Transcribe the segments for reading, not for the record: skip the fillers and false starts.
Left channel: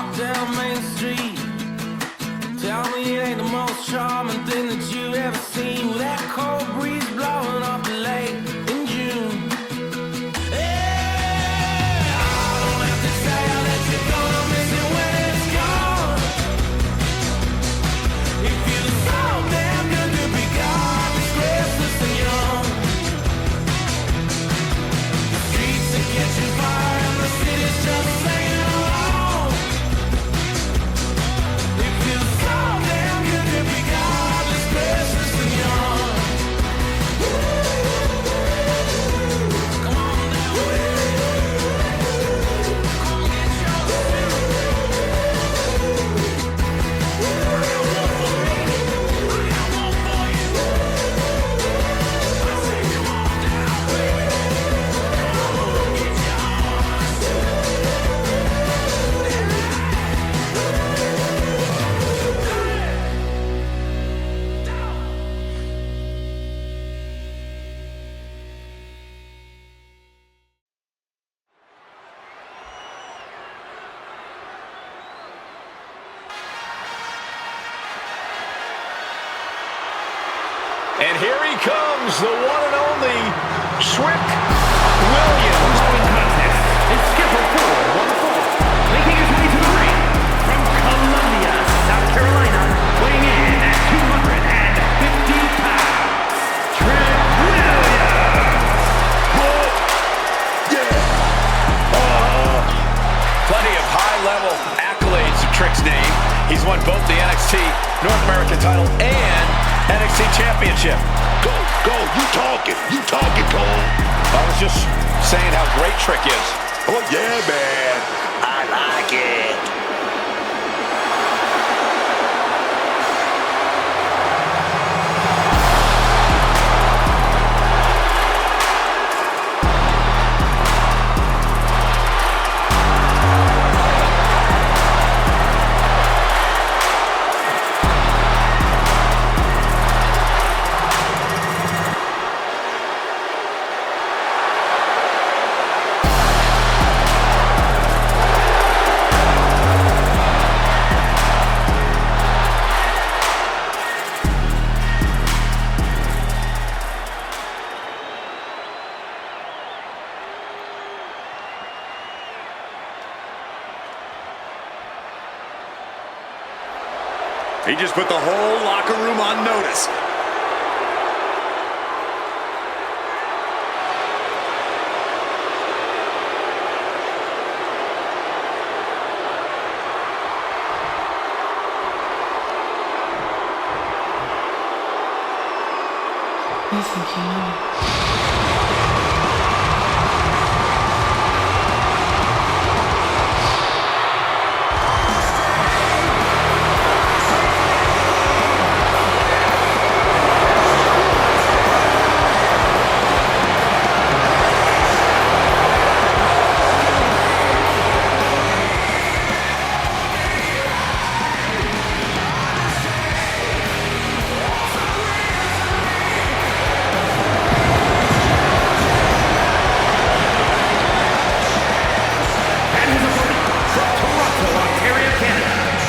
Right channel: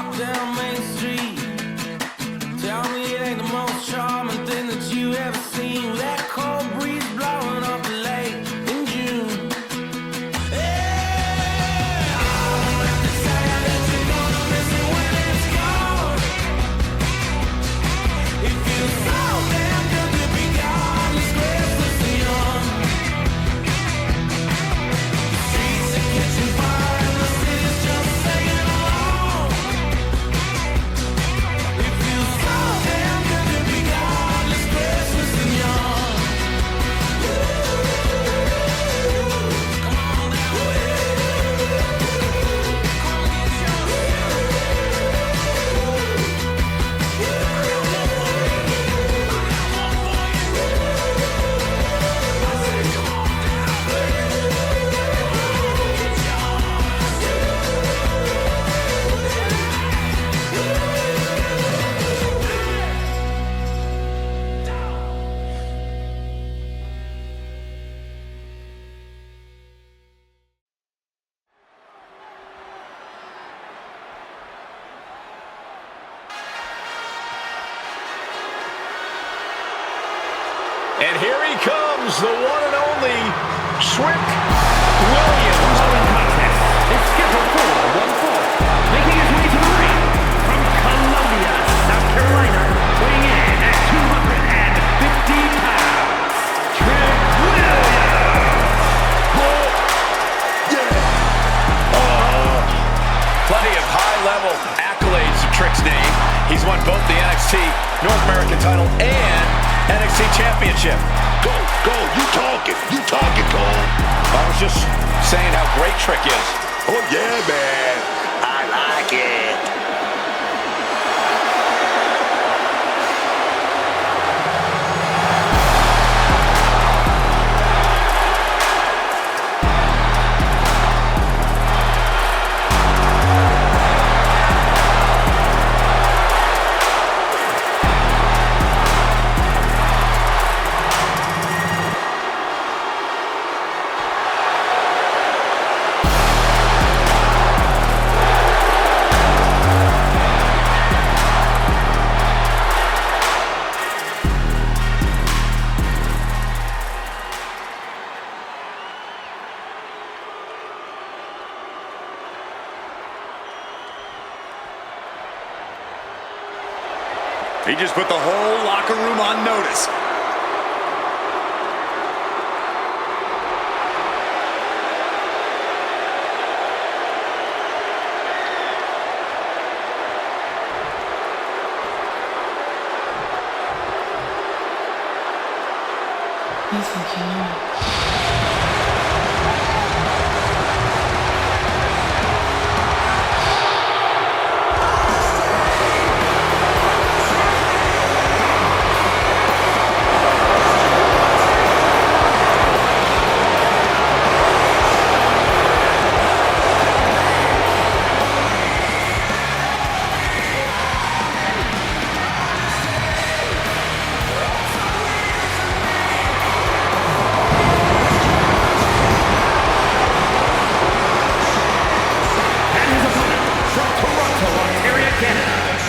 walk down Main Street, tell me it ain't the most charming thing that you ever seen, with that cold breeze blowing off the lake in June. And here he comes, the one and only Trick Williams. The following contest is scheduled for one fall. Making his way to the ring from Columbia, South Carolina, weighing in at 250 pounds, Trick Williams. Plenty of high-level accolades to Trick's name. He's won both the NXT North American title and NXT Championship. Go, you talking, Cole. I was just saying how great Trick is. Oh yeah, man, I like it. He just put the whole locker room on notice. You think you know me?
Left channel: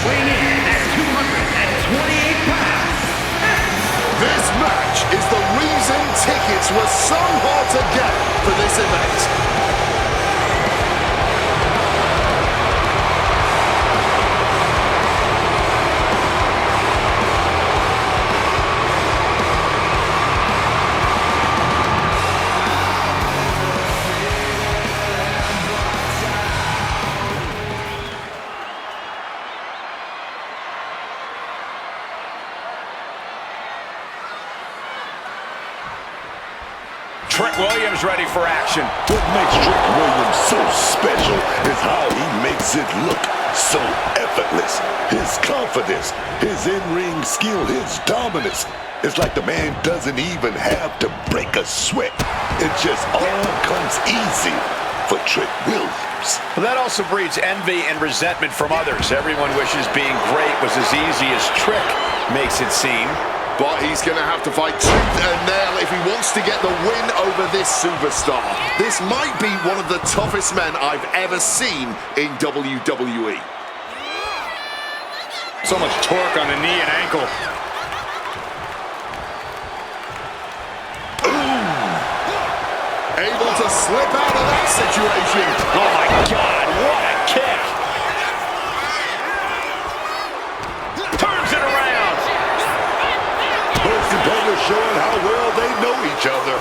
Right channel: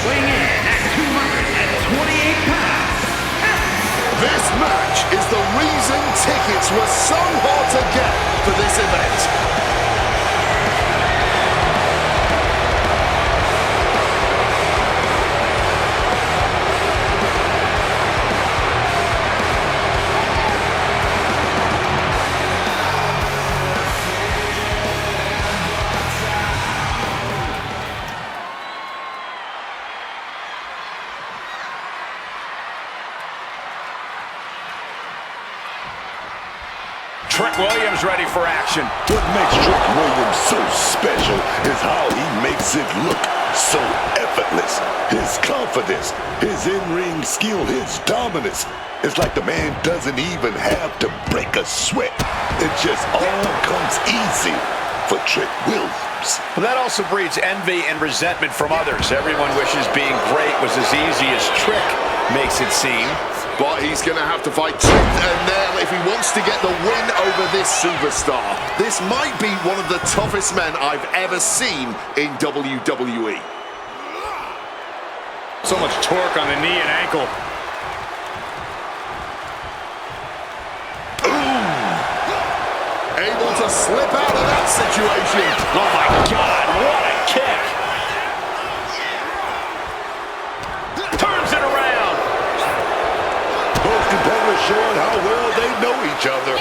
Weighing in at 228 pounds. This match is the reason tickets were so hard to get for this event. Trick Williams ready for action. What makes Trick Williams so special is how he makes it look so effortless. His confidence, his in-ring skill, his dominance. It's like the man doesn't even have to break a sweat. It just all comes easy for Trick Williams. But that also breeds envy and resentment from others. Everyone wishes being great was as easy as Trick makes it seem. But he's going to have to fight tooth and nail if he wants to get the win over this superstar. This might be one of the toughest men I've ever seen in WWE. So much torque on the knee and ankle. Able to slip out of that situation. Oh my God, what a kick. Turns it around. Both competitors showing how well they know each other.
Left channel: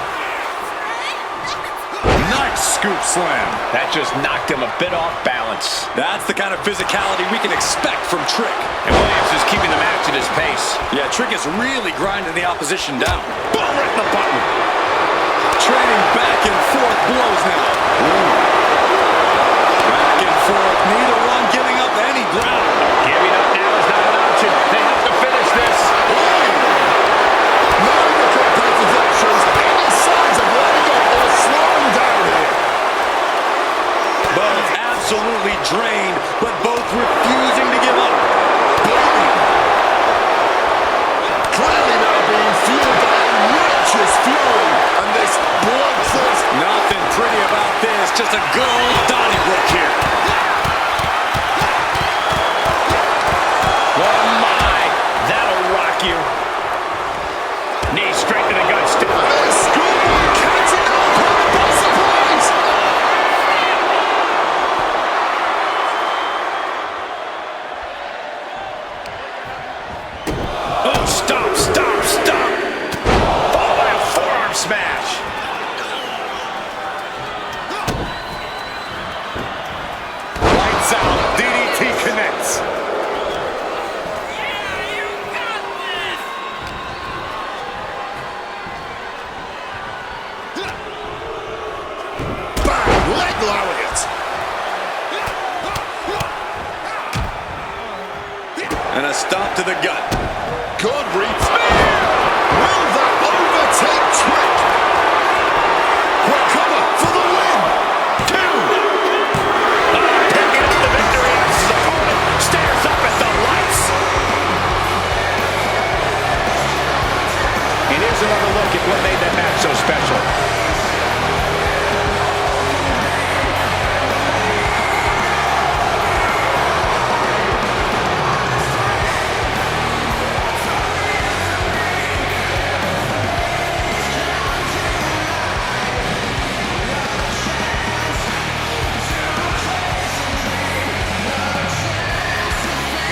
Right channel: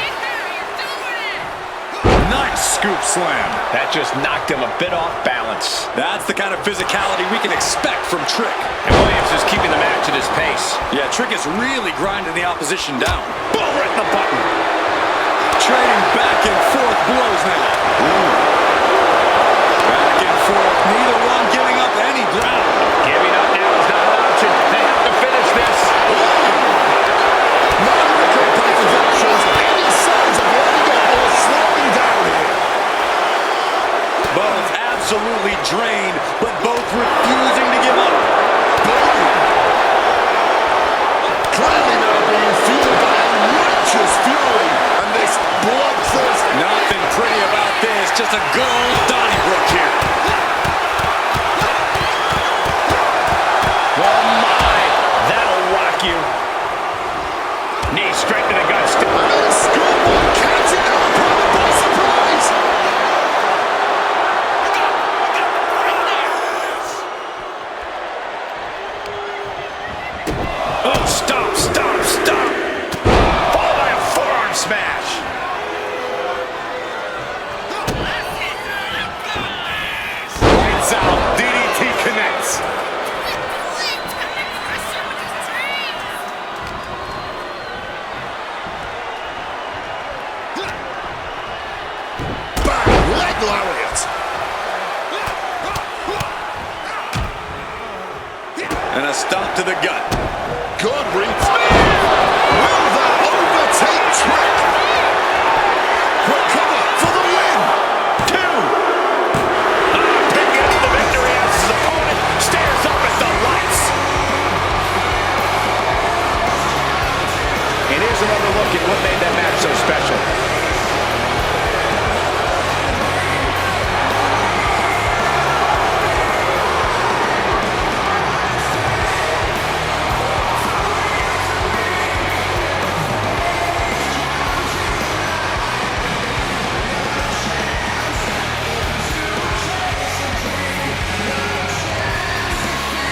Nice scoop slam. That just knocked him a bit off balance. That's the kind of physicality we can expect from Trick. And Williams is keeping the match at his pace. Yeah, Trick is really grinding the opposition down. Boom, right in the button. Trading back and forth blows now. Ooh. Back and forth, neither one giving up any ground. Giving up now is not an option. They have to finish this. Neither competitor shows any signs of letting up or slowing down here. Both absolutely drained, but both refusing to give up. Bleeding. Clearly now being fueled by a righteous fury. And this bloodthirst. Nothing pretty about this, just a good old Donnybrook here. Oh my, that'll rock you. Knee straight to the gut still. And then schoolboy catching our opponent by surprise. Oh, stop, stop, stop. Followed by a forearm smash. Lights out, DDT connects. Bang, leg lariat. And a stop to the gut. Good reach. Will that overtake Trick? Quick cover for the win. Picking up the victory as his opponent stares up at the lights. And here's another look at what made that match so special.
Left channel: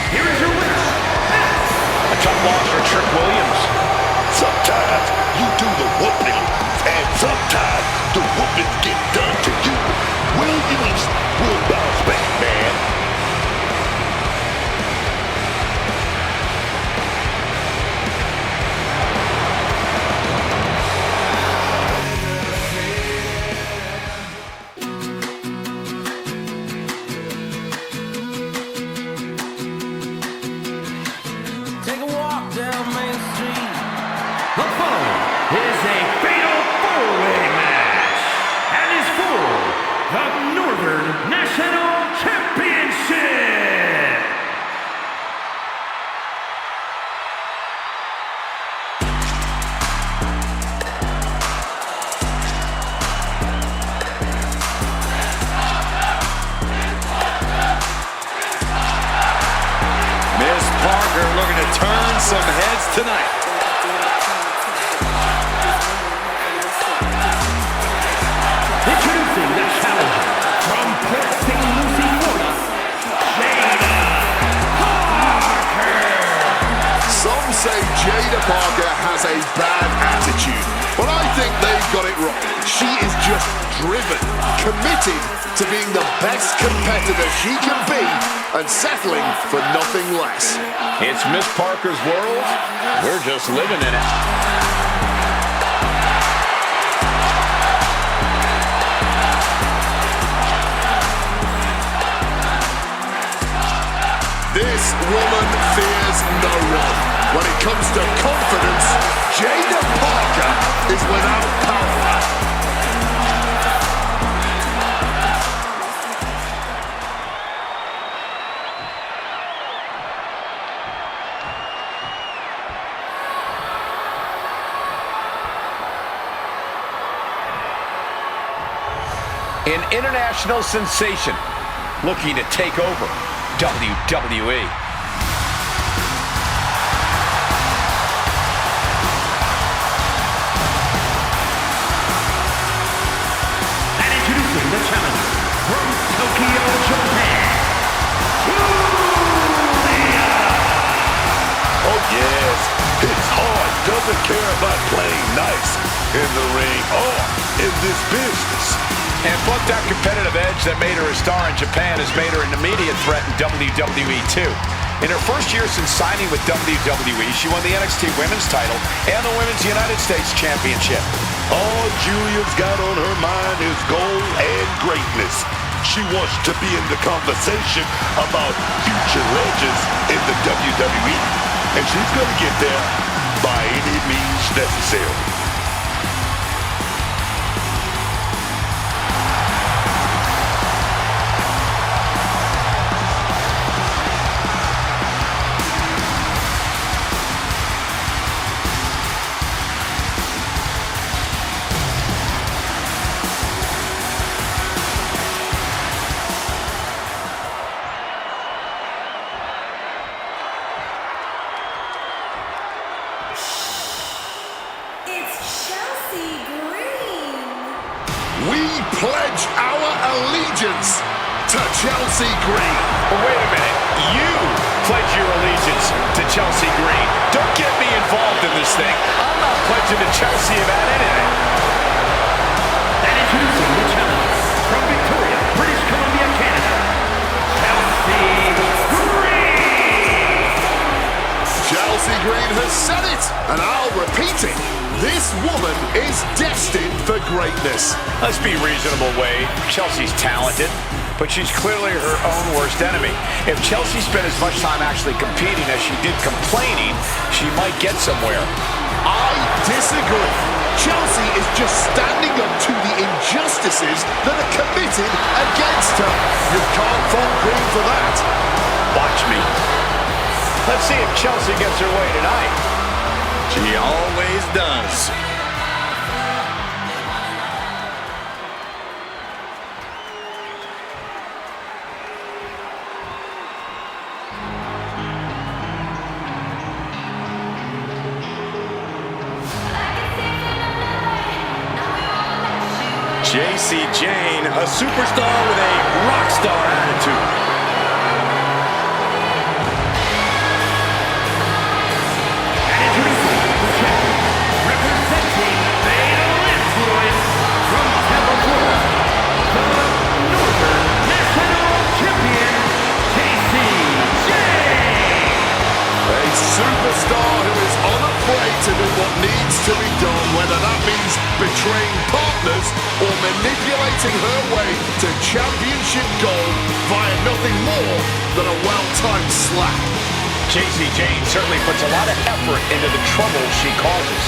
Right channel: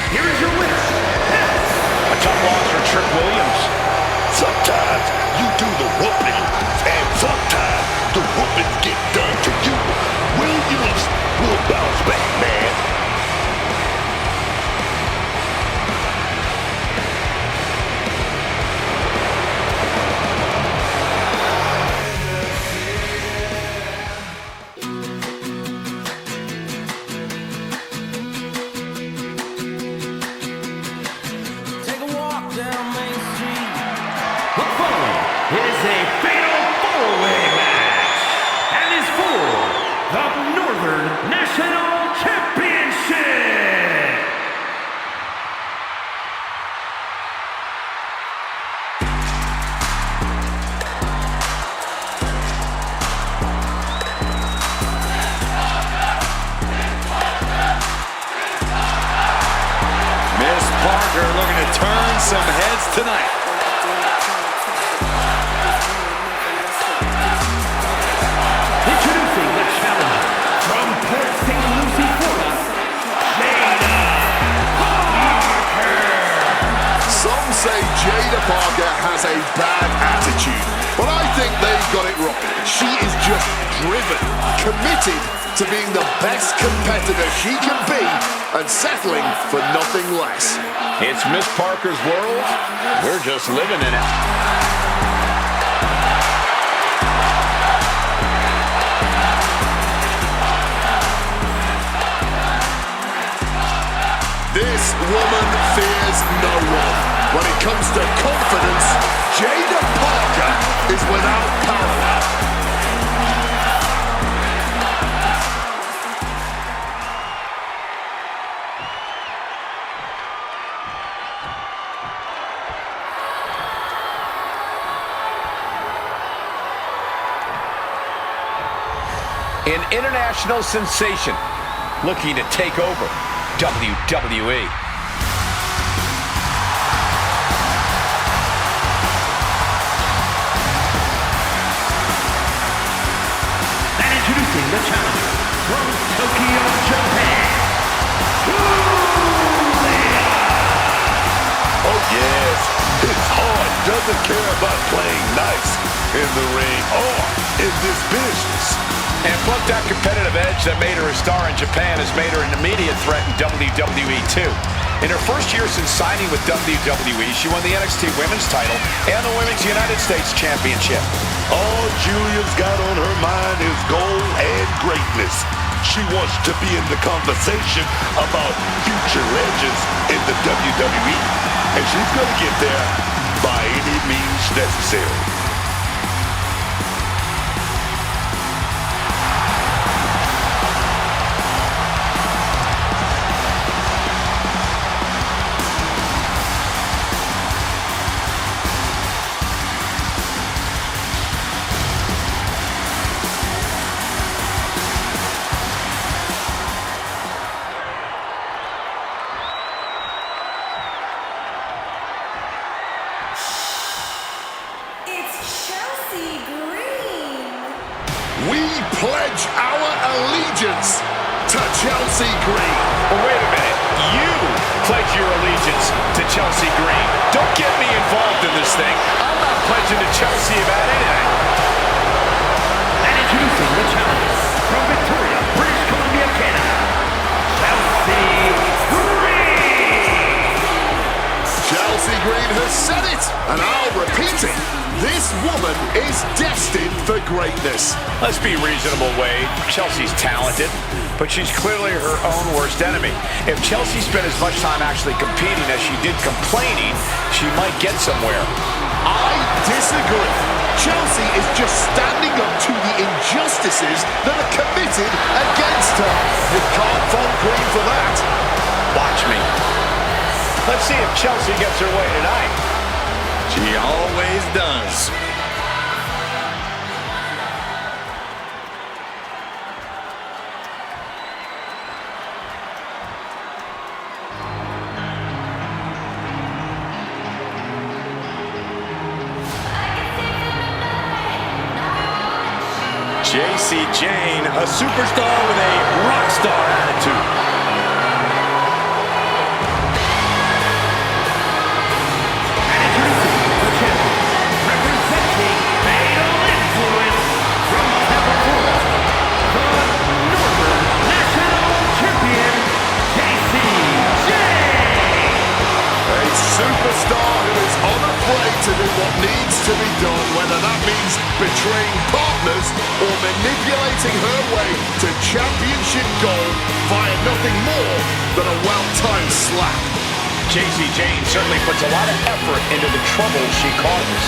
Here is your winner. A tough loss for Trick Williams. Sometimes you do the whooping, and sometimes the whooping get done to you. Williams will bounce back, man. Take a walk down Main Street. The following is a fatal four-way match and is for the Northern National Championship. Miss Parker looking to turn some heads tonight. Introducing the challenger from Port St. Lucie, Florida, JAIDA Parker. Some say Jada Parker has a bad attitude, but I think they've got it wrong. She is just driven, committed to being the best competitor she can be and settling for nothing less. It's Miss Parker's world. We're just living in it. This woman fears no one. When it comes to confidence, Jada Parker is without parallel. An international sensation looking to take over WWE. introducing the challenger from Tokyo, Japan, GIULIA. Oh yes, his heart doesn't care about playing nice in the ring or in this business. And book that competitive edge that made her a star in Japan has made her an immediate threat in WWE too. In her first year since signing with WWE, she won the NXT Women's title and the Women's United States Championship. All Julia's got on her mind is gold and greatness. She wants to be in the conversation about future legends in the WWE, and she's going to get there by any means necessary. We pledge our allegiance to Chelsea Green. Well, wait a minute. You pledge your allegiance to Chelsea Green. Don't get me involved in this thing. I'm not pledging to Chelsea about anything. And introducing the challenger from Victoria, British Columbia, Canada, Chelsea Green. Chelsea Green has said it, and I'll repeat it. This woman is destined for greatness. Let's be reasonable, Wade. Chelsea's talented, but she's clearly her own worst enemy. If Chelsea spent as much time actually competing as she did complaining, she might get somewhere. I disagree. Chelsea is just standing up to the injustices that are committed against her. You can't fault Green for that. Watch me. Let's see if Chelsea gets her way tonight. She always does. JACY Jane, a superstar with a rock star attitude. Representing Fatal Influence from Tampa, Florida, the Northern National Champion, JACY Jane. A superstar who is unafraid to do what needs to be done, whether that means betraying partners or manipulating her way to championship gold via nothing more than a well-timed slap. JACY Jane certainly puts a lot of effort into the trouble she causes.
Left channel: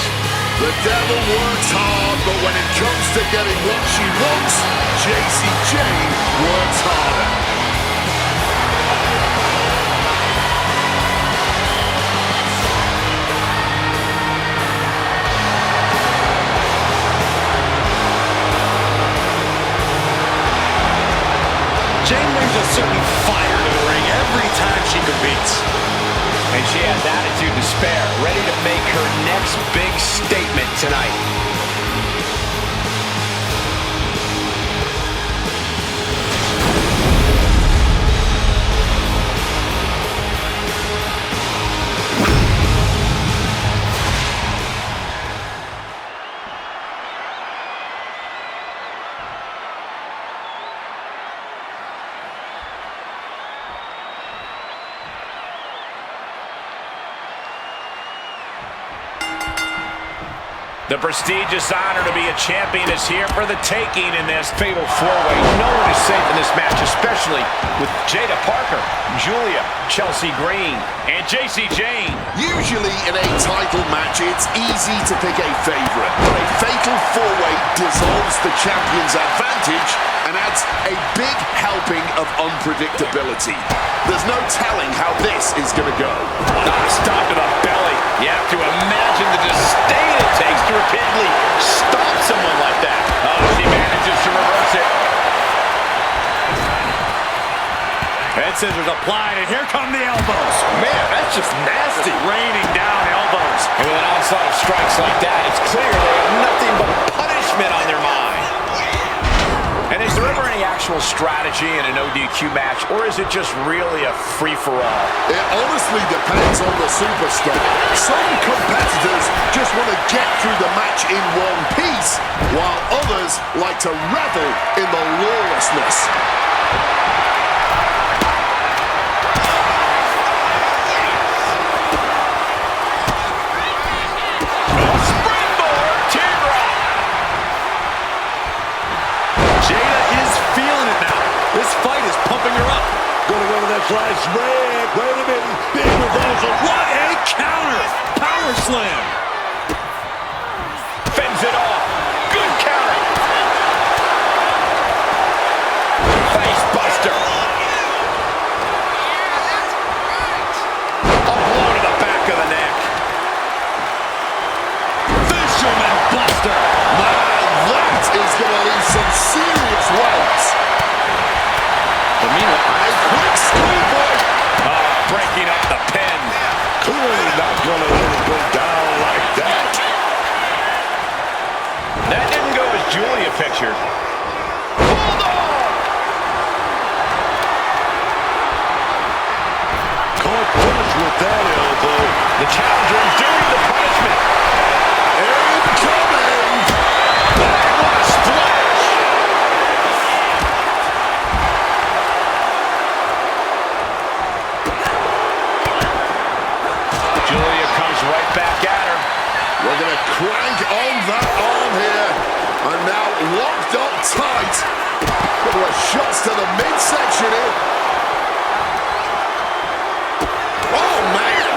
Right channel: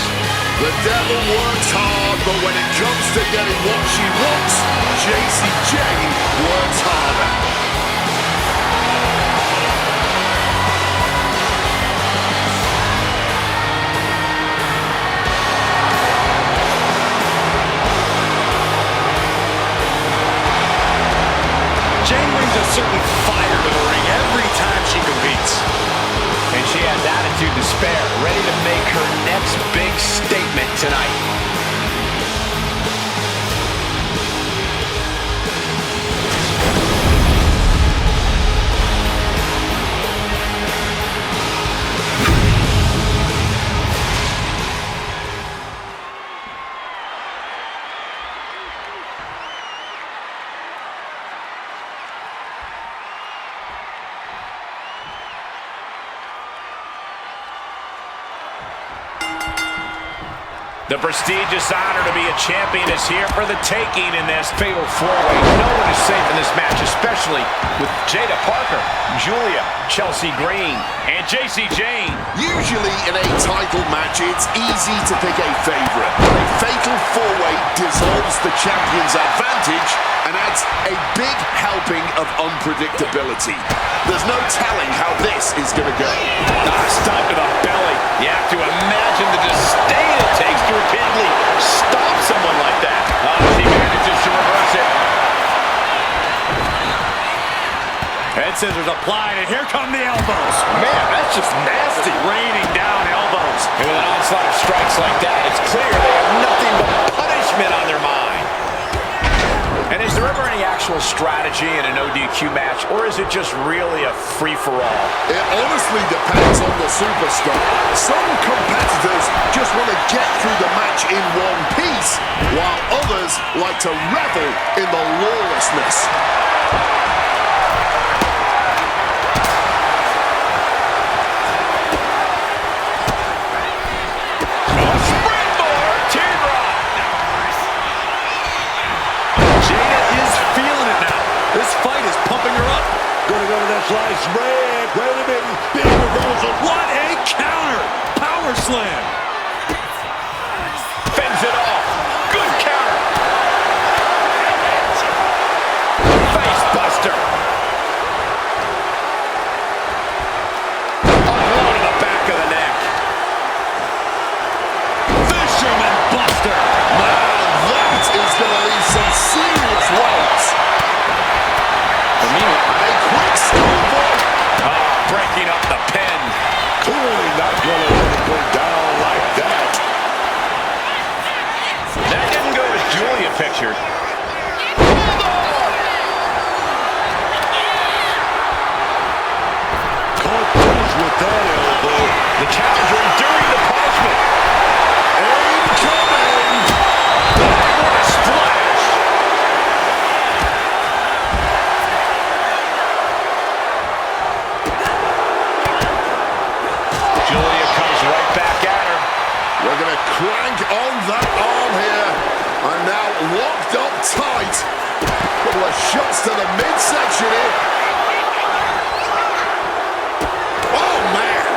The devil works hard, but when it comes to getting what she wants, JACY Jane works harder. Jane brings a certain fire to the ring every time she competes. And she has attitude to spare, ready to make her next big statement tonight. The prestigious honor to be a champion is here for the taking in this fatal four-way. No one is safe in this match, especially with Jada Parker, Julia, Chelsea Green, and JACY Jane. Usually in a title match, it's easy to pick a favorite. But a fatal four-way dissolves the champion's advantage and adds a big helping of unpredictability. There's no telling how this is going to go. Stop to the belly. You have to imagine the disdain it takes to repeatedly stop someone like that. She manages to reverse it. Head scissors applied, and here come the elbows. Man, that's just nasty. Raining down elbows. And with an onslaught of strikes like that, it's clear they have nothing but punishment on their mind. And actual strategy in an ODQ match, or is it just really a free-for-all? It honestly depends on the superstar. Some competitors just want to get through the match in one piece, while others like to revel in the lawlessness. This fight is pumping her up. Gonna go with that fly spread. Wait a minute. Big reversal. What a counter. Power slam. Fends it off. Good counter. Face buster. A blow to the back of the neck. Fisherman buster. Man, that is gonna leave some serious welts. But meanwhile, a quick schoolboy. Breaking up the pin. Clearly not gonna let it go down like that. That didn't go as Julia pictured. Hold on! Caught flush with that elbow. The challenger enduring the punishment. Incoming. Bang, what a splash! Julia comes right back at her. We're going to crank on that arm here. And now locked up tight. Couple of shots to the midsection here. Oh, man.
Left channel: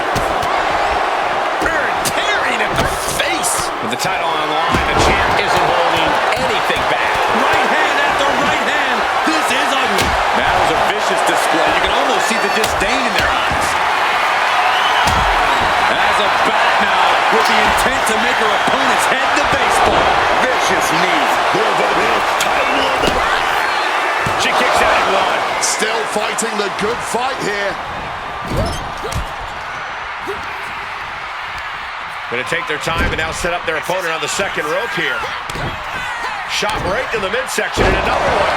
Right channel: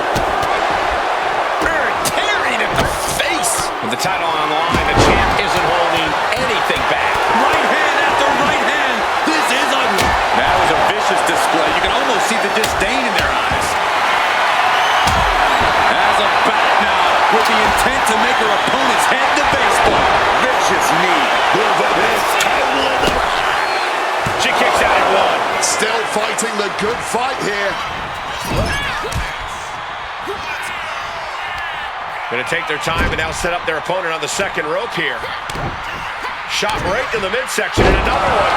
Tearing at the face. With the title on the line, the champ isn't holding anything back. right hand after right hand. This is ugly. That was a vicious display. You can almost see the disdain in their eyes. As a bat now, with the intent to make her opponent's head to baseball. Vicious knee. Title on the line. She kicks out at one. Still fighting the good fight here. Going to take their time and now set up their opponent on the second rope here. Shot right in the midsection and another one.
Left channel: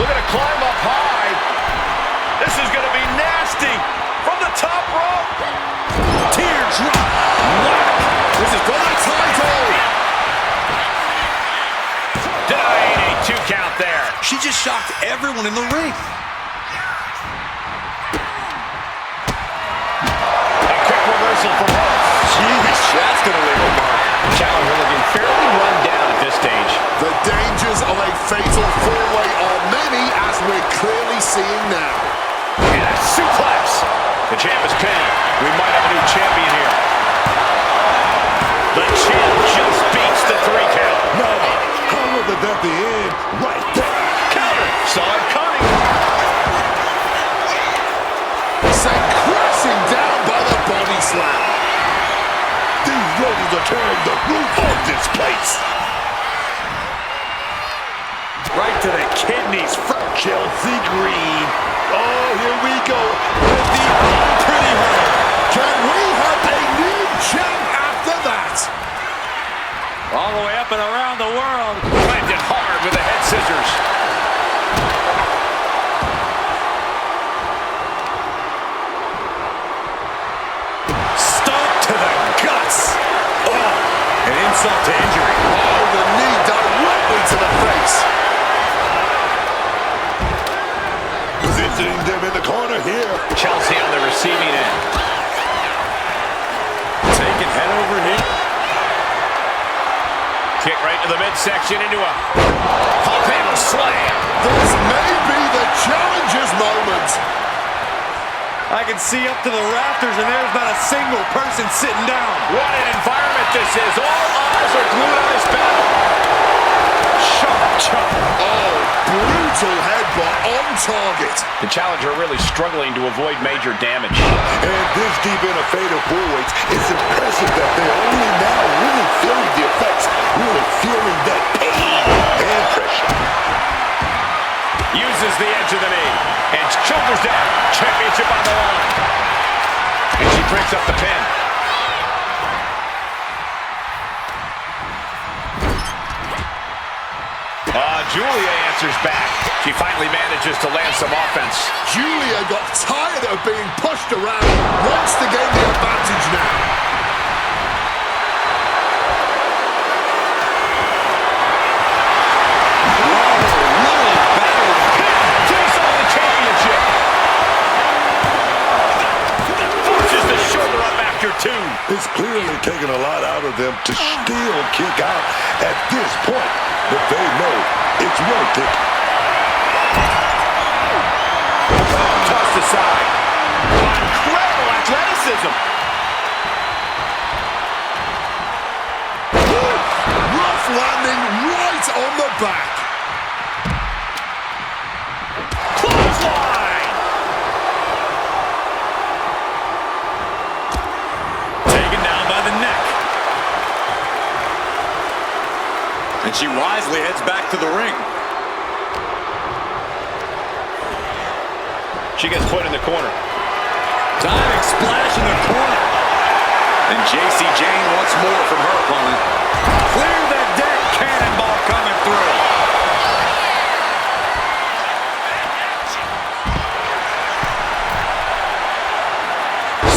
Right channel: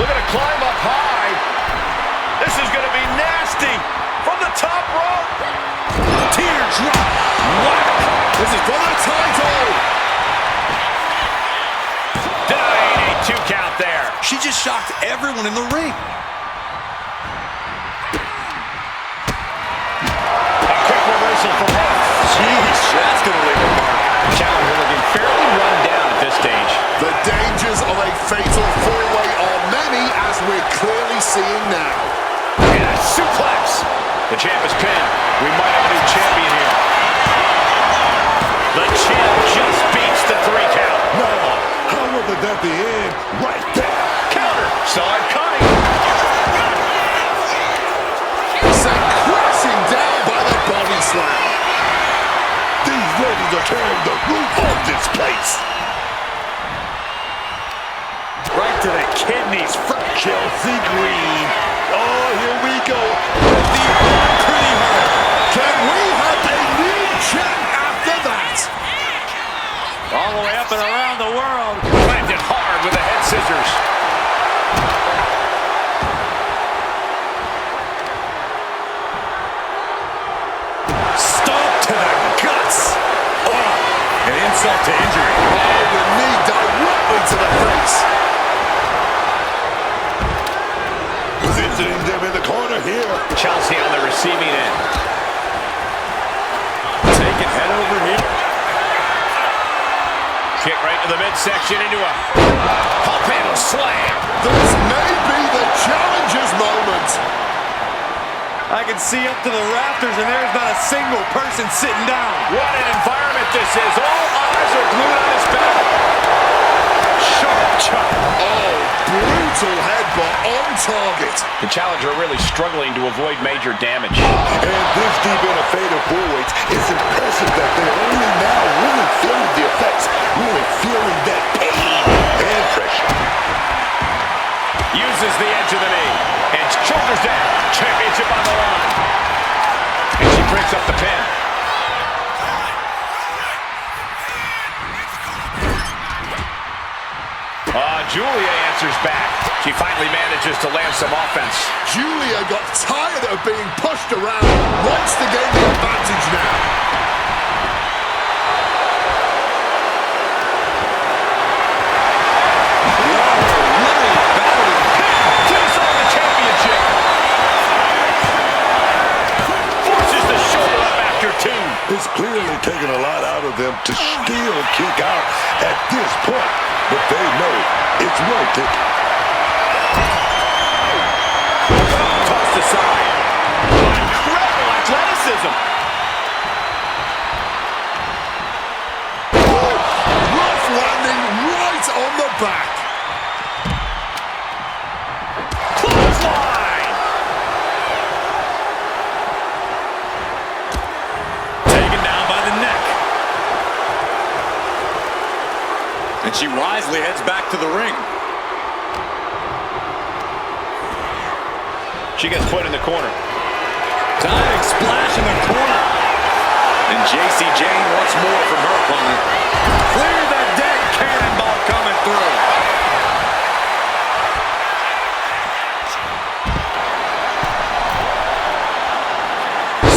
Looking to climb up high. This is going to be nasty. From the top rope. Teardrop. Whack. This is for the title. Denying a 2 count there. She just shocked everyone in the ring. A quick reversal from her. Jeez, that's going to leave a mark. Challenger looking fairly run down at this stage. The dangers of a fatal four-way are many, as we're clearly seeing now. And a suplex. The champ is pinned. We might have a new champion here. The champ just beats the 3 count. No, how would that be in? Right there. Counter. Saw it coming. Sent crashing down by the body slam. These ladies are tearing the roof off this place. Right to the kidneys. Chelsea Green. Oh, here we go. With the unpretty her. Can we have a new champ after that? All the way up and around the world. Planted hard with the head scissors. Stomp to the guts. Oh, an insult to injury. Oh, the knee directly to the face. Positioning them in the corner here. Chelsea on the receiving end. Taking head over here. Kick right to the midsection into a pump handle slam. This may be the challenger's moment. I can see up to the rafters, and there's not a single person sitting down. What an environment this is. All eyes are glued on this battle. Sharp chop. Oh, brutal headbutt on target. The challenger really struggling to avoid major damage. And this deep in a fatal four-weights, it's impressive that they're only now really feeling the effects, really feeling that pain and pressure. Uses the edge of the knee. And shoulders down. Championship on the line. And she breaks up the pin. Giulia answers back. She finally manages to land some offense. Giulia got tired of being pushed around, wants to gain the advantage now. Whoa, really battling. Takes on the championship. Forces the shoulder up after 2. It's clearly taken a lot out of them to still kick out at this point, but they know it's worth it. Tossed aside. Incredible athleticism. Rough landing right on the back. Clothesline. Taken down by the neck. And she wisely heads back to the ring. She gets put in the corner. Diving splash in the corner. And JACY Jane wants more from her opponent. Clear the deck, cannonball coming through.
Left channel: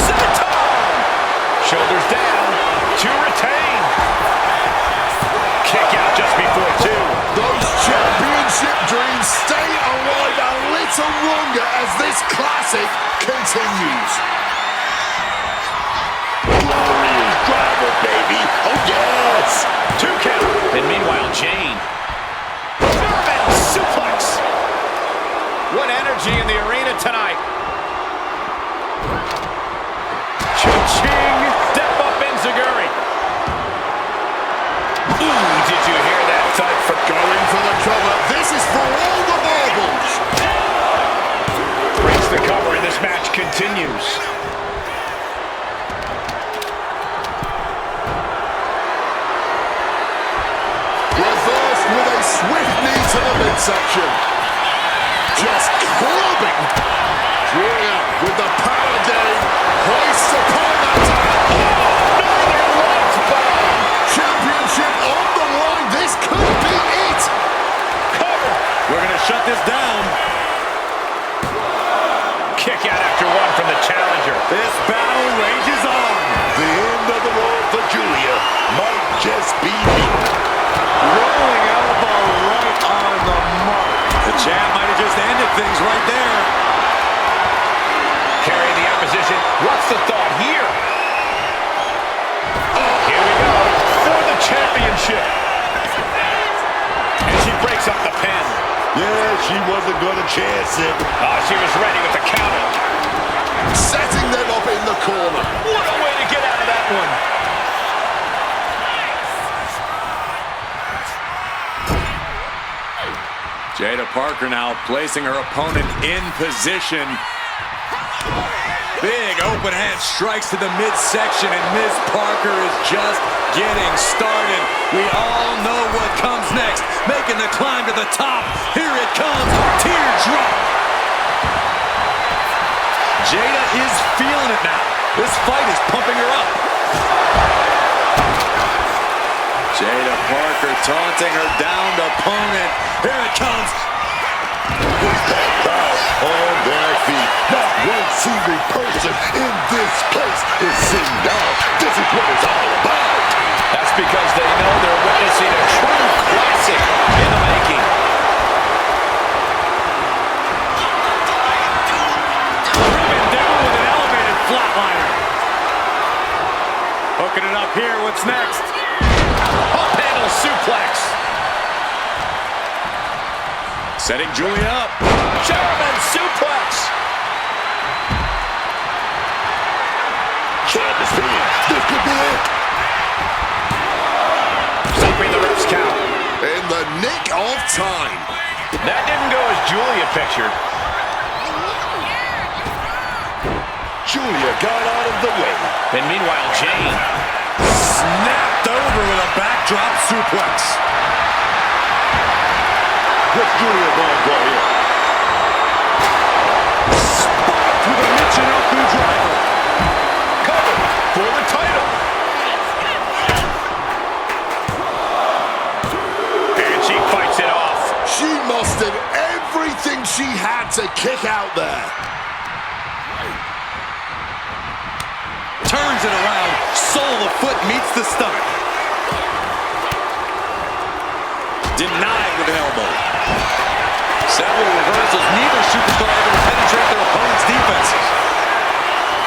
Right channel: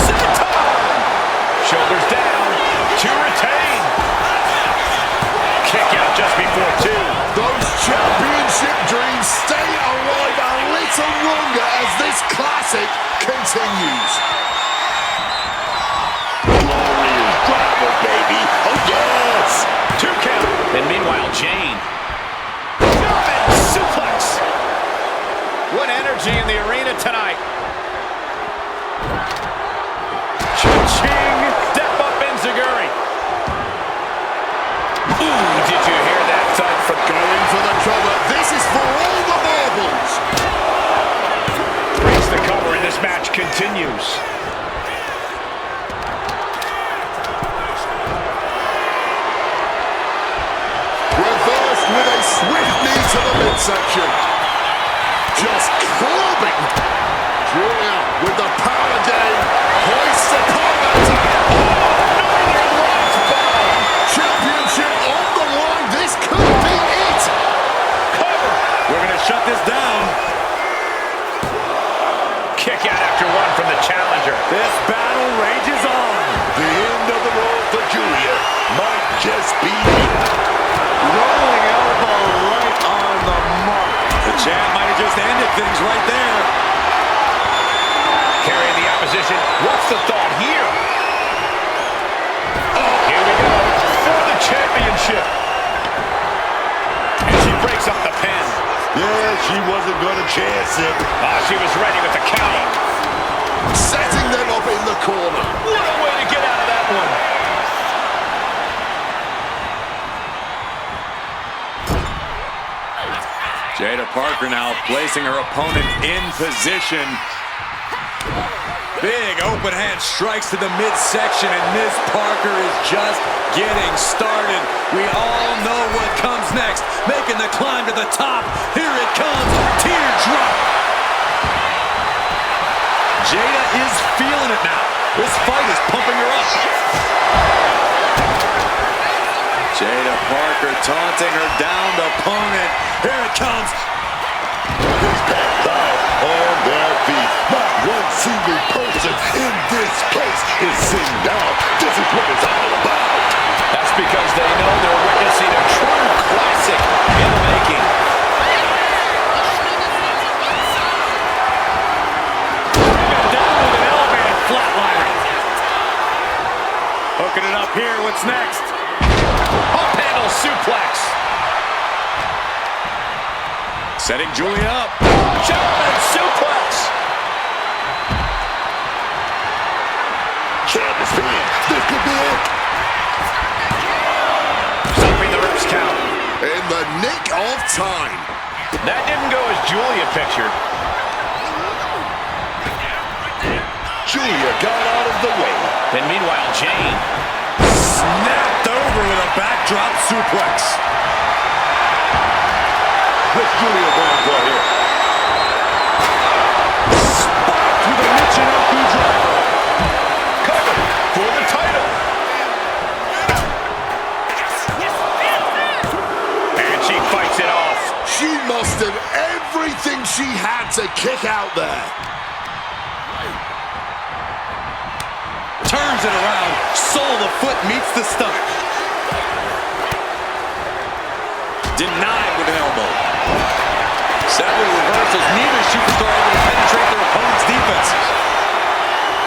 Senton! Shoulders down to retain. Kick out just before 2. Those championship dreams stay alive a little longer as this classic continues. Glorious driver, baby. Oh, yes. 2 count. And meanwhile, Jane. German suplex. What energy in the arena tonight. Cha-ching. Step up Enziguri. Ooh, did you hear that thud from Going for the cover. This is for all the marbles. breaks the cover and this match continues. Reversed with a swift knee to the midsection. Just clubbing. Julia with the power game. Hoists upon that. Northern Lights bomb. Championship on the line. This could be it. Cover. We're going to shut this down. Kick out after 1 from the challenger. This battle rages on. The end of the road for Julia might just be it. Rolling elbow right on the mark. The champ might have just ended things right there. Carrying the opposition. What's the thought here? Oh, here we go for the championship. And she breaks up the pin. Yeah, she wasn't going to chance it. Oh, she was ready with the counter. Setting them up in the corner. What a way to get out of that one. Jaida Parker now placing her opponent in position. Big open hand strikes to the midsection, and Ms. Parker is just getting started. We all know what comes next. Making the climb to the top. Here it comes. Teardrop. Jaida is feeling it now. This fight is pumping her up. Jaida Parker taunting her downed opponent. Here it comes. This packed crowd on their feet. Not one single person in this place is sitting down. This is what it's all about. That's because they know they're witnessing a true classic in the making. Driven down with an elevated flatliner. Hooking it up here. What's next? Up handle suplex. Setting Julia up. German suplex. Champ is pinned. This could be it. Stopping the ref's count. In the nick of time. That didn't go as Julia pictured. Julia got out of the way. And meanwhile, Jane. Snapped over with a backdrop suplex. What's Julia going for here? Spiked with a Michinoku driver. Cover for the title. And she fights it off. She mustered everything she had to kick out there. Turns it around, sole of the foot meets the stomach. Denied with an elbow. Several reversals, neither superstar able to penetrate their opponent's defenses.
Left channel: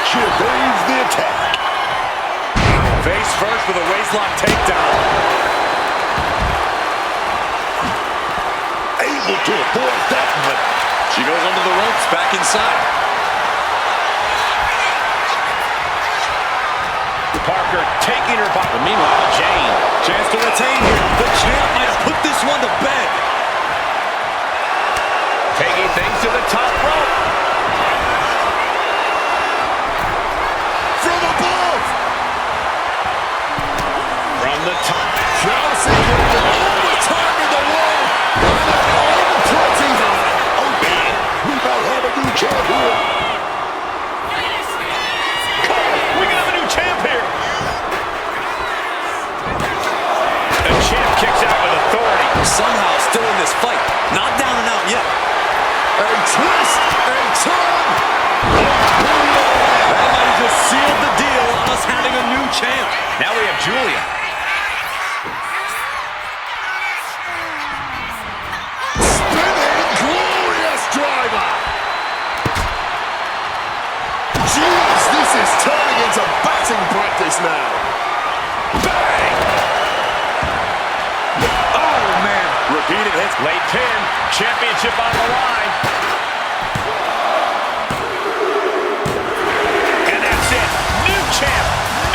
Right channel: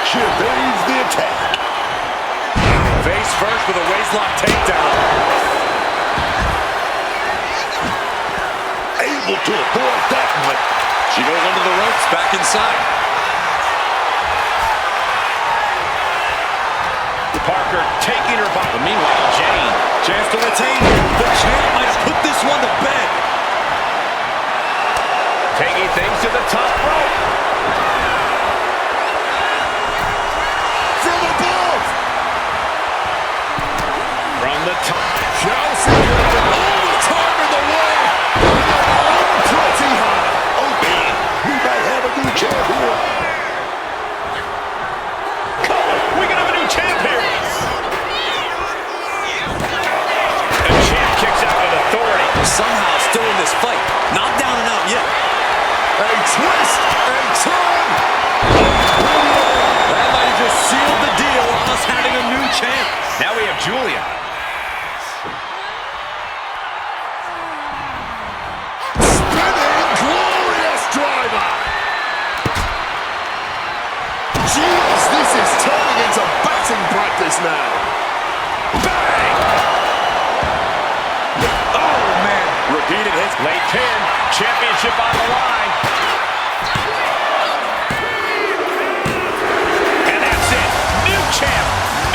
She evades the attack. Face first with a waistlock takedown. Able to avoid that one. She goes under the ropes, back inside. Parker taking her by. But meanwhile, Jane. Chance to retain here. The champ might have put this one to bed. Taking things to the top rope. From above. From the top. Chelsea with all the time in the world. And an unpretty high. Oh man, we might have a new champ here. We can have a new champ here. The champ kicks out with authority. Somehow still in this fight. Not down and out yet. A twist, a turn. That might have just sealed the deal on us having a new champ. Now we have Giulia. Spinning glorious driver. Jeez, this is turning into batting practice now. Bang! Oh, man. Repeated hits. Late pin. Championship on the line. And that's it. New champ.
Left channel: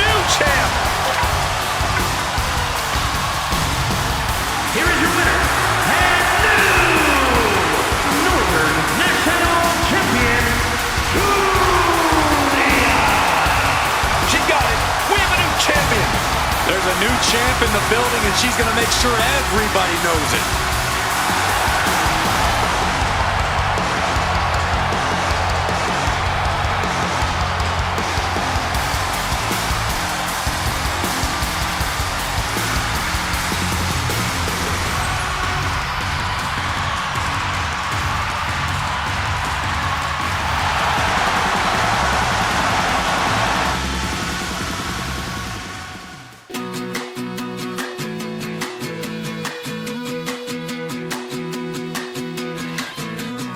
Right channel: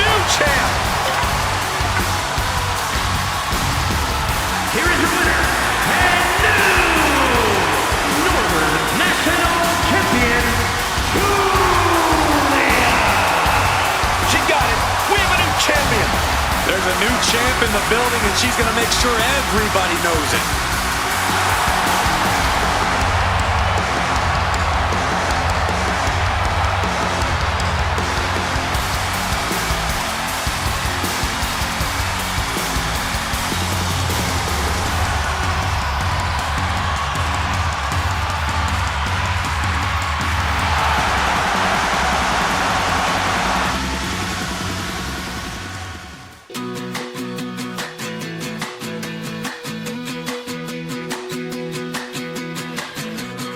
New champ. Here is your winner, and new Northern National Champion, GIULIA. She got it. We have a new champion. There's a new champ in the building, and she's going to make sure everybody knows it.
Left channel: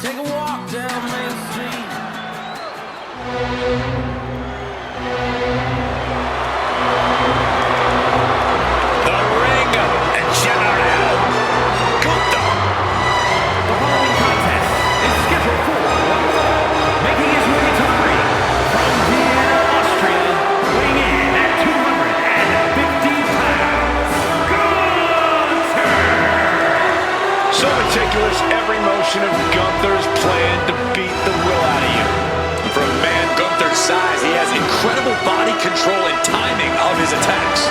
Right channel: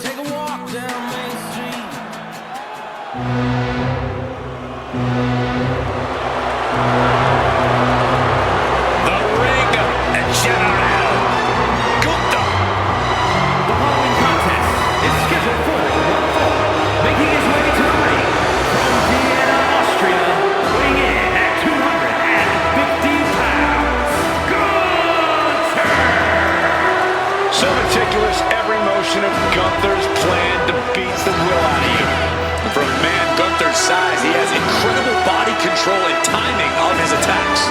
Take a walk down Main Street. The ring general. Gunther. The following contest is scheduled for one fall, making his way to the ring from Vienna, Austria, weighing in at 250 pounds, Gunther! So meticulous, every motion of Gunther's plan to beat the will out of you. And for a man Gunther's size, he has incredible body control and timing of his attacks.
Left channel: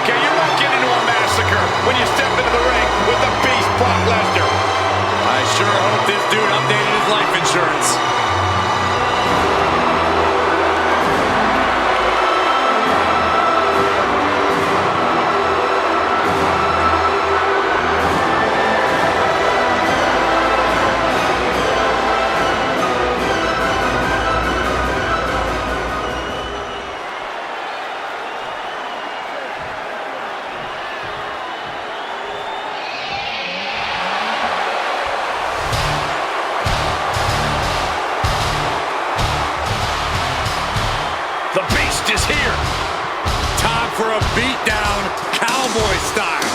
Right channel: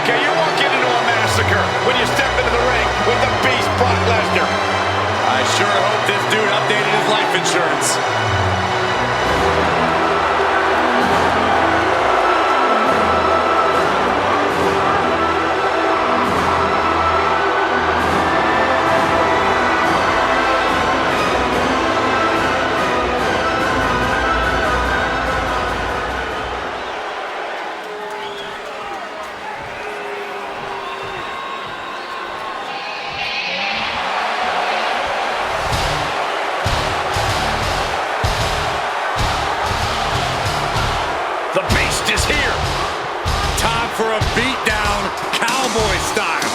Okay, you're walking into a massacre when you step into the ring with the beast Brock Lesnar. I sure hope this dude updated his life insurance. The beast is here. Time for a beatdown, cowboy style.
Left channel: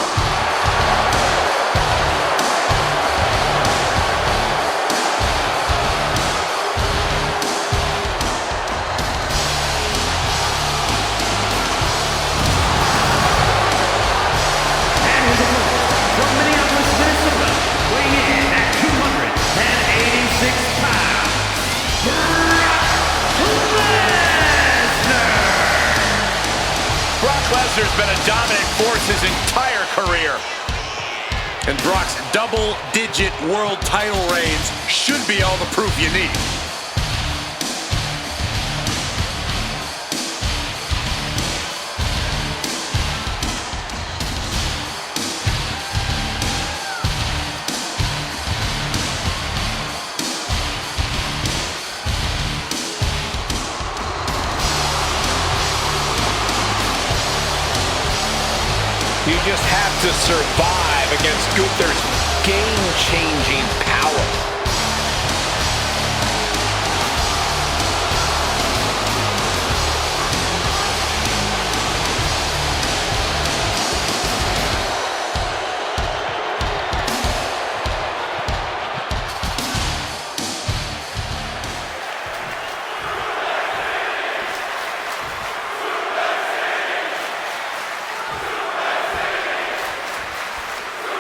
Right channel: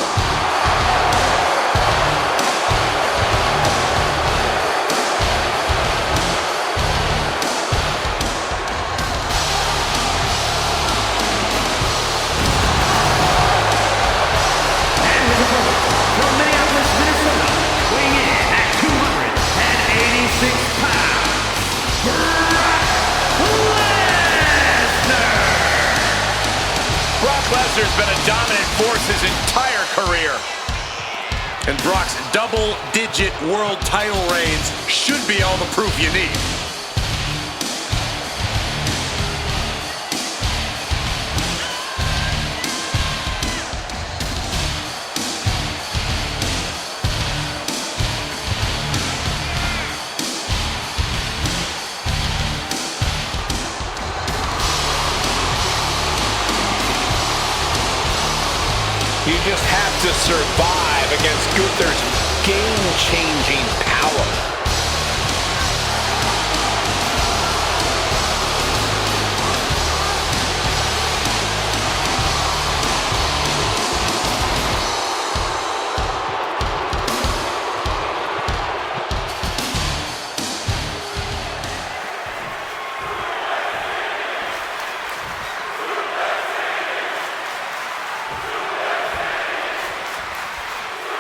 And his opponent from Minneapolis, Minnesota, weighing in at 286 pounds, Brock Lesnar! Brock Lesnar's been a dominant force his entire career. And Brock's double-digit world title reigns should be all the proof you need. You just have to survive against Gunther's game-changing power.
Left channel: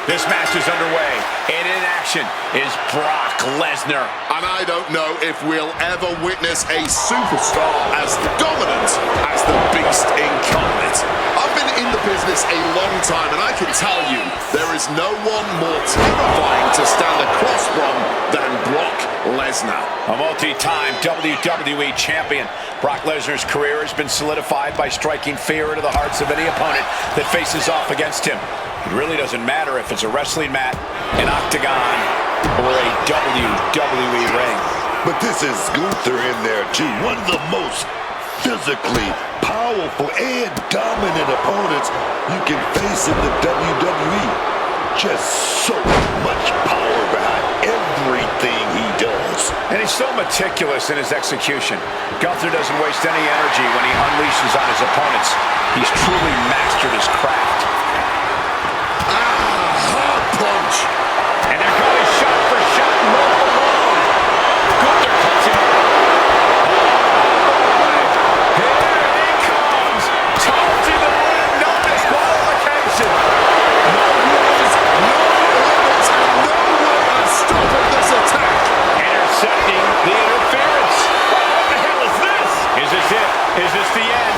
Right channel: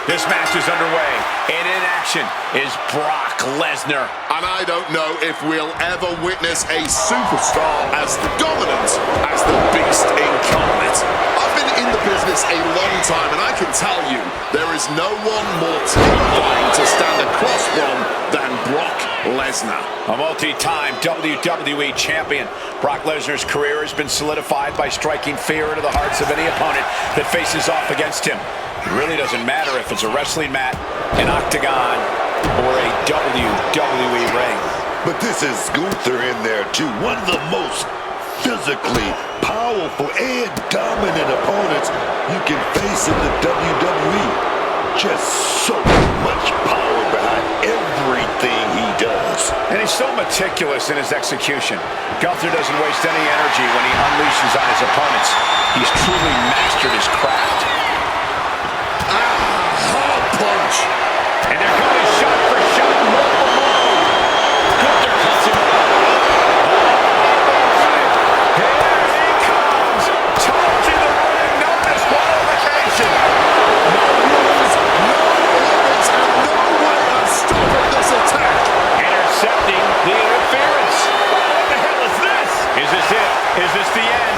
This match is underway, and in action is Brock Lesnar. And I don't know if we'll ever witness a superstar as dominant as the Beast incarnate. I've been in the business a long time, and I can tell you, there is no one more terrifying to stand across from than Brock Lesnar. A multi-time WWE champion, Brock Lesnar's career has been solidified by striking fear into the hearts of any opponent that faces off against him. It really doesn't matter if it's a wrestling mat, an octagon, or a WWE ring. But this is Gunther in there too. One of the most physically powerful and dominant opponents you can face in the WWE. Just so much power behind everything he does. And he's so meticulous in his execution. Gunther doesn't waste any energy when he unleashes on his opponents. He's truly mastered his craft. Hard punch. And they're going shot for shot, multiple blows. Gunther cuts him. Here he comes. Charging the ring, no disqualification. No rules, no limits, and no way of stopping this attack. Intercepting the interference. What the hell is this? Is this it? Is this the end?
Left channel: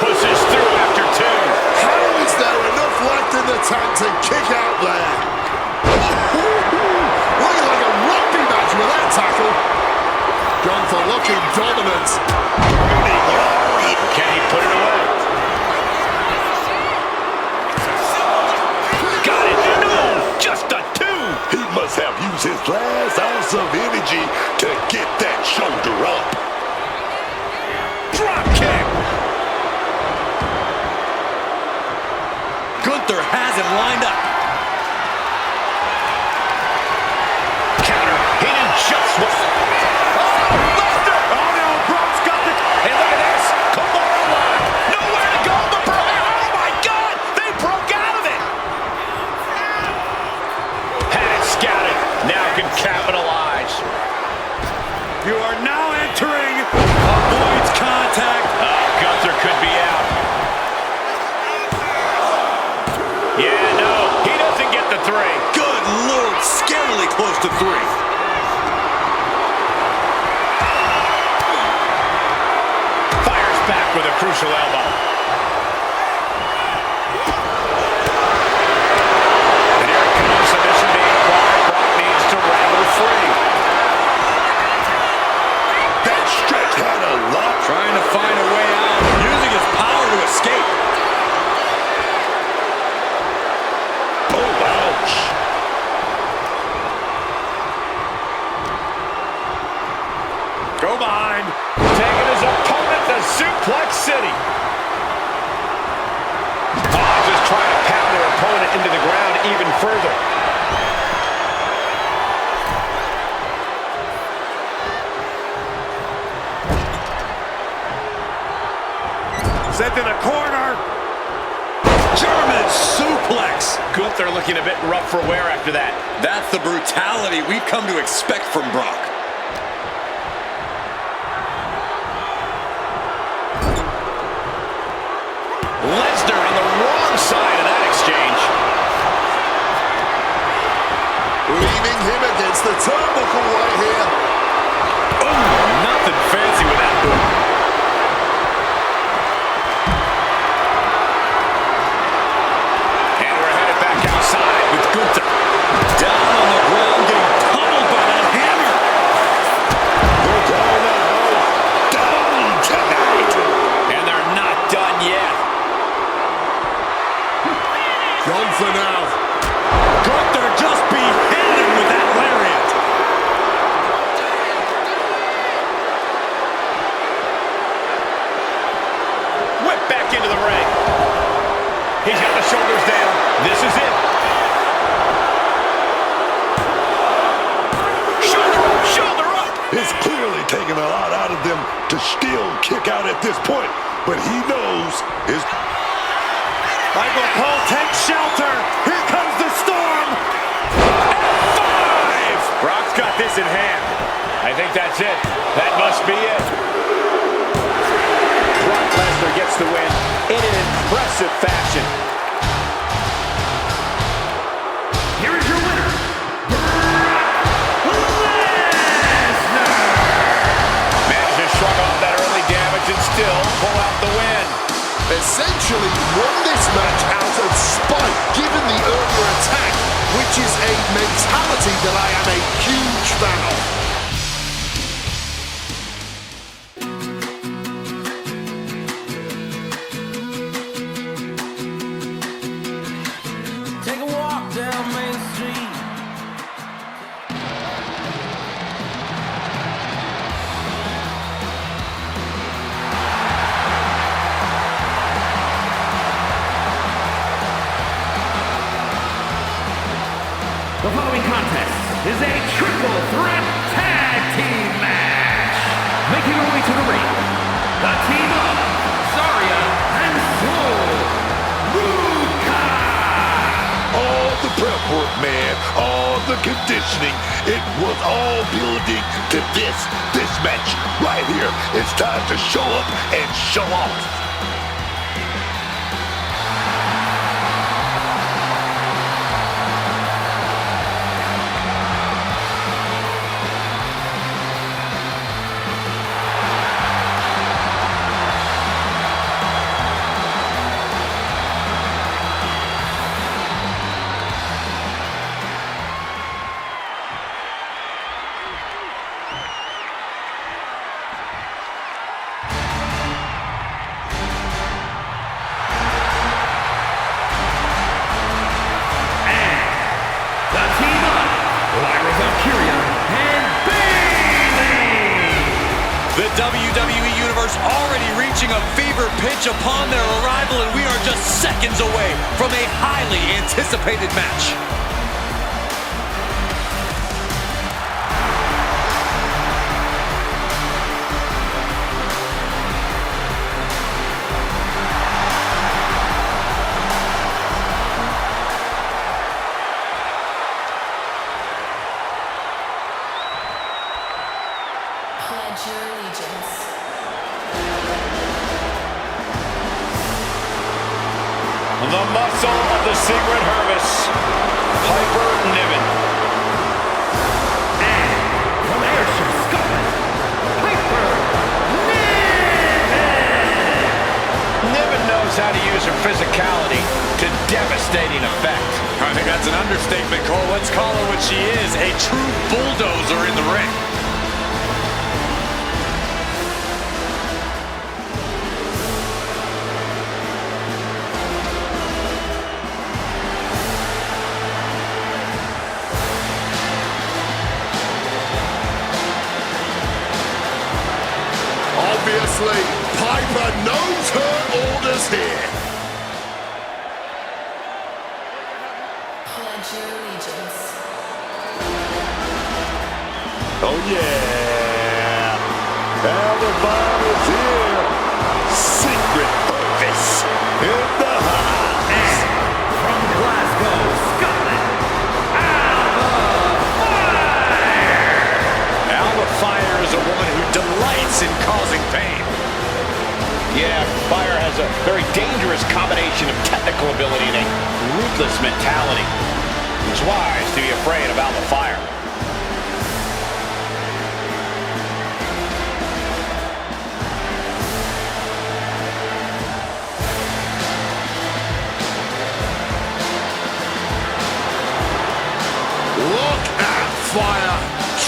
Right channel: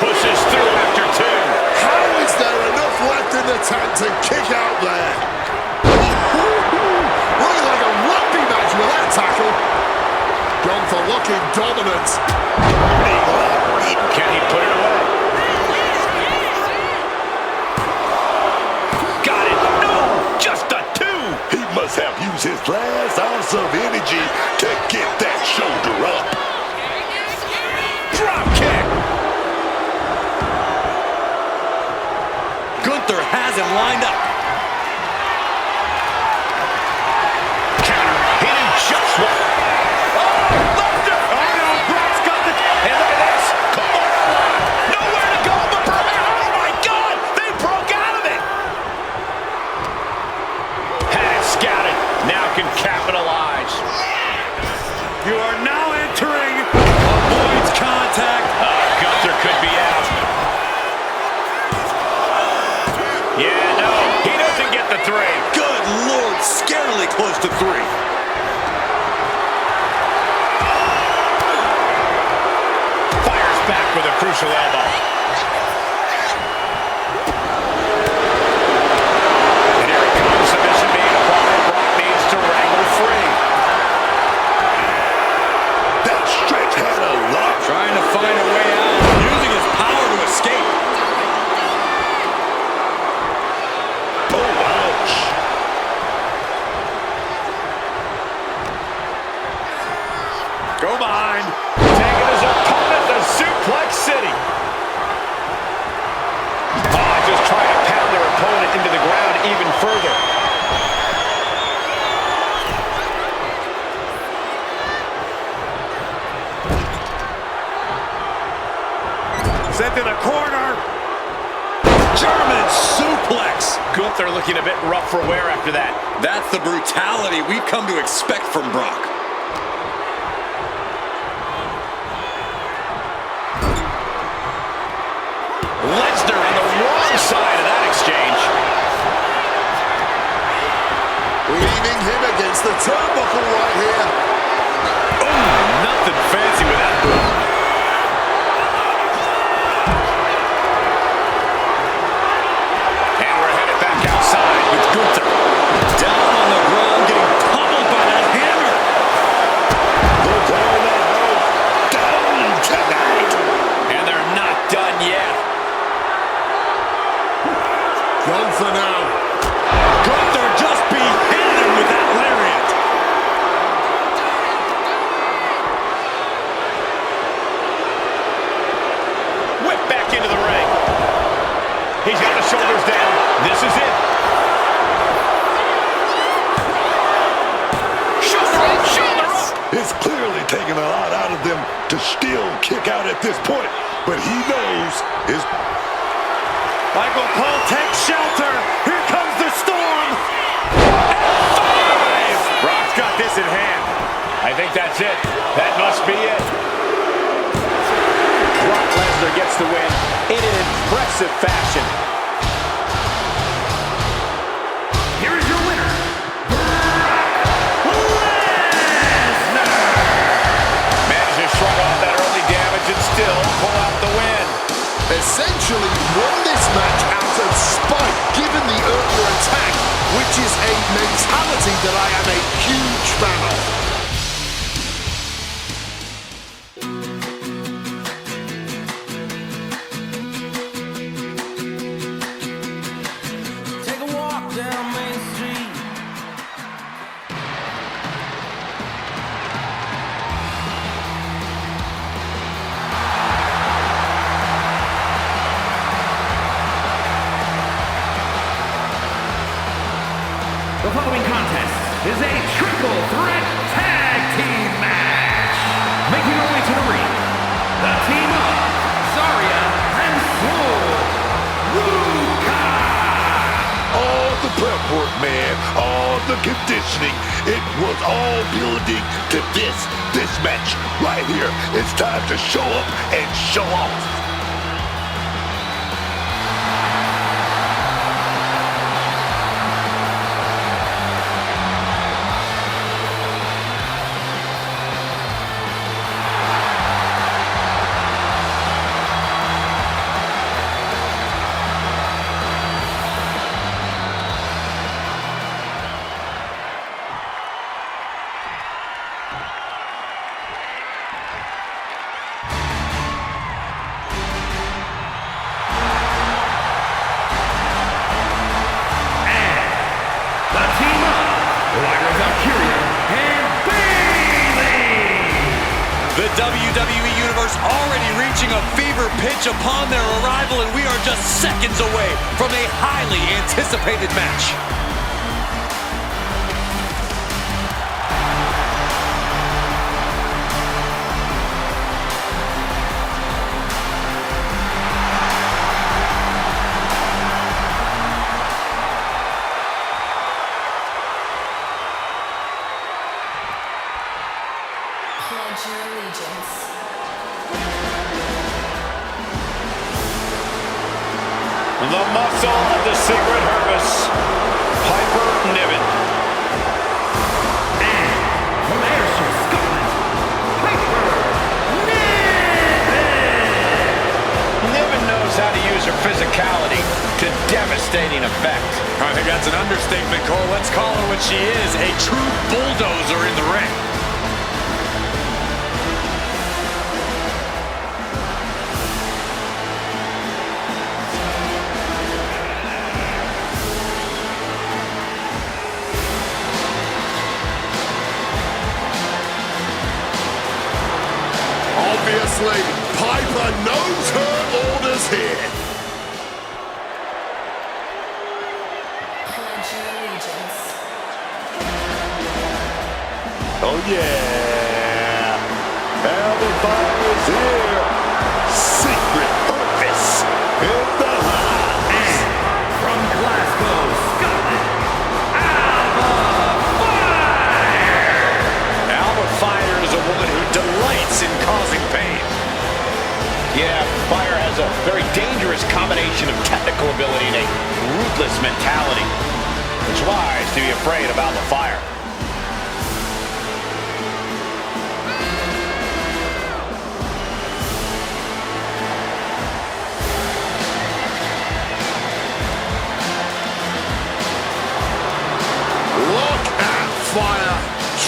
Pushes through after two. How is there enough left in the tank to kick out there? Looking like a rugby match with that tackle. Gunther looking dominant. Can he put it away? Got it. No, just a two. He must have used his last ounce of energy to get that shoulder up. Drop kick. Gunther has him lined up. Counter. He did just what? Oh, Lesnar. Oh, no. Brock's got the... Hey, look at this. Kimura lock. Nowhere to go but perhaps. Oh, my God. They broke out of it. Had it scouted. Now can capitalize. You are now entering avoids contact. Gunther could be out. Yeah, no, he doesn't get the three. Good Lord, scarily close to three. Fires back with a crucial elbow. And here it comes, submission being applied. Brock needs to wrangle free. That stretch had a lot. Trying to find a way out, using his power to escape. Oh, ouch. Go behind. Taking his opponent to Suplex City. Just trying to pound their opponent into the ground even further. Sent to the corner. German suplex. Gunther looking a bit rough for wear after that. That's the brutality we've come to expect from Brock. Lesnar on the wrong side of that exchange. Leaving him against the turnbuckle right here. Oh, nothing fancy with that boot. Gunther now. Gunther just beheaded him with that lariat. Whip back into the ring. He's got the shoulders down. This is it. Shoulder up, shoulder up. It's clearly taking a lot out of them to still kick out at this point, but he knows his... Michael Cole takes shelter. Here comes the storm. F5! Brock's got this in hand. I think that's it. That must be it. Brock Lesnar gets the win in an impressive fashion. Here is your winner, Brock Lesnar. Managed to shrug off that early damage and still pull out the win. Essentially won this match out of spite, given the earlier attack, which is a mentality that I am a huge fan of. Take a walk down Main Street. The following contest is a triple threat tag team match. Making our way to the ring, the team of Zarya and ZARUCA. All the prep work, man, all the conditioning, it was all building to this match right here. It's time to show up and show off. The team of LYRA, VALKYRIA, and BAYLEY. The WWE Universe already reaching a fever pitch upon their arrival, and we are just seconds away from a highly anticipated match. Pledge your allegiance. The muscle of the secret HERVICE, Piper Niven. And from Ayrshire, Scotland, Piper Niven. Niven knows how to use her physicality to devastating effect. I think that's an understatement, Cole. Let's call her what she is, a true bulldozer in the ring. Obviously, Piper knows her orders here. Pledge your allegiance. Oh yeah, Alvin is here. Secret HERVICE in the house. And from Glasgow, Scotland, Alba Fire is a woman who delights in causing pain. Yeah, Fire has a very dangerous combination of technical ability and a ruthless mentality. It's wise to be afraid of Alba Fire. Look at Fire.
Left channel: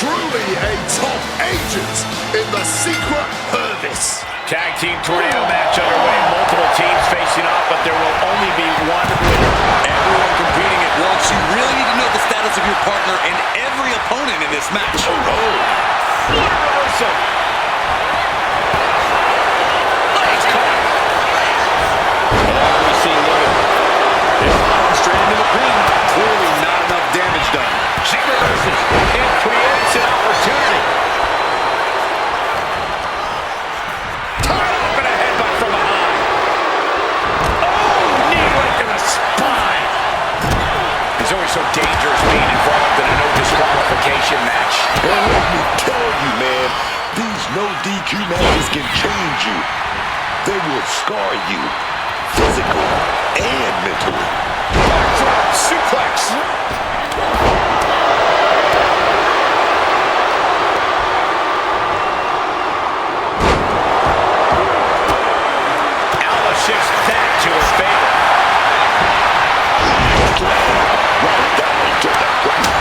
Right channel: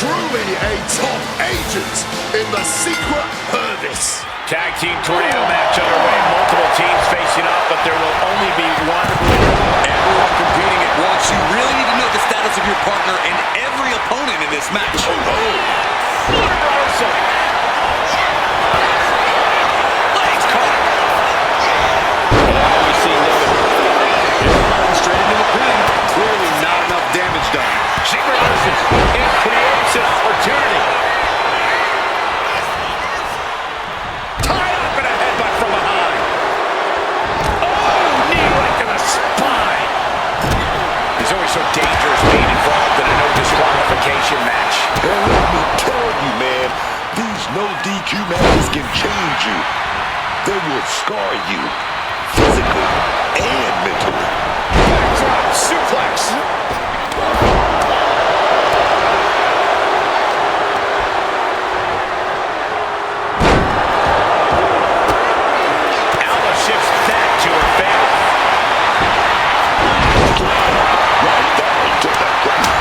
Truly a top agent in the secret HERVICE. Tag team tornado match underway. Multiple teams facing off, but there will only be one winner. Everyone competing at once. You really need to know the status of your partner and every opponent in this match. Oh, what a reversal. Legs caught. Oh, we see Logan. Straight into the pin. Clearly not enough damage done. She reverses. It creates an opportunity. Tied up in a headbutt from behind. Oh, knee right to the spine. It's always so dangerous being involved in a no disqualification match. And let me tell you, man, these no DQ matches can change you. They will scar you physically and mentally. Backdrop suplex. Alba shifts back to her favor. Right down to the ground.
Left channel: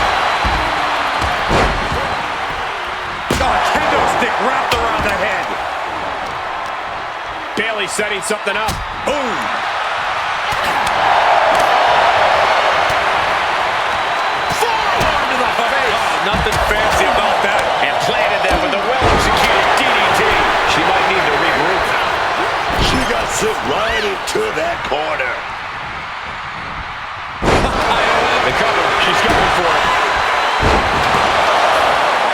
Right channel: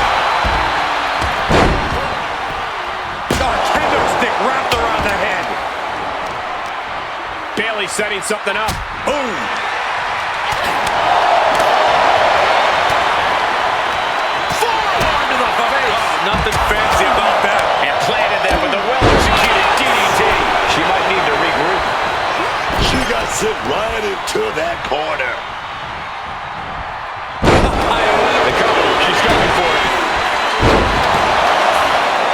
Oh, kendo stick wrapped around the head. Bayley setting something up. Boom. Forearm to the face. Oh, nothing fancy about that. And planted them with a well-executed DDT. She might need to regroup. She got sent right into that corner. The cover. She's going for it.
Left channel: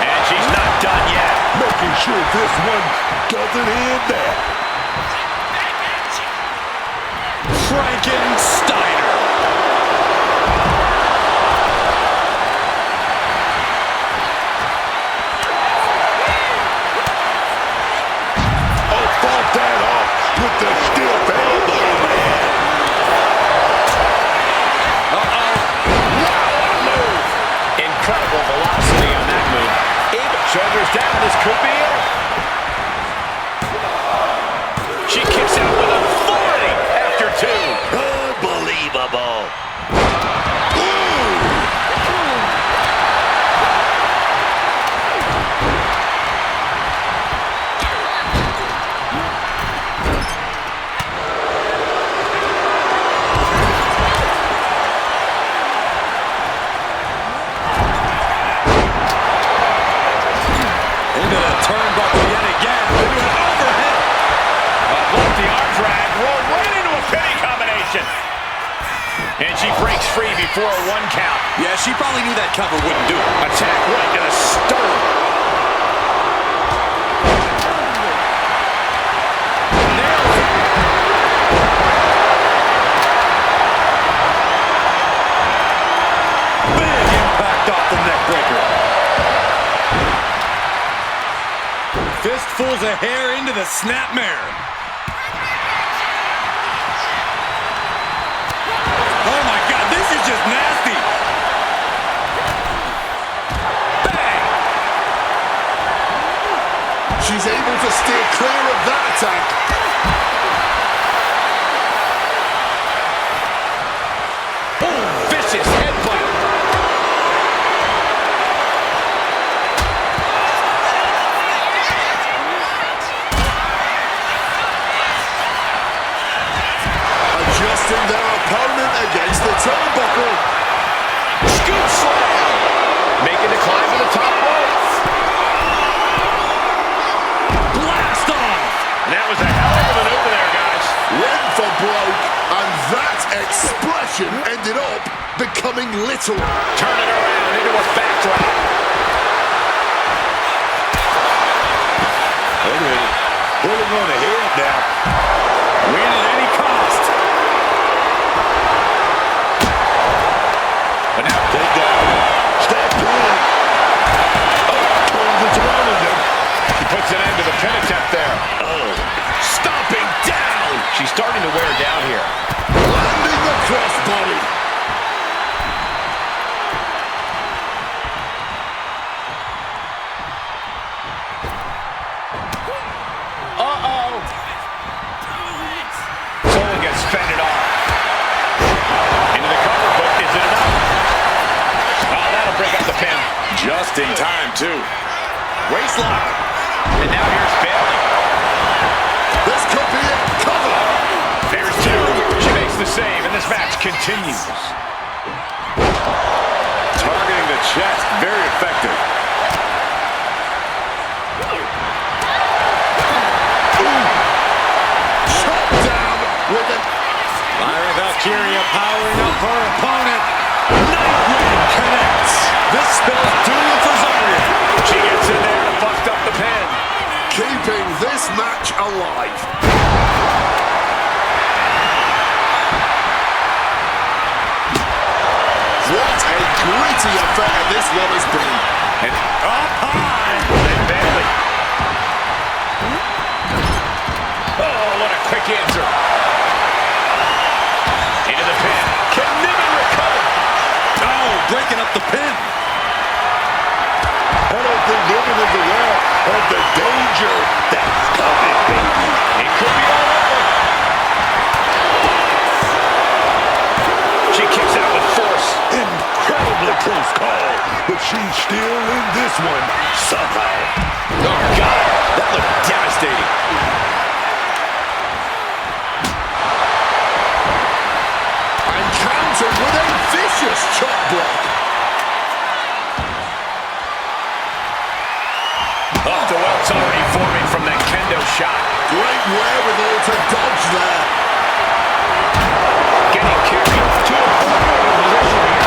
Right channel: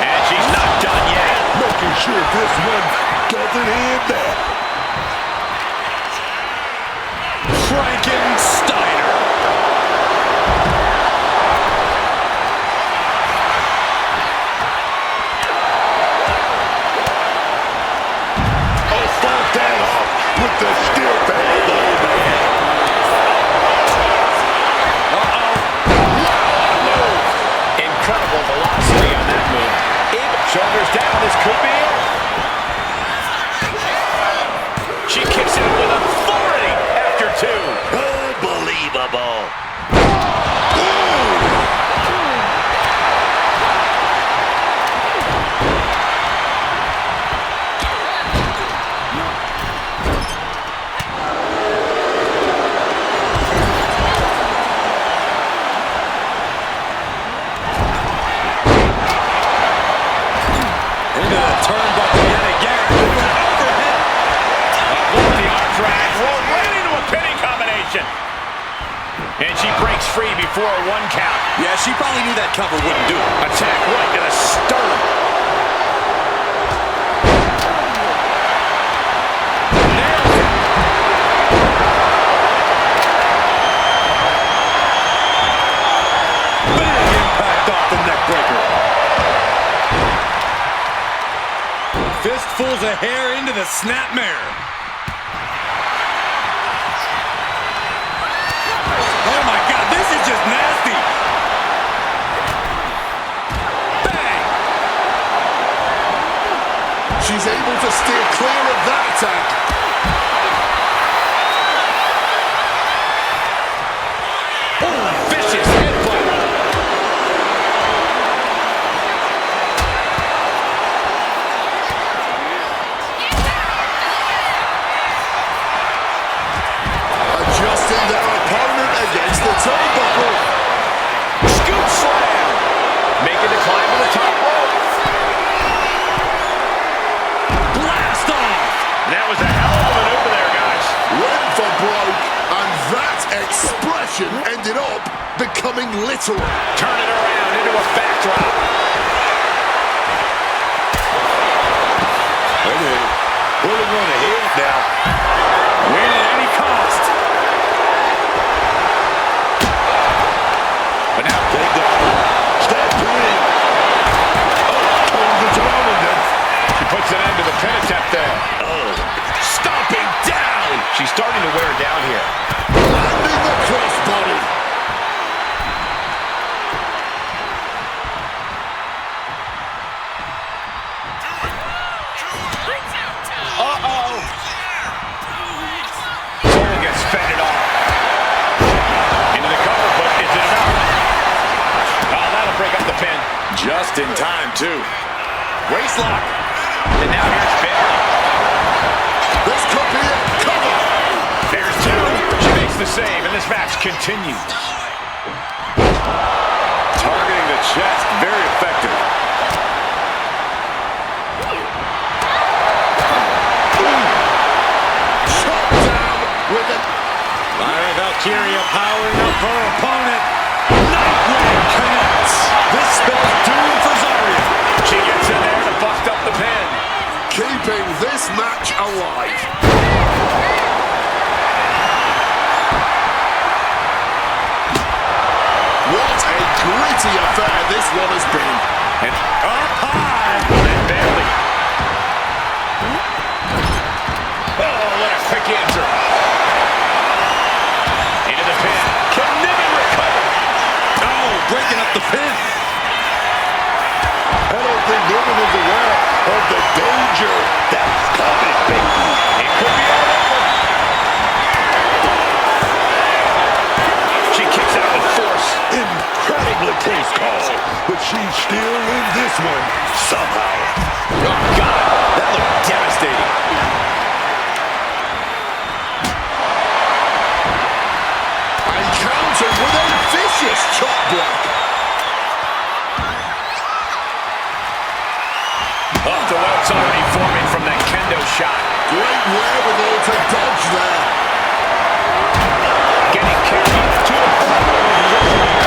And she's not done yet. Making sure this one doesn't end there. Frankensteiner. Oh, fought that off with the stiff elbow, man. Uh-oh. Wow, what a move. Incredible velocity on that move. Shoulders down, this could be it. She kicks out with authority after two. Unbelievable. Into the turnbuckle yet again. Into an overhead. Off the arm drag, rolled right into a pinning combination. And she breaks free before a 1 count. Yeah, she probably knew that cover wouldn't do it. Attack right to the sternum. Nails it. Big impact off the neck breaker. Fistfuls of hair into the snapmare. Oh my God, this is just nasty. Bang! She's able to steer clear of that attack. Oh, vicious headbutt. Adjusting their opponent against the turnbuckle. Scoop slam. Making the climb to the top rope. Blast off! That was a hell of a maneuver there, guys. Went for broke, and that expression ended up becoming literal. Turn it around into a backdrop. Wait a minute. Pulling on ahead now. Win at any cost. But now Take down. Step in. Oh, turns it around them. she puts an end to the pin attempt there. Oh, Stomping down. She's starting to wear down here. Landing the crossbody. Uh-oh. Soul gets fended off. Into the cover, but is it enough? Oh, that'll break up the pin. Just in time, too. Waist lock. And now here's Bayley. This could be it. Cover. There's two. She makes the save, and this match continues. Targeting the chest, very effective. Shot down with it. Lyra Valkyria powering up her opponent. Nightwing connects. This spell's doom for Zarya. She gets in there to bust up the pin. Keeping this match alive. What a gritty affair this one has been. And up high. And Bayley. Oh, what a quick answer. Into the pin. Can Niven recover? Oh, breaking up the pin. I don't think Niven is aware of the danger that's coming, baby. It could be all over. She kicks out with force. Incredibly close call, but she's still in this one somehow. Oh, God. That looked devastating. And countered with a vicious chop block. Oh, the welt's already forming from that kendo shot. Great wherewithal to dodge there. Getting carried to a formidable position here.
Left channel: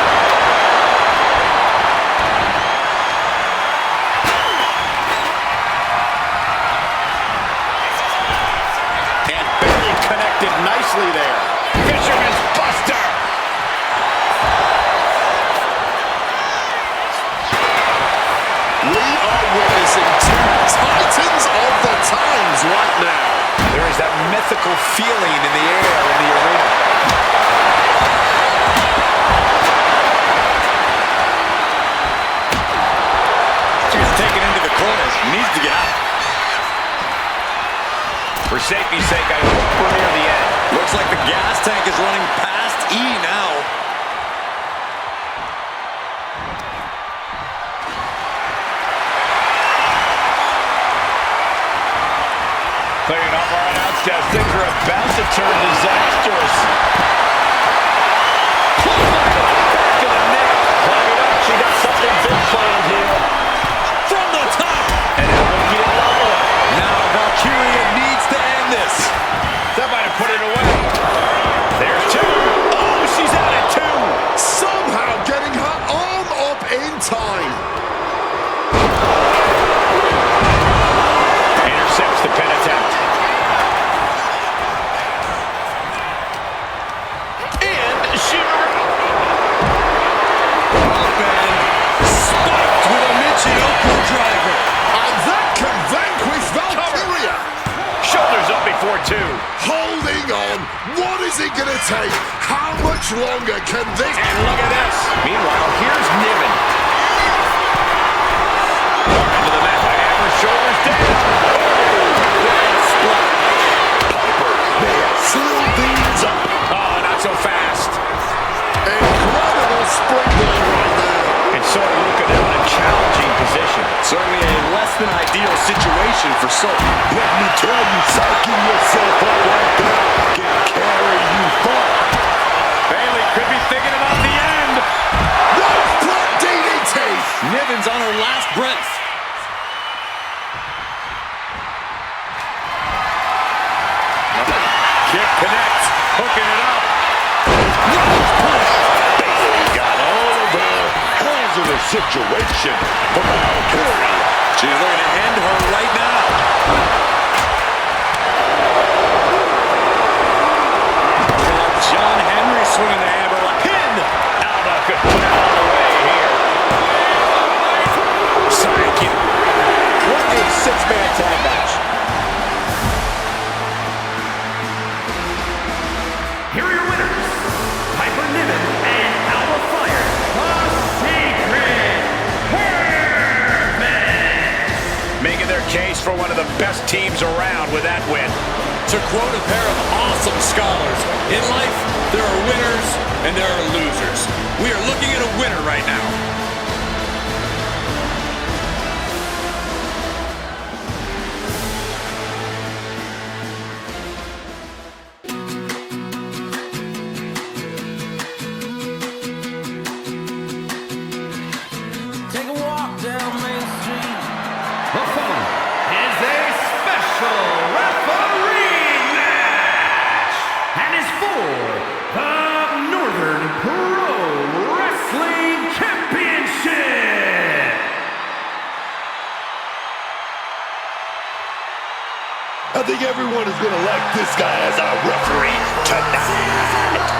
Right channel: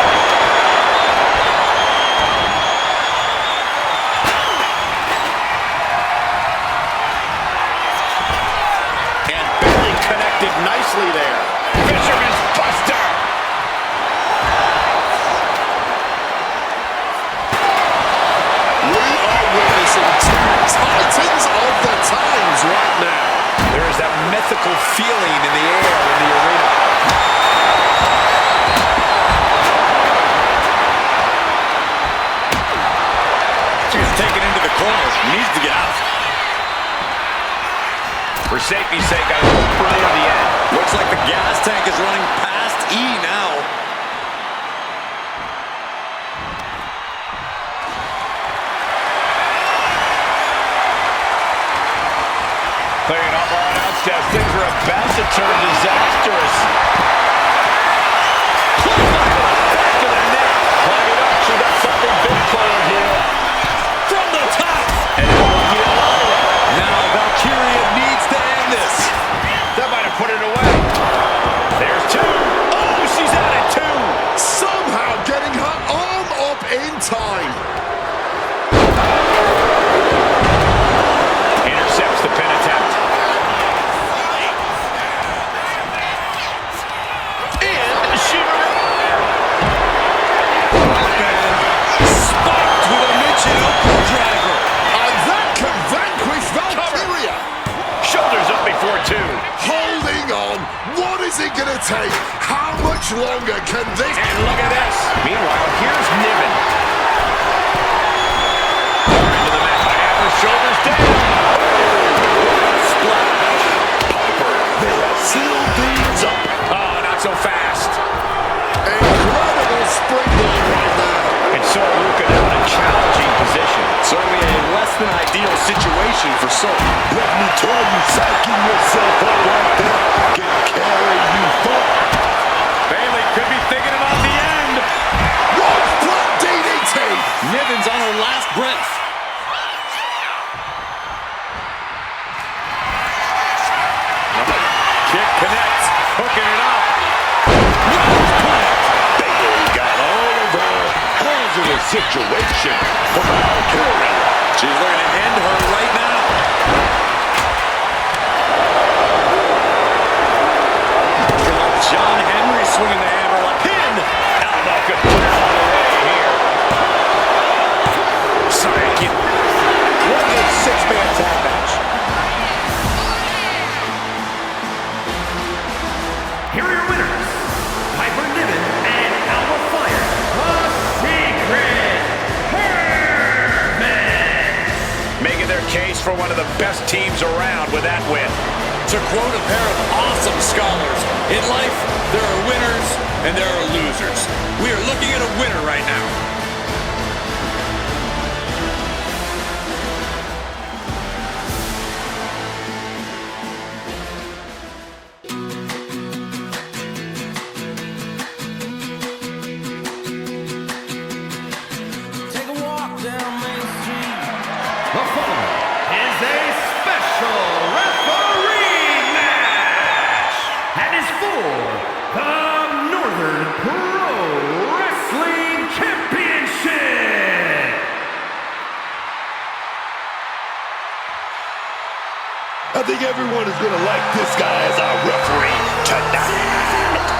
And Bayley connected nicely there. Fisherman's Buster. We are witnessing two titans of the times right now. There is that mythical feeling in the air in the arena. She's taken into the corner. Needs to get out. For safety's sake, I hope we're near the end. Looks like the gas tank is running past E now. Clearing off our announce desk. Things are about to turn disastrous. Back to the net. Climbing up. She got something big planned here. From the top. And it will get Lyra. Now Valkyria needs to end this. That might have put it away. There's two. Oh, she's out at two. Somehow getting her arm up in time. Intercepts the pin attempt. And she... Spiked with a Michinoku driver. And that can vanquish Valkyria. Shoulders up before two. Holding on. What is it going to take? How much longer can this... And look at this. Meanwhile, here's Niven. Far into the mat by Amber. Shoulders down. Splash. Piper, they have sealed things up. Oh, not so fast. Incredible springboard right there. And ZARUCA now in a challenging position. Certainly a less than ideal situation for Soul. Let me tell you, psyching yourself up like that can carry you far. Bayley could be thinking about the end. One foot DDT. Niven's on her last breath. Kick connects. Hooking it up. Bayley got all of her hazardous situation for Valkyria. She's looking to end her right now. Looking like John Henry swinging the hammer like pin. Alba could put it all away here. Psychic. What a six-man tag match. Here are your winners, Piper Niven and Alba Fire, the Secret HERVICE. Making their case for one of the best teams around with that win. To quote a pair of awesome scholars, in life, there are winners and there are losers. We are looking at a winner right now. down Main Street. The following is a special referee match and is for the Northern Pro Wrestling Championship. I think everyone is going to like this guy as our referee tonight.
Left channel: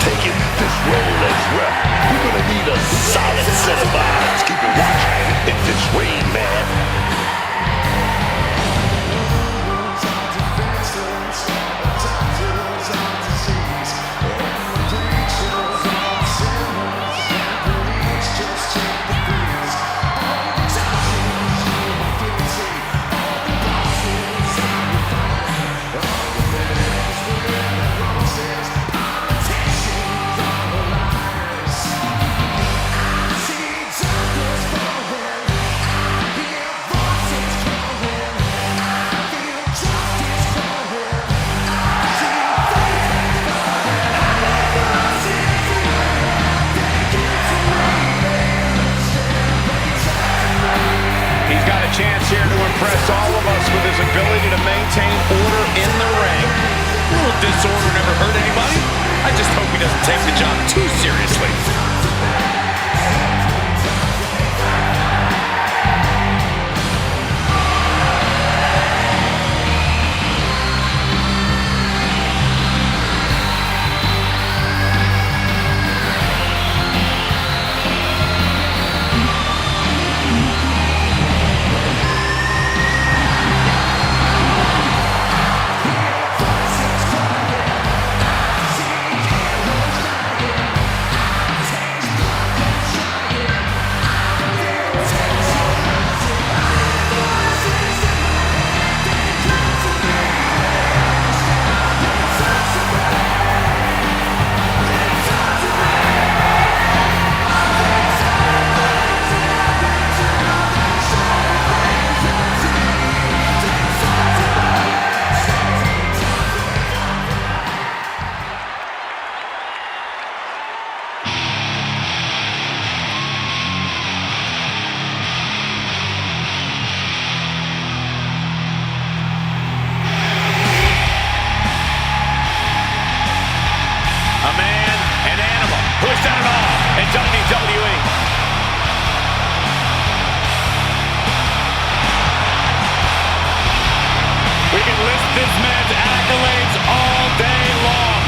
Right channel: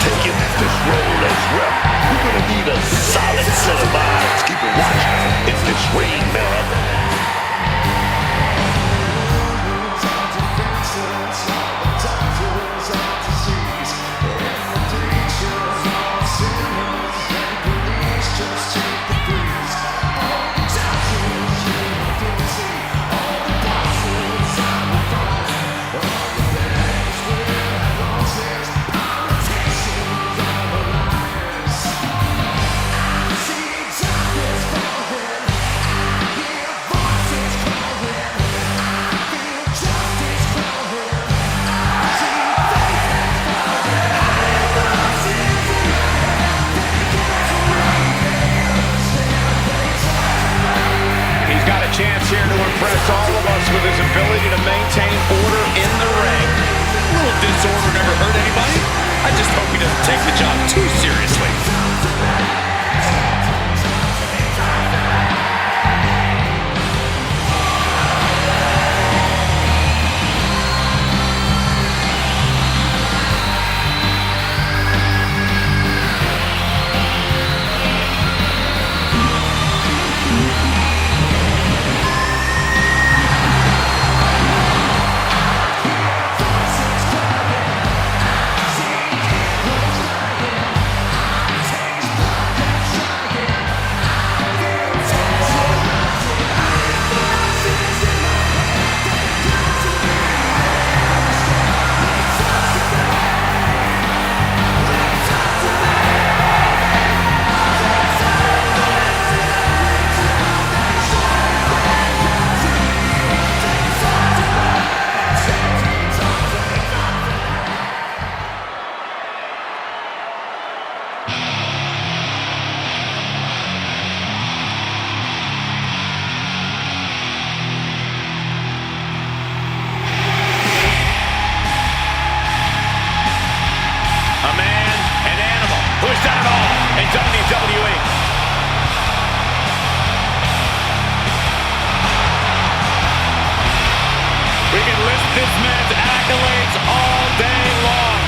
Taking this role as ref, we're gonna need a solid set of eyes keeping watch in this ring, man. Chance here to impress all of us with his ability to maintain order in the ring. A little disorder never hurt anybody. I just hope he doesn't take the job too seriously. A man, an animal, who has done it all in WWE. We can list this man's accolades all day long.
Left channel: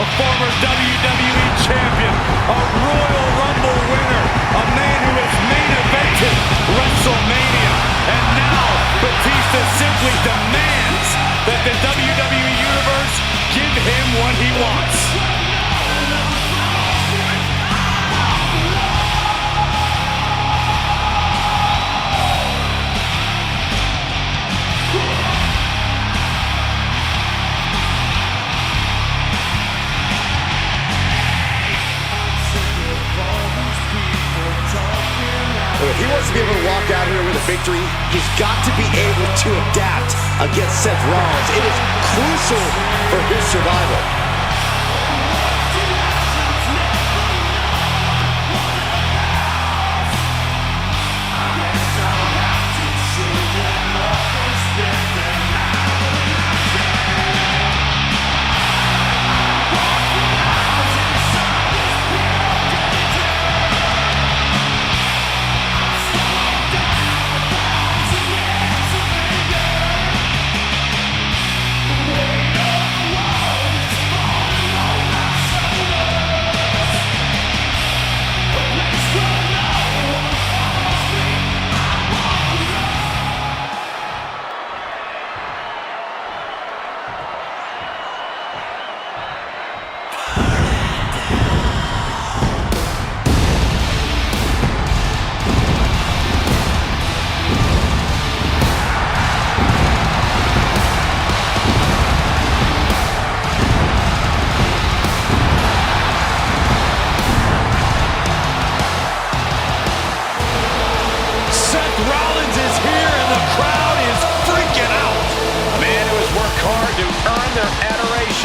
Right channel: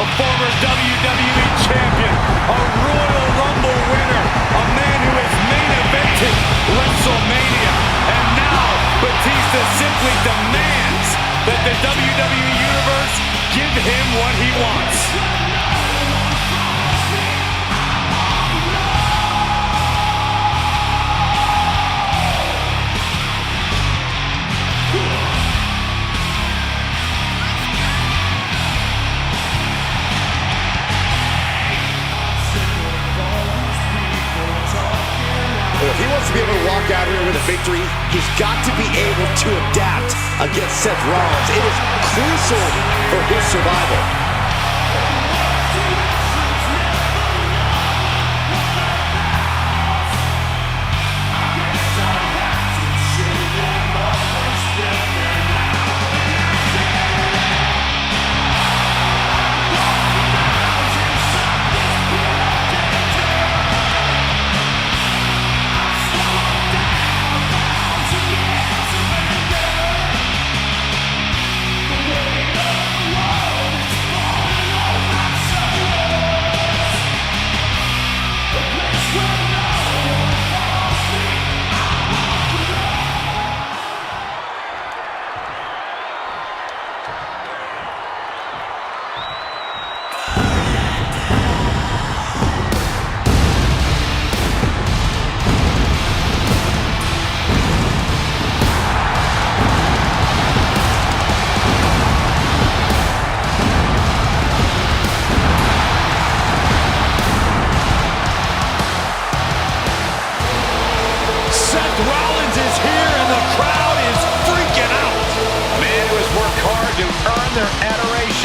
A former WWE champion, a Royal Rumble winner, a man who has main evented WrestleMania, and now Batista simply demands that the WWE Universe give him what he wants. If he wants to be able to walk out here with a victory, he's got to be able to adapt against Seth Rollins. It is crucial for his survival.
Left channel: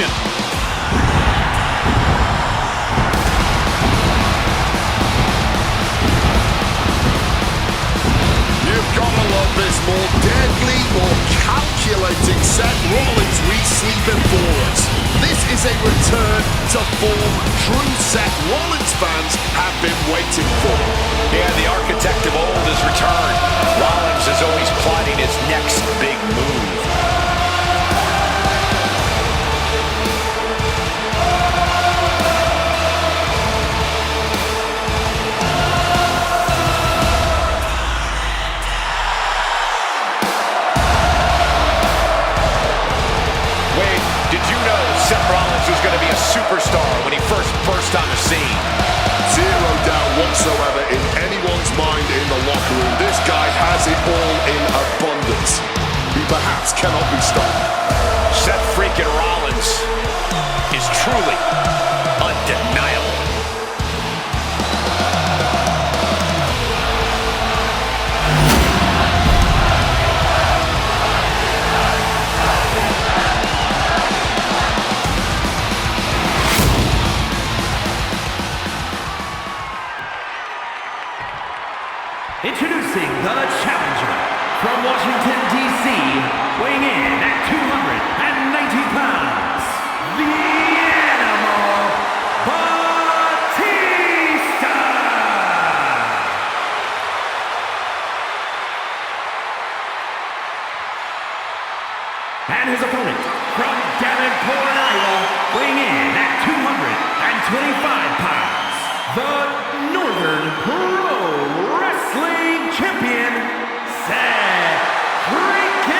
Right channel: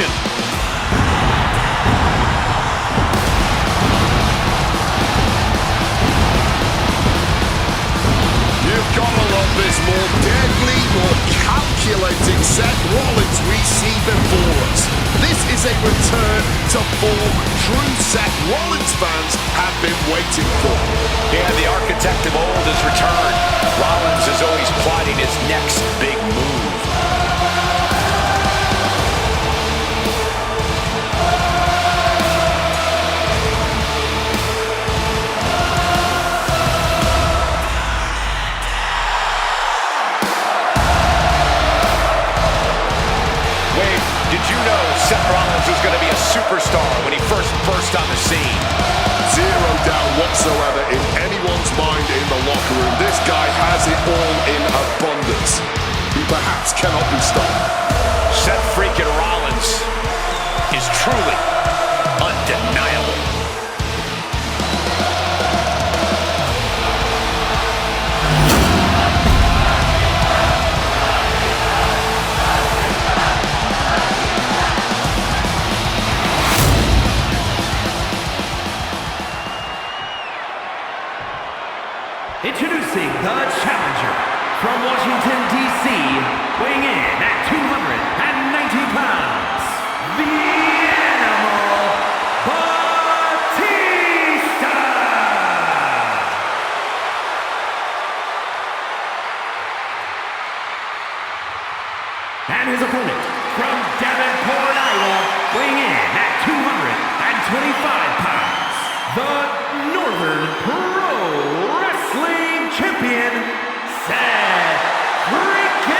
submission. You've got to love this more deadly, more calculating Seth Rollins we see before us. This is a return to form true Seth Rollins fans have been waiting for. Yeah, the architect of old has returned. Rollins is always plotting his next big move. Did you know Seth Rollins was going to be a superstar when he first burst on the scene? Zero doubt whatsoever in anyone's mind in the locker room. This guy has it all in abundance. He perhaps cannot be stopped. Seth freaking Rollins is truly undeniable. Introducing the challenger from Washington, D.C., weighing in at 290 pounds, the Animal Batista! And his opponent from Davenport, Iowa, weighing in at 225 pounds, the Northern Pro Wrestling Champion, Seth freaking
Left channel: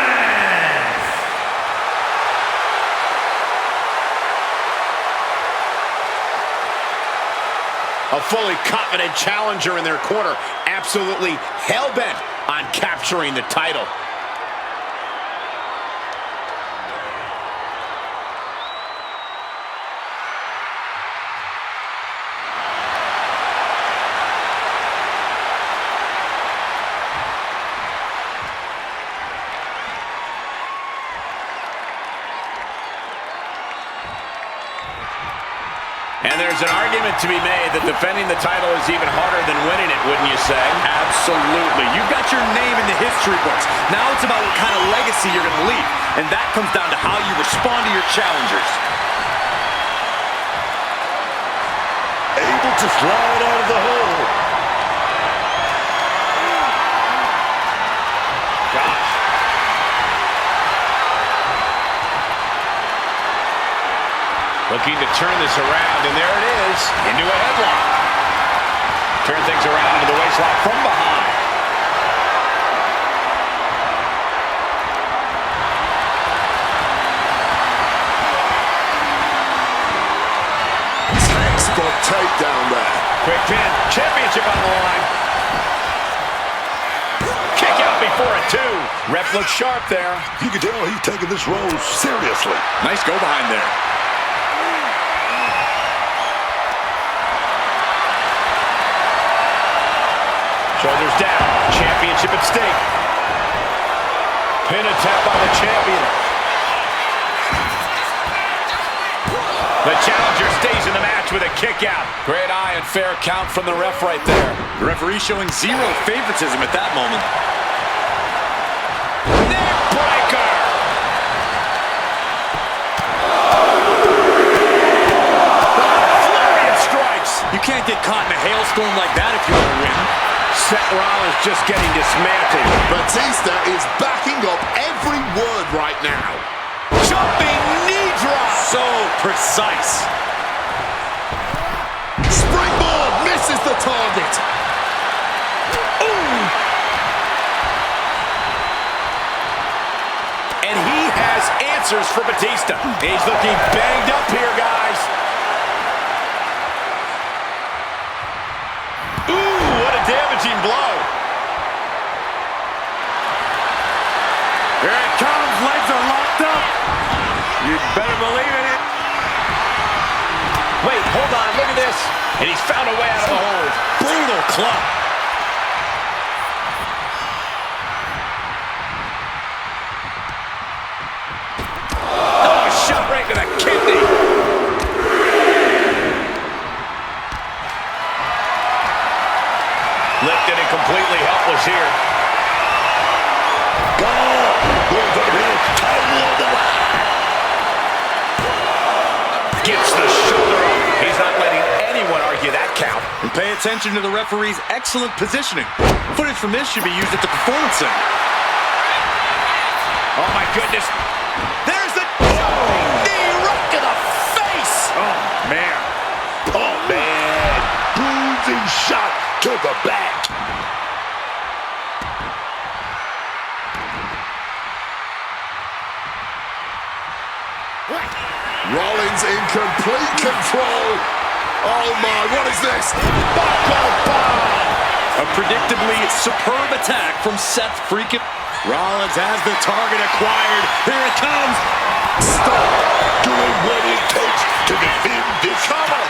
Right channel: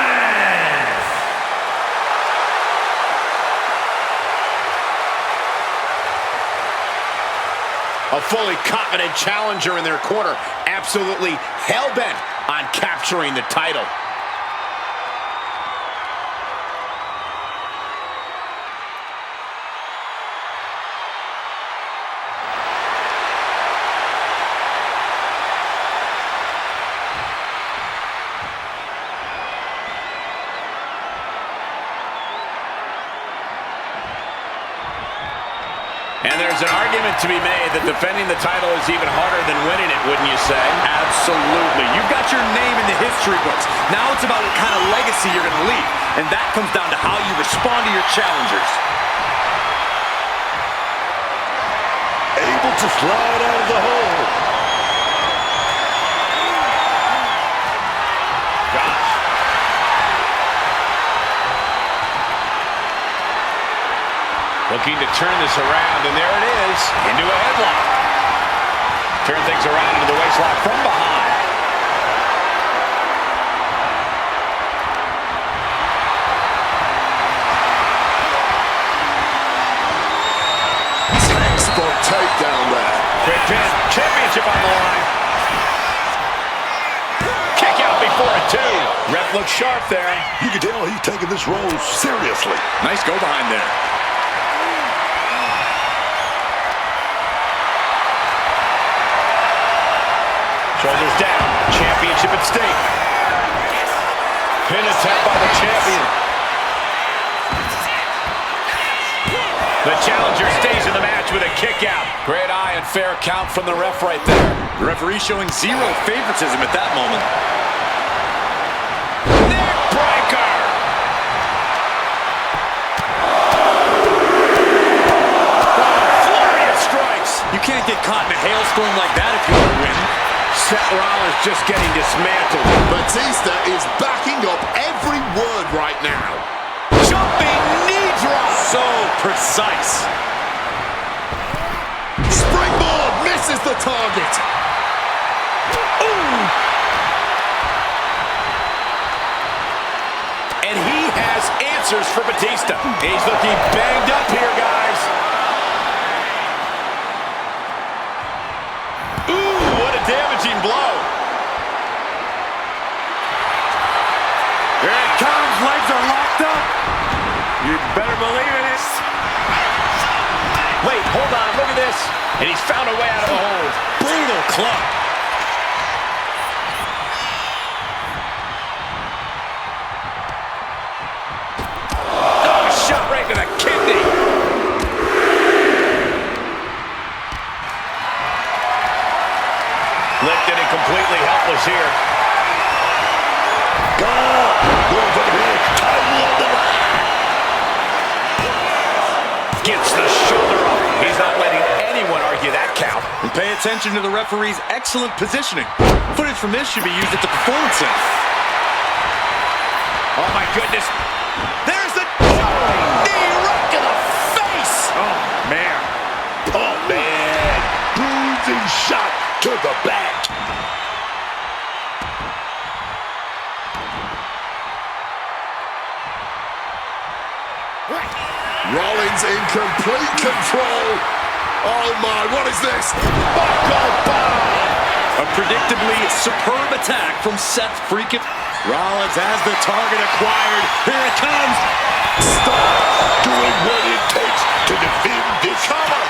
Rollins! A fully confident challenger in their corner, absolutely hell-bent on capturing the title. And there's an argument to be made that defending the title is even harder than winning it, wouldn't you say? Absolutely. You've got your name in the history books. Now it's about what kind of legacy you're going to leave. And that comes down to how you respond to your challengers. Able to slide out of the hole. Gosh. Looking to turn this around, and there it is, into a headlock. Turn things around into the waistlock from behind. Textbook takedown there. Quick pin, championship on the line. Kick out before a 2. Ref looks sharp there. You can tell he's taking this role seriously. Nice go behind there. Shoulders down, championship at stake. Pin attempt by the champion. The challenger stays in the match with a kick out. Great eye and fair count from the ref right there. The referee showing zero favoritism at that moment. Neck breaker! Oh, flurry of strikes. You can't get caught in a hailstorm like that if you want to win. Seth Rollins just getting dismantled. Batista is backing up every word right now. Jumping knee drop. So precise. Springboard misses the target. Ooh. And he has answers for Batista. He's looking banged up here, guys. Damaging blow. Here it comes, legs are locked up. You better believe it. Wait, hold on, look at this. And he's found a way out of the hold. Brutal club. Oh, going for the pin. Title on the line. Gets the shoulder up. He's not letting anyone argue that count. And pay attention to the referee's excellent positioning. Footage from this should be used at the Performance Center. Oh, my goodness. There's the jumping knee right to the face. Oh, man. Oh, man. Bruising shot to the back. Rollins in complete control. Oh my, what is this? Buckle bomb! A predictably superb attack from Seth freaking. Rollins has the target acquired. Here it comes. Stop doing what it takes to defend this cover.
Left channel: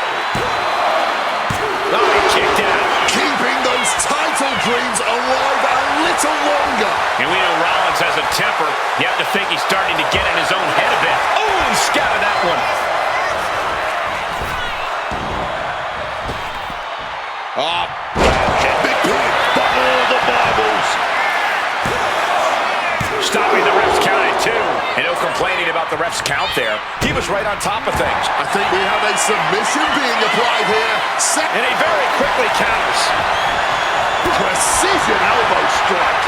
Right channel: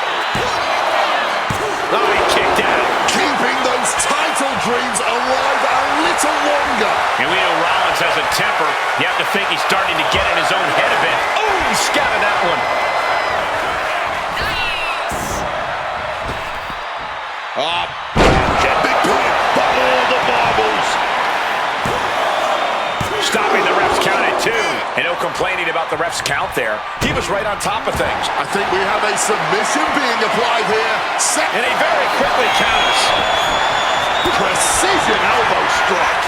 Oh, he kicked out. Keeping those title dreams alive a little longer. And we know Rollins has a temper. You have to think he's starting to get in his own head a bit. Oh, he scattered that one. Oh, big pin by all the marbles. Stopping the ref's count at 2. And no complaining about the ref's count there. He was right on top of things. I think we have a submission being applied here. And he very quickly counters. Precision elbow strike.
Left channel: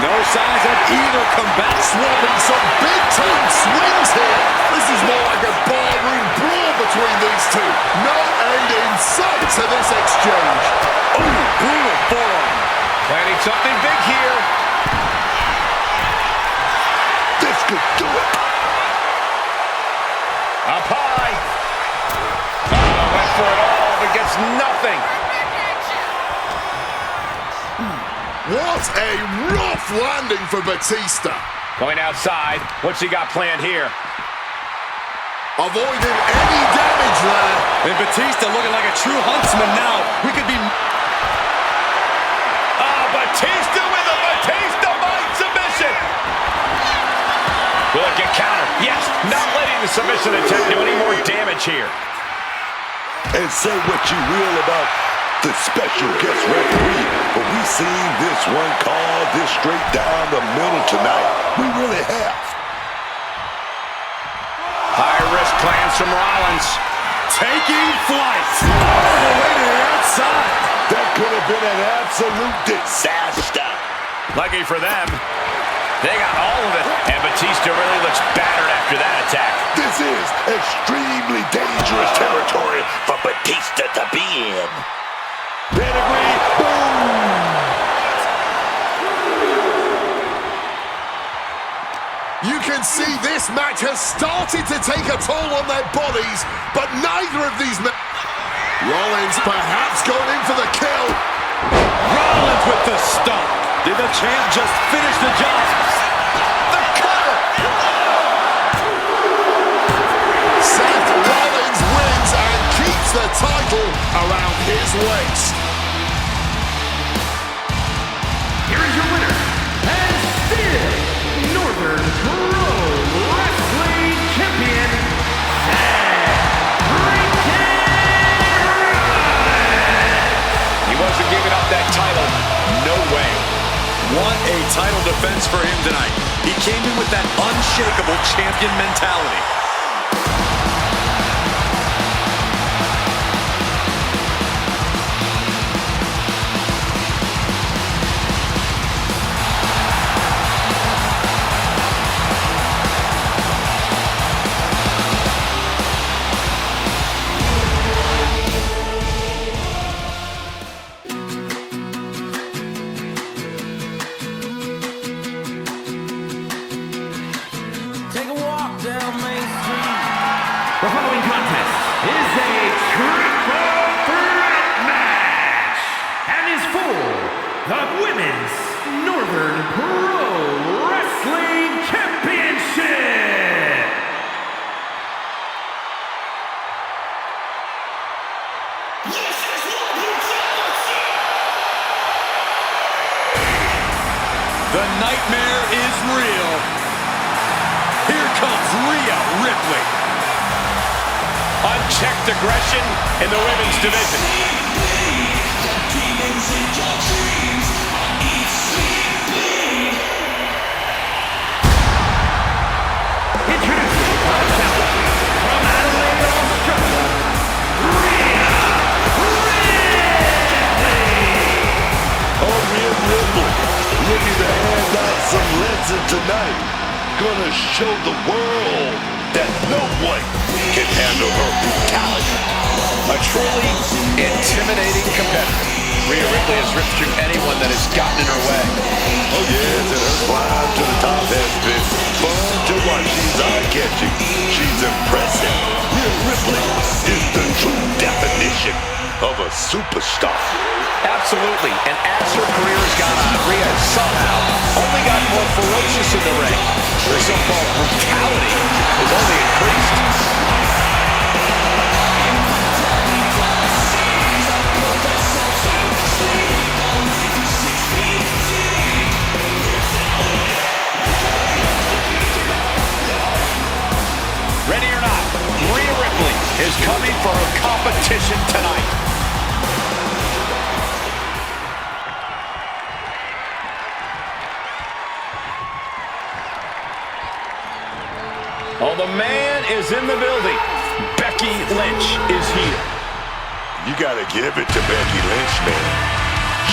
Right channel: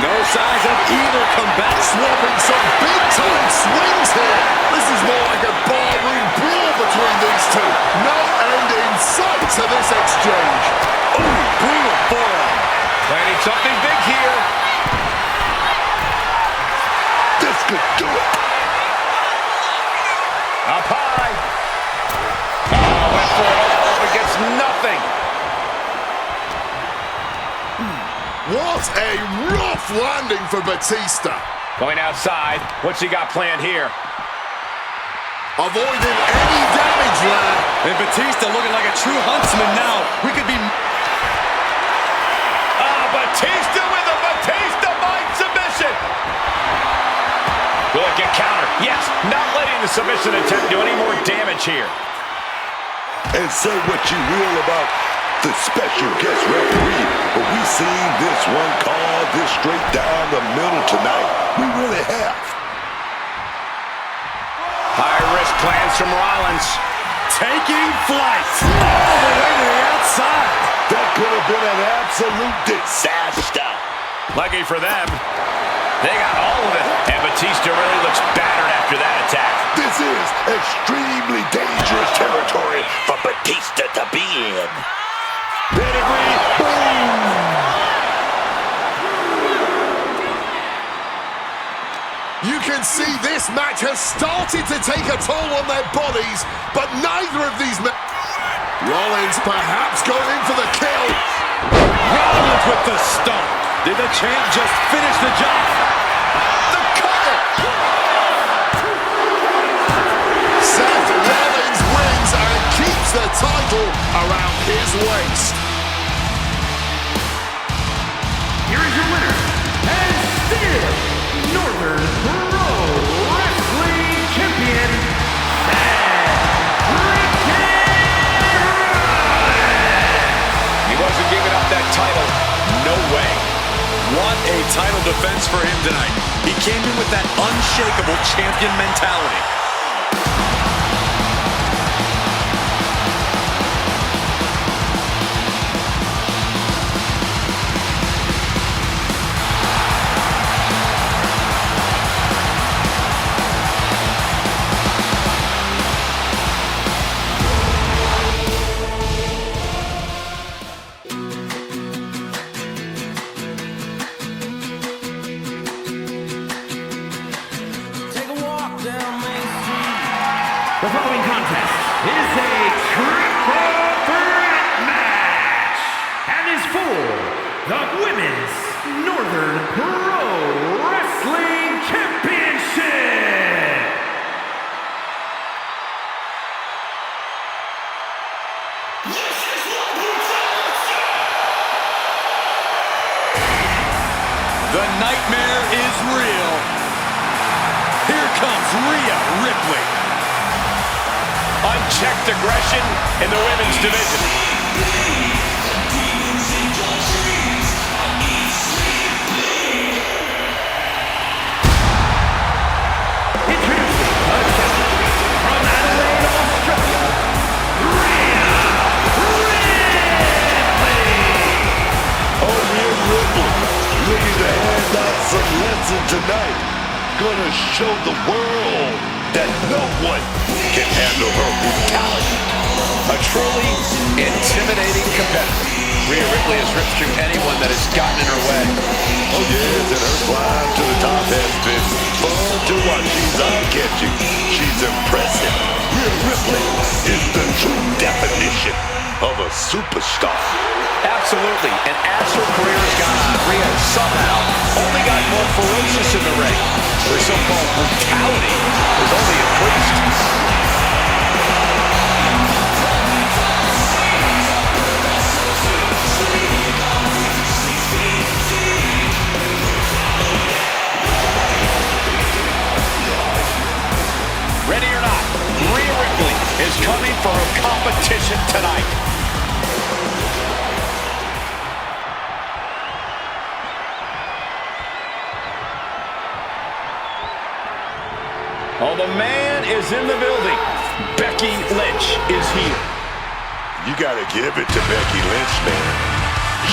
No signs of either comeback. Swapping some big-time swings here. This is more like a barroom brawl between these two. No end in sight to this exchange. Oh, brutal forearm. Planning something big here. This could do it. Up high. Oh, went for it all, but gets nothing. What a rough landing for Batista. Going outside. What's he got planned here? Avoiding any damage there. And Batista looking like a true huntsman now. We could be... Batista with a Batista Mind submission. Will it get countered? Yes, not letting the submission attempt do any more damage here. And say what you will about the special guest referee, but we seen this one call this straight down the middle tonight. We really have. High-risk plans from Rollins. Taking flight all the way to the outside. That could have been an absolute disaster. Lucky for them, they got all of it. And Batista really looks battered after that attack. This is extremely dangerous territory for Batista to be in. Pedigree, boom! You can see this match has started to take a toll on their bodies, but neither of these men... Rollins perhaps going in for the kill. Rollins with the stomp. Did the champ just finish the job? The cover. Seth Rollins wins and keeps the title around his waist. Here is your winner, and still Northern Pro Wrestling Champion, Seth freaking Rollins. He wasn't giving up that title. No way. What a title defense for him tonight. He came in with that unshakable champion mentality. The following contest is a triple threat match and is for the Women's Northern Pro Wrestling Championship. This is what brutality! The nightmare is real. Here comes Rhea Ripley. Unchecked aggression in the women's division. Ripley looking to hand out some lessons tonight. Gonna show the world that no one can handle her brutality. A truly intimidating competitor. Rhea Ripley has ripped through anyone that has gotten in her way. Oh yes, and her climb to the top has been fun to watch. She's eye-catching. She's impressive. Rhea Ripley is the true definition of a superstar. Absolutely, and as her career has gone on, Rhea has somehow only gotten more ferocious in the ring. Her so-called brutality has only increased. Ready or not, Rhea Ripley is coming for her competition tonight. Oh, the man is in the building. Becky Lynch is here. You gotta give it to Becky Lynch, man.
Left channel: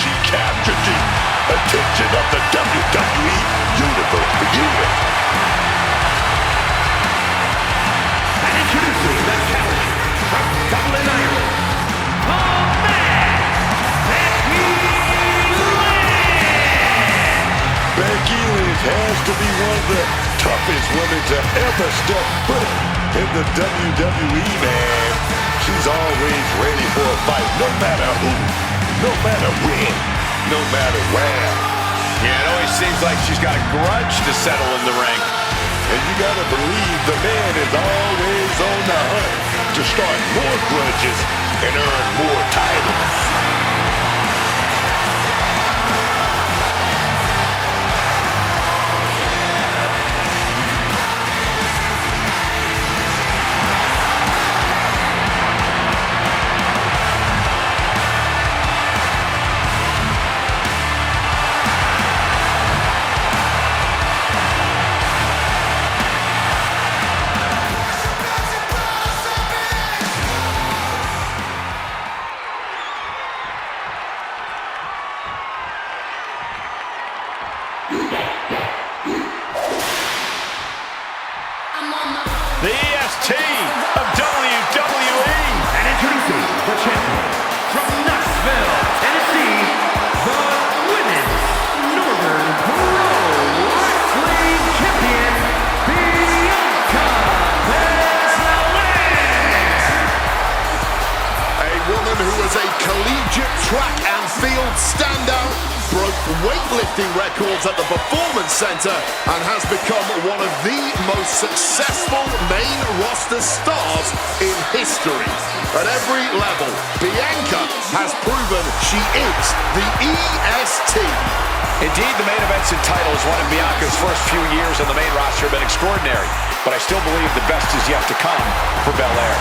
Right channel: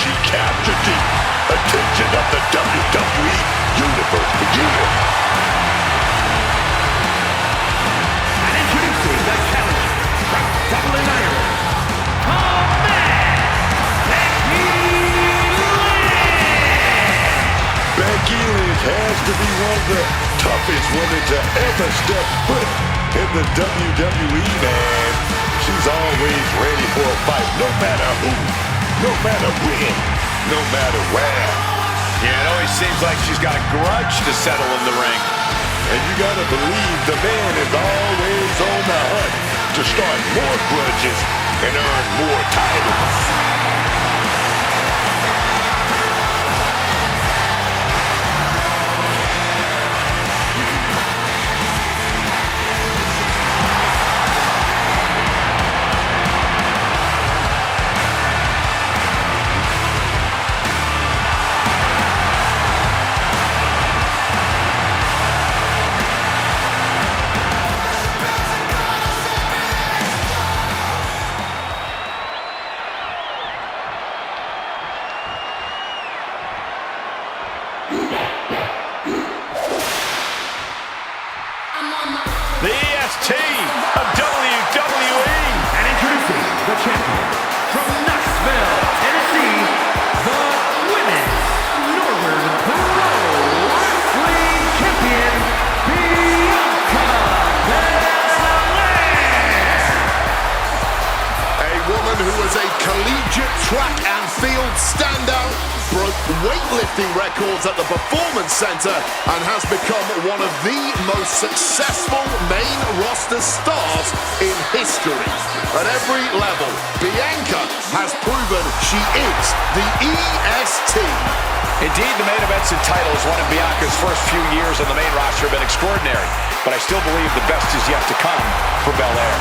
She captured the attention of the WWE Universe for years. And introducing the challenger from Dublin, Ireland, the man, Becky Lynch! Becky Lynch has to be one of the toughest women to ever step foot in the WWE, man. She's always ready for a fight, no matter who, no matter when, no matter where. Yeah, it always seems like she's got a grudge to settle in the ring. And you gotta believe the man is always on the hunt to start more grudges and earn more titles. The EST of WWE. And introducing the champion from Knoxville, Tennessee, the Women's Northern Pro Wrestling Champion, Bianca Belair. A woman who was a collegiate track and field standout, broke weightlifting records at the Performance Center, and has become one of the most successful main roster stars in history. At every level, Bianca has proven she is the EST. Indeed, the main events and titles won in Bianca's first few years on the main roster have been extraordinary, but I still believe the best is yet to come for Belair.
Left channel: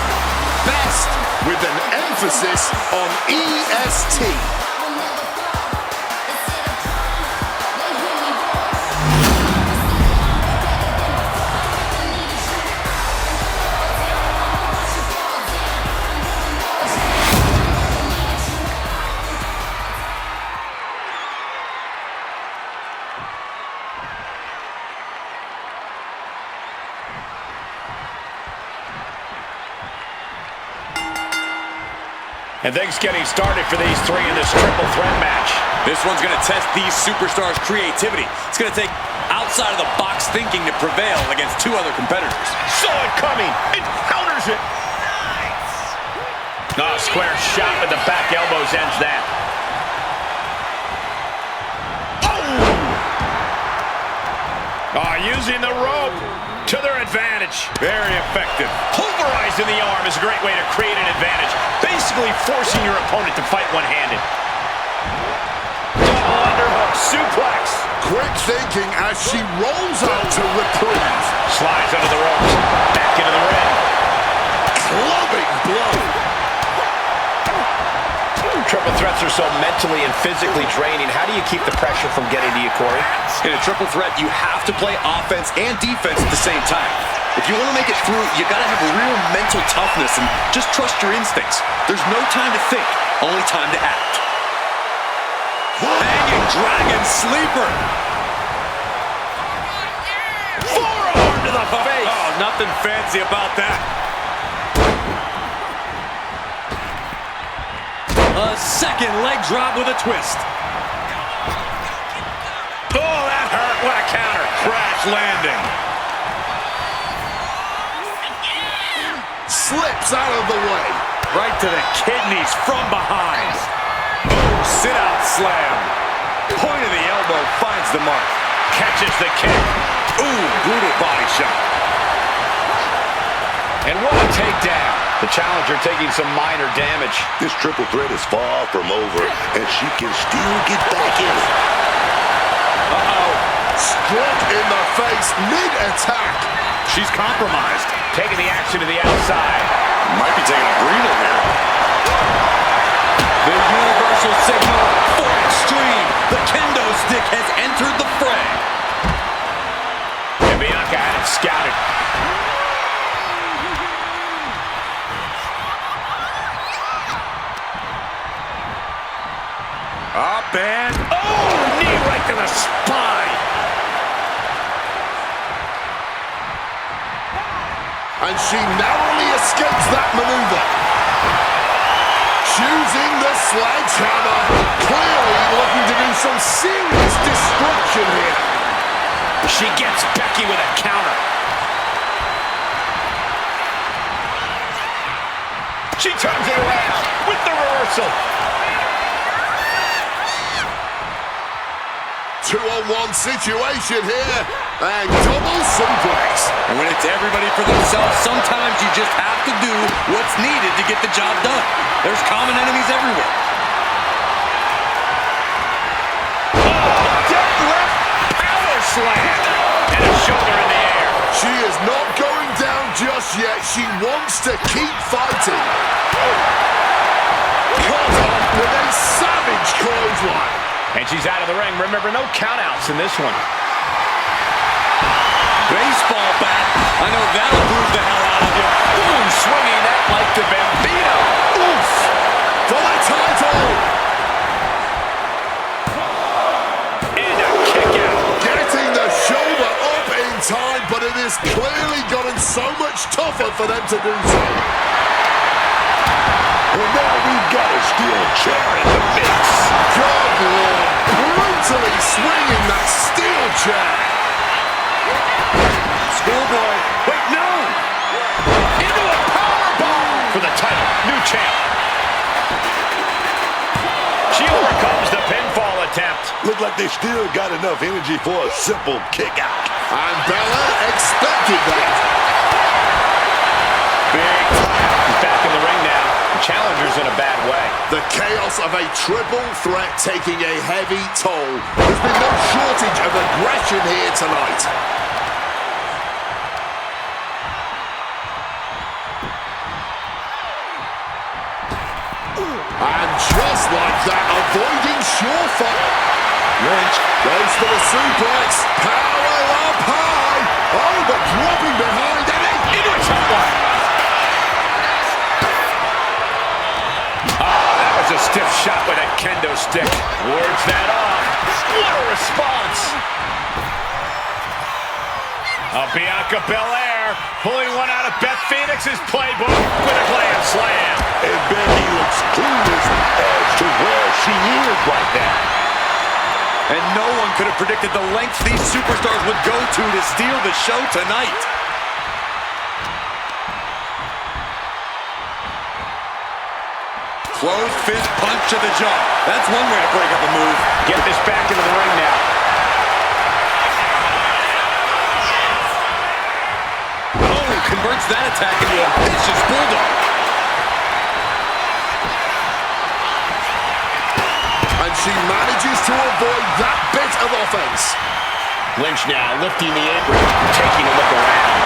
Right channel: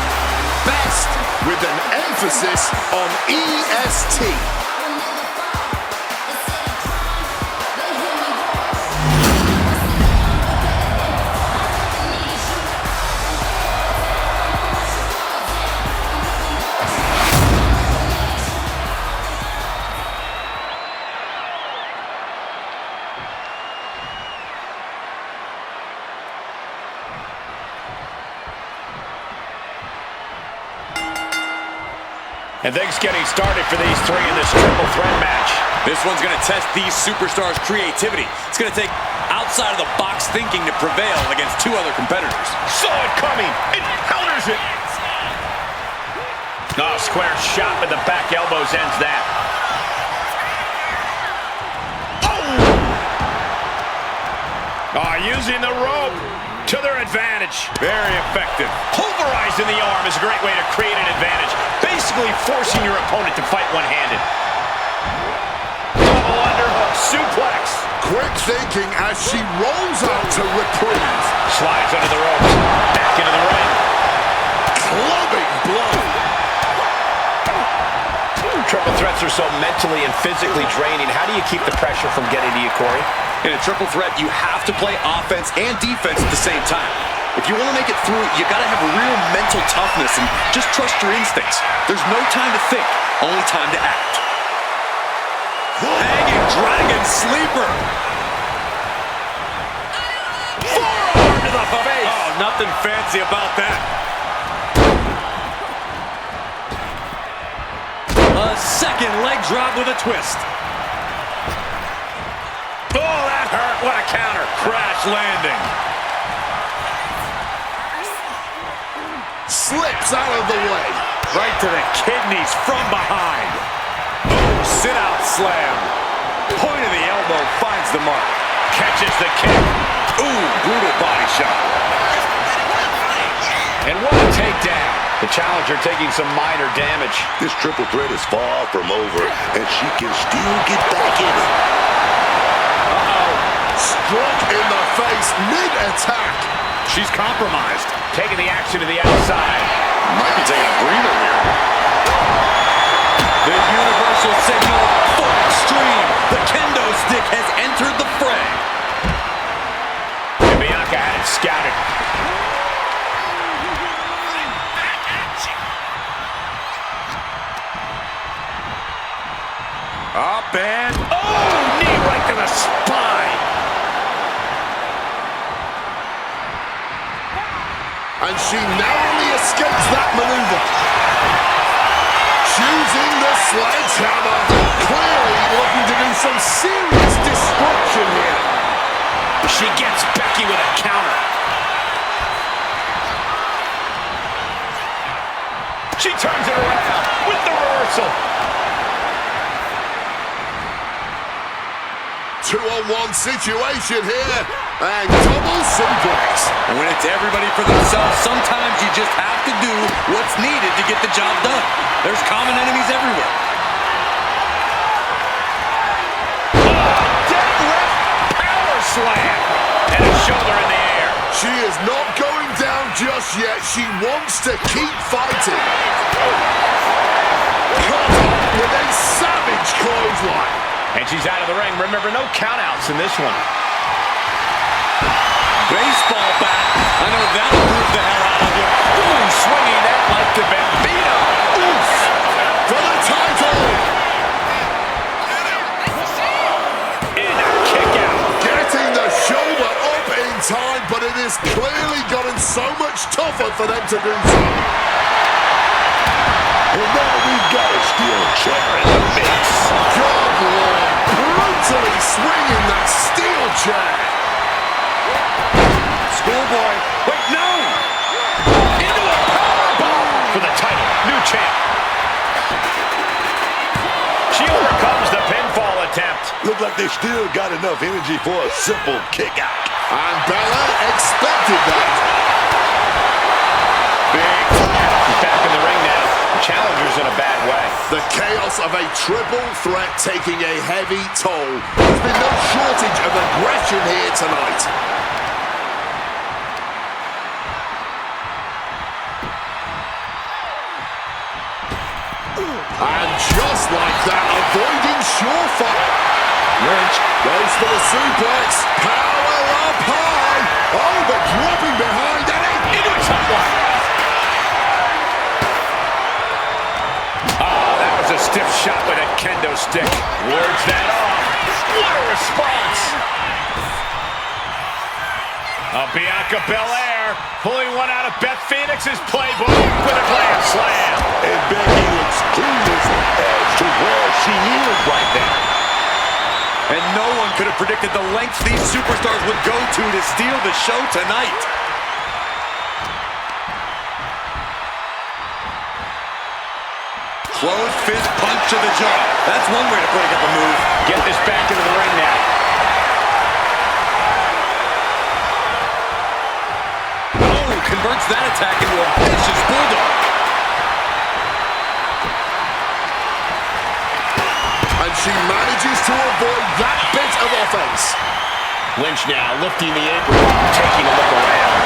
Best with an emphasis on EST. And things getting started for these three in this triple threat match. This one's going to test these superstars' creativity. It's going to take outside-of-the-box thinking to prevail against two other competitors. Saw it coming. It counters it. Oh, square shot with the back elbows ends that. Oh, using the rope to their advantage. Very effective. Pulverizing the arm is a great way to create an advantage. Basically forcing your opponent to fight one-handed. Double underhook, suplex. Quick thinking as she rolls out to reprieve. Slides under the ropes. Back into the ring. Clubbing blow. Triple threats are so mentally and physically draining. How do you keep the pressure from getting to you, Corey? In a triple threat, you have to play offense and defense at the same time. If you want to make it through, you got to have real mental toughness and just trust your instincts. There's no time to think, only time to act. Hanging Dragon sleeper. Forearm to the face. Oh, nothing fancy about that. A second leg drop with a twist. Oh, that hurt. What a counter. Crash landing. Slips out of the way. Right to the kidneys from behind. Oh, sit-out slam. Point of the elbow finds the mark. Catches the kick. Ooh, brutal body shot. And what a takedown. The challenger taking some minor damage. This triple threat is far from over, and she can still get back in it. Uh-oh. Struck in the face mid-attack. She's compromised. Taking the action to the outside. Might be taking a breather here. The universal signal for extreme. The kendo stick has entered the fray. And Bianca had it scouted. Up and, oh, knee right to the spine. And she narrowly escapes that maneuver. Choosing the sledgehammer. Clearly looking to do some serious destruction here. She gets Becky with a counter. She turns it around with the reversal. 2-on-1 situation here, and double suplex. And when it's everybody for themselves, sometimes you just have to do what's needed to get the job done. There's common enemies everywhere. Oh, deadlift power slam. And a shoulder in the air. She is not going down just yet. She wants to keep fighting. Caught up with a savage clothesline. And she's out of the ring. Remember, no countouts in this one. Baseball bat. I know that'll bruise the hell out of you. Ooh, swinging that like the Bambino. Oof! For the title! And a kick out. Getting the shoulder up in time, but it has clearly gotten so much tougher for them to do so. And now we've got a steel chair in the mix. God, Lord, brutally swinging that steel chair. Schoolboy. Wait, no! Into a powerbomb for the title. New champ. She overcomes the pinfall attempt. Look like they still got enough energy for a simple kick out. And Bella expected that. Big time. She's back in the ring now. The challenger's in a bad way. The chaos of a triple threat taking a heavy toll. There's been no shortage of aggression here tonight. And just like that, avoiding surefire. Lynch goes for the suplex. Power up high. Oh, but dropping behind and Into a top one. Oh, that was a stiff shot with a kendo stick. Wards that off. What a response. Bianca Belair pulling one out of Beth Phoenix's playbook with a glam slam. And Becky looks clueless as to where she is right now. And no one could have predicted the lengths these superstars would go to steal the show tonight. Closed fist punch to the jaw. That's one way to break up a move. Get this back into the ring now. Oh, converts that attack into a vicious bulldog. and she manages to avoid that bit of offense. Lynch now lifting the apron, taking a look around.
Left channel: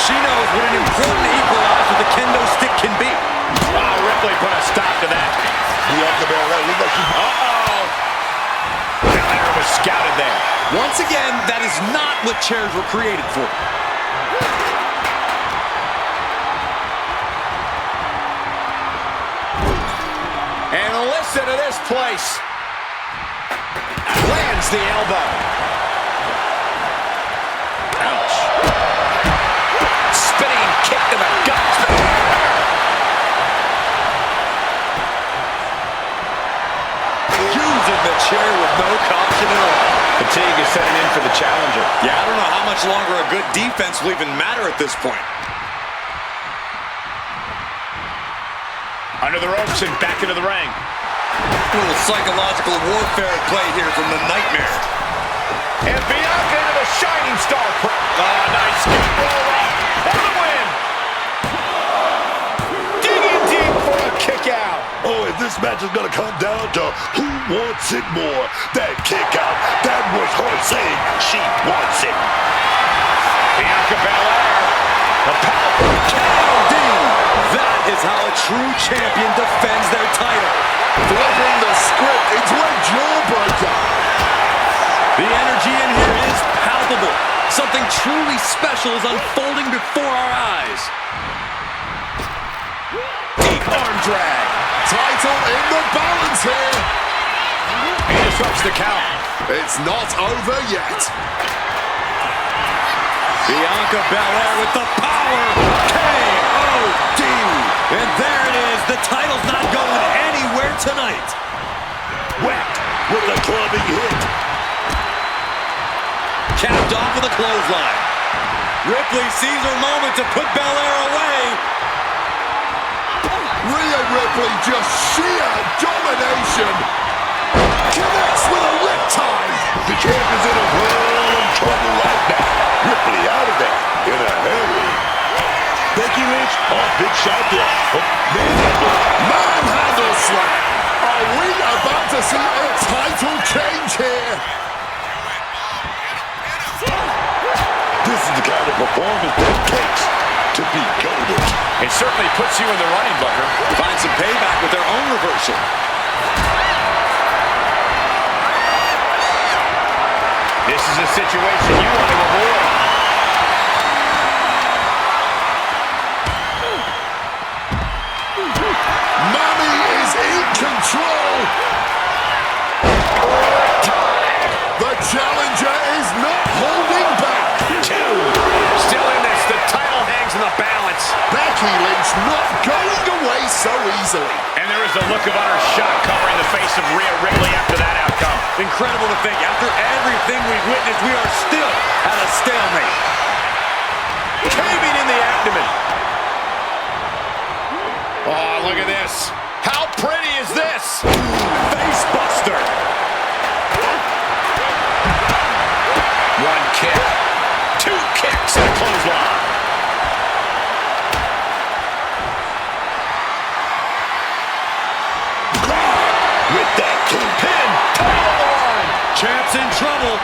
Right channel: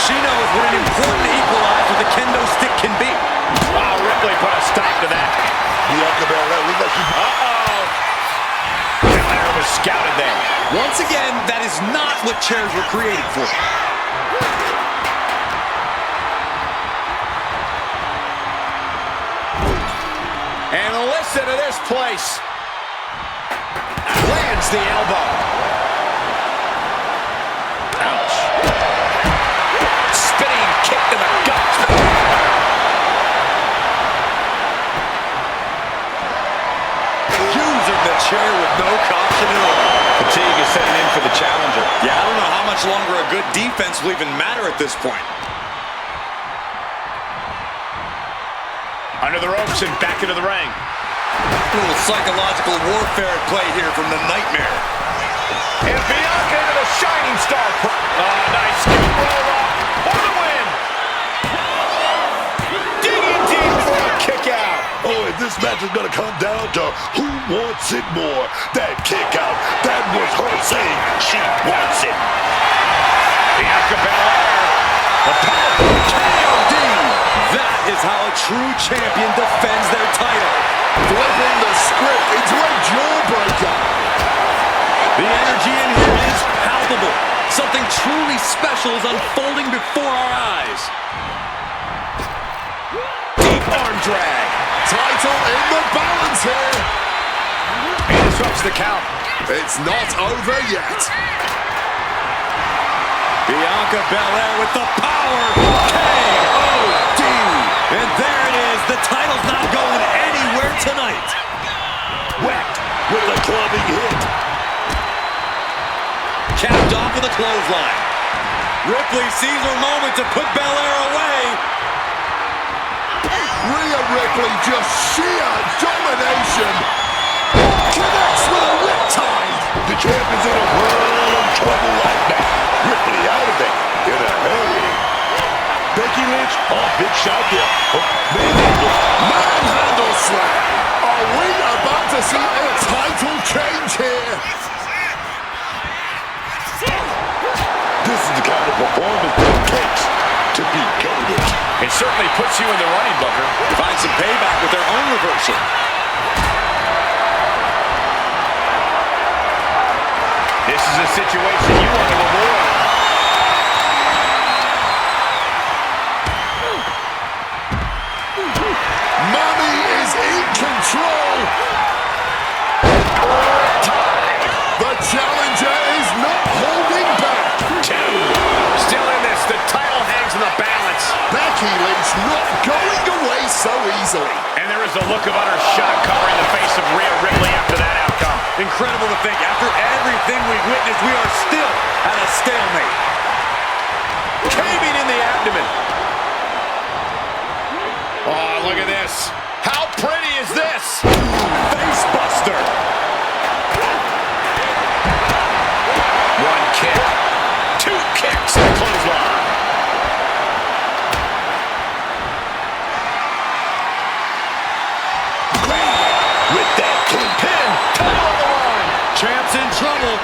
She knows what an important equalizer the kendo stick can be. Oh, Ripley put a stop to that. Uh-oh. Belair was scouted there. Once again, that is not what chairs were created for. And listen to this place. towards the elbow. Ouch. Spinning kick to the gut. Using the chair with no caution at all. Fatigue is setting in for the challenger. Yeah, I don't know how much longer a good defense will even matter at this point. Under the ropes and back into the ring. A little psychological warfare at play here from the Nightmare. And Bianca into the Shining Star. Nice scoop roll up for the win. Digging deep for a kick out. Oh, if this match is going to come down to who wants it more, that kick out, that was her saying she wants it. Bianca Belair, the powerful KOD. That is how a true champion defends their title. Flipping the script into a jawbreaker. The energy in here is palpable. Something truly special is unfolding before our eyes. deep arm drag. Title in the balance here. He disrupts the count. It's not over yet. Bianca Belair with the power. KOD. And there it is. The title's not going anywhere tonight. Whacked with a clubbing hit. Capped off with a clothesline. Ripley sees her moment to put Belair away. Rhea Ripley, just sheer domination. Connects with a riptide. The champion's in a world of trouble right now. Ripley out of there in a hurry. Becky Lynch, oh, big shot there. Oh, Manhandle slam. Are we about to see a title change here? This is the kind of performance that it takes to be goated. It certainly puts you in the running, Booker. Find some payback with their own reversal. This is a situation you want to avoid. Mommy is in control. The challenger is not holding back. Two. Still in this. The title hangs in the balance. Becky Lynch not going away so easily. And there is the look of utter shock covering the face of Rhea Ripley after that outcome. Incredible to think, after everything we've witnessed, we are still at a stalemate. Caving in the abdomen. Oh, look at this. How pretty is this? Face buster. One kick. Two kicks and a clothesline. With that Pin. Title on the line. Champ's in trouble.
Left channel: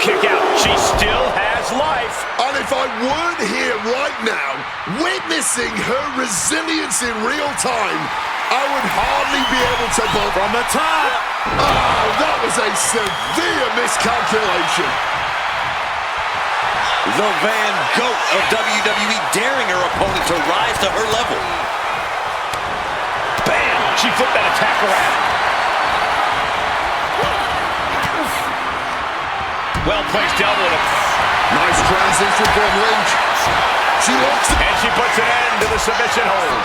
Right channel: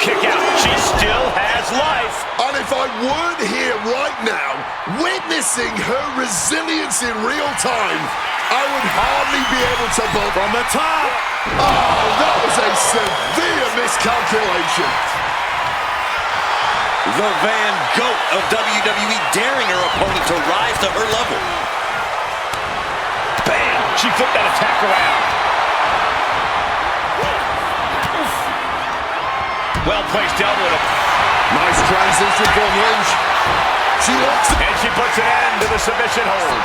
Kick out. She still has life. And if I weren't here right now, witnessing her resilience in real time, I would hardly be able to bump. From the top. Oh, that was a severe miscalculation. The Van Goat of WWE daring her opponent to rise to her level. Bam! She flipped that attack around. Well-placed elbow to... Nice transition from Lynch. She locks it. And she puts an end to the submission hold.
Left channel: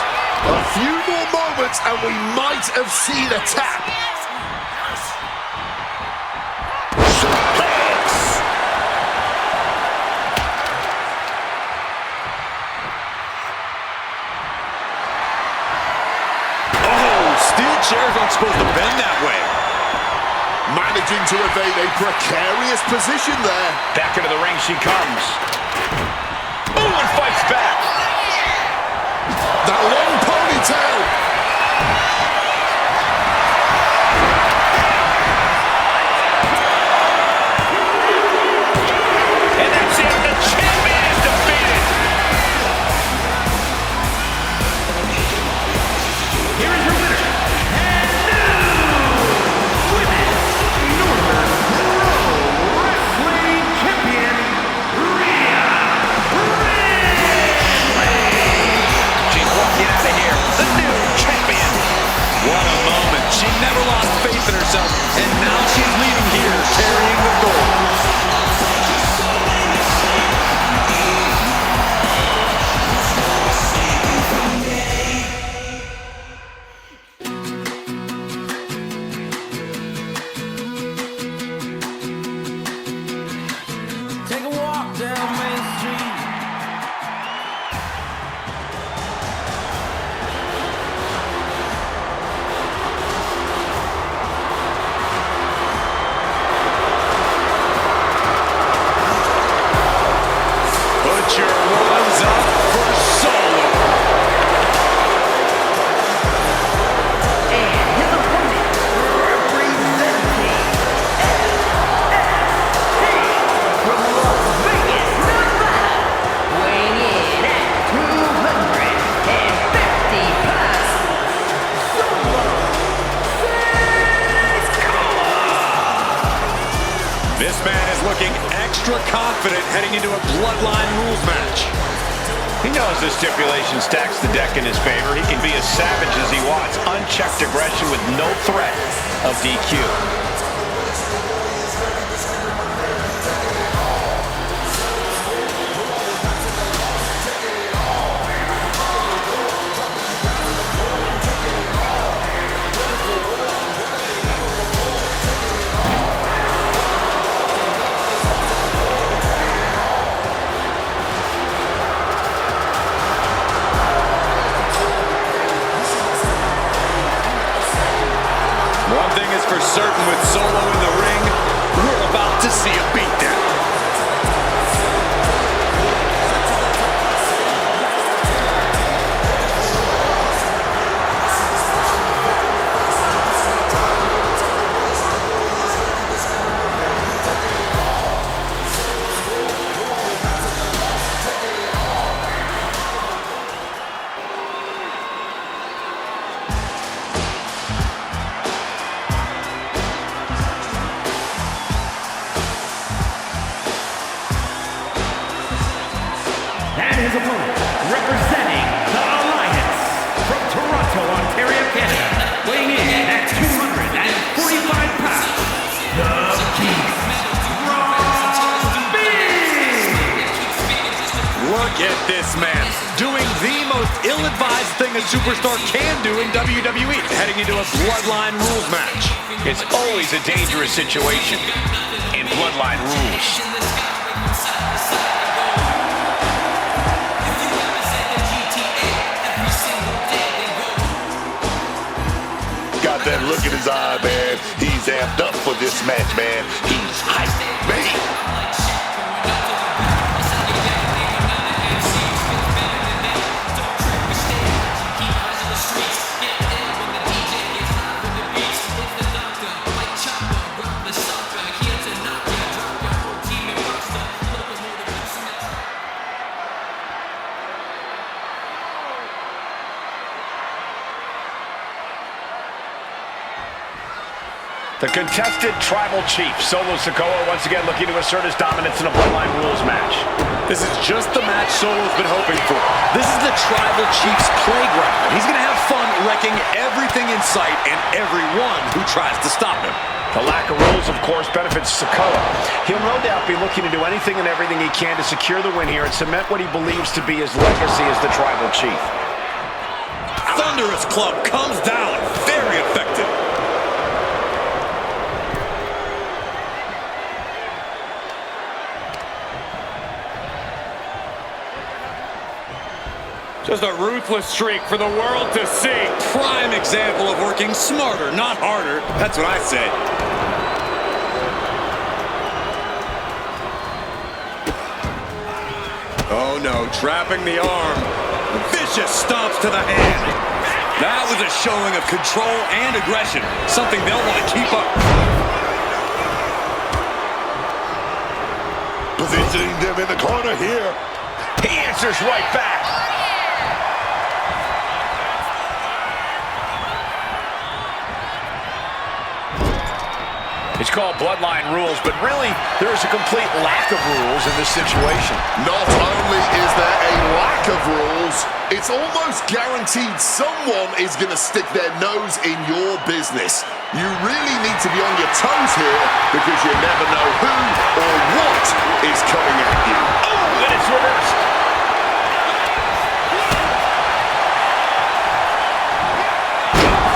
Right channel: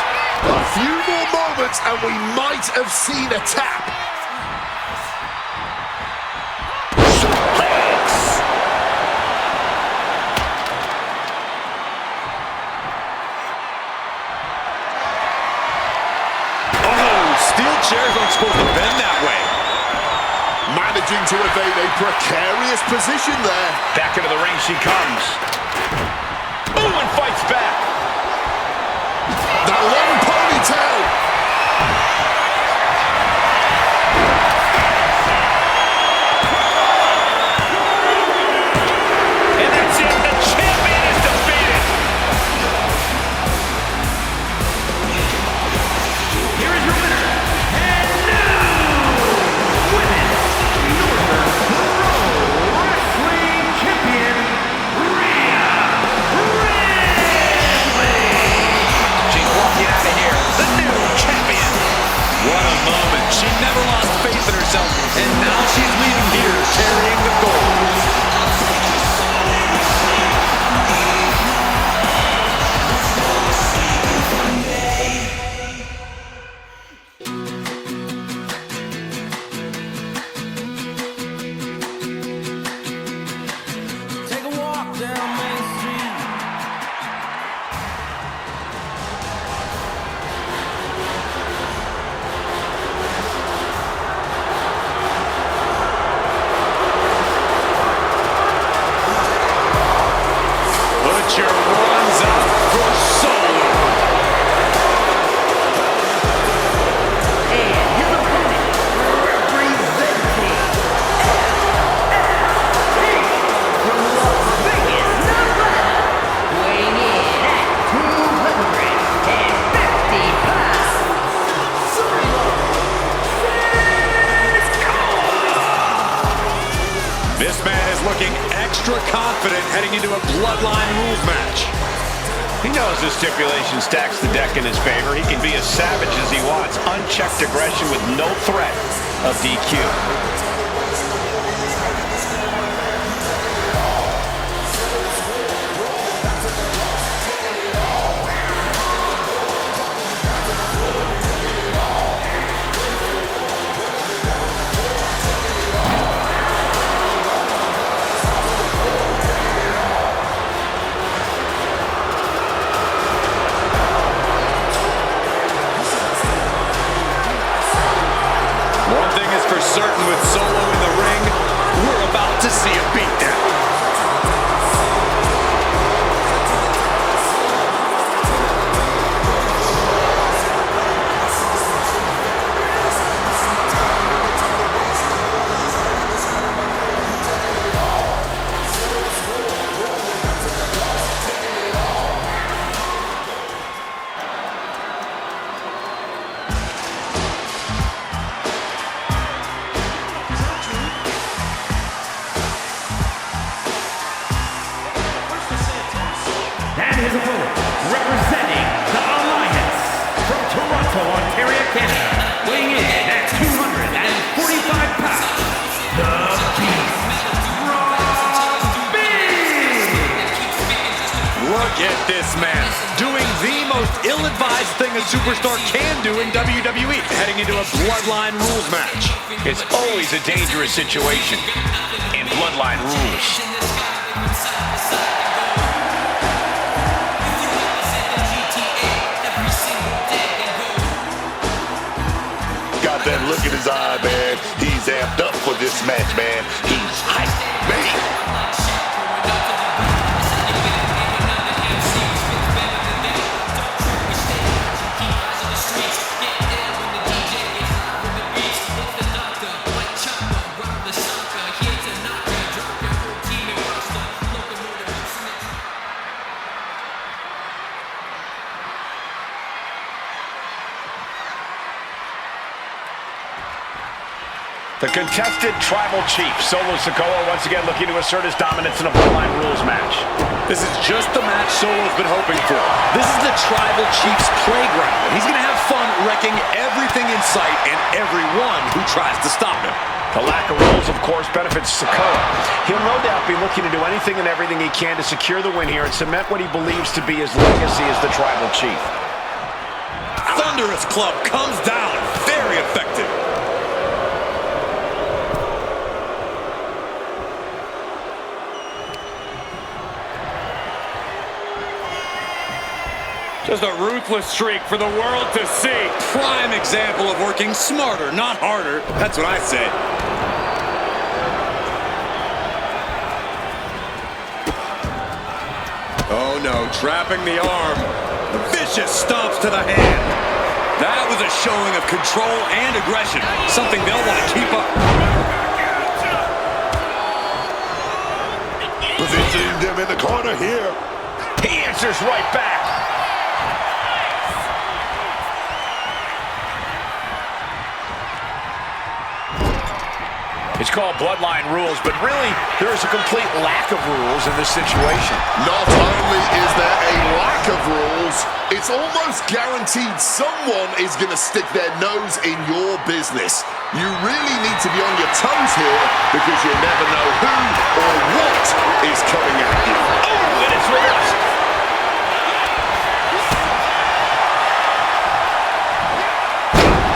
A few more moments and we might have seen a tap. Steel chairs aren't supposed to bend that way. Managing to evade a precarious position there. Back into the ring she comes. Ooh, and fights back. That long ponytail. And that's it. The champion is defeated. Here is your winner, and new Women's Northern Pro Wrestling Champion, Rhea Ripley. She's walking out of here, the new champion. What a moment. She never lost faith in herself. herself, and now she's leaving here carrying the gold. Take a walk down Main Street. Put your ones up for Solo. And his opponent, representing LST from Las Vegas, Nevada, weighing in at 250 pounds, Solo SIKOA. This man is looking extra confident heading into a Bloodline rules match. He knows this stipulation stacks the deck in his favor. He can be as savage as he wants. Unchecked aggression with no threat of DQ. One thing is for certain with Solo in the ring, we're about to see a beatdown. And his opponent, representing the Alliance from Toronto, Ontario, Canada, weighing in at 245 pounds, the Beast, Look at this man, doing the most ill-advised thing a superstar can do in WWE, heading into a Bloodline rules match. It's always a dangerous situation in Bloodline rules. Got that look in his eye, man. He's amped up for this match, man. He's hyped, man. The contested Tribal Chief, Solo SIKOA, once again looking to assert his dominance in a Bloodline rules match. This is just the match Solo's been hoping for. This is the Tribal Chief's playground, and he's going to have fun wrecking everything in sight and everyone who tries to stop him. The lack of rules, of course, benefits SIKOA. He'll no doubt be looking to do anything and everything he can to secure the win here and cement what he believes to be his legacy as the Tribal Chief. Thunderous club comes down, very effective. Just a ruthless streak for the world to see. Prime example of working smarter, not harder. That's what I say. Oh no, trapping the arm. Vicious stomps to the hand. That was a showing of control and aggression, something they'll want to keep up. Positioning them in the corner here. He answers right back. It's called Bloodline rules, but really, there is a complete lack of rules in this situation. Not only is there a lack of rules, It's almost guaranteed someone is going to stick their nose in your business. You really need to be on your toes here because you never know who or what is coming at you. Oh, and it's reversed.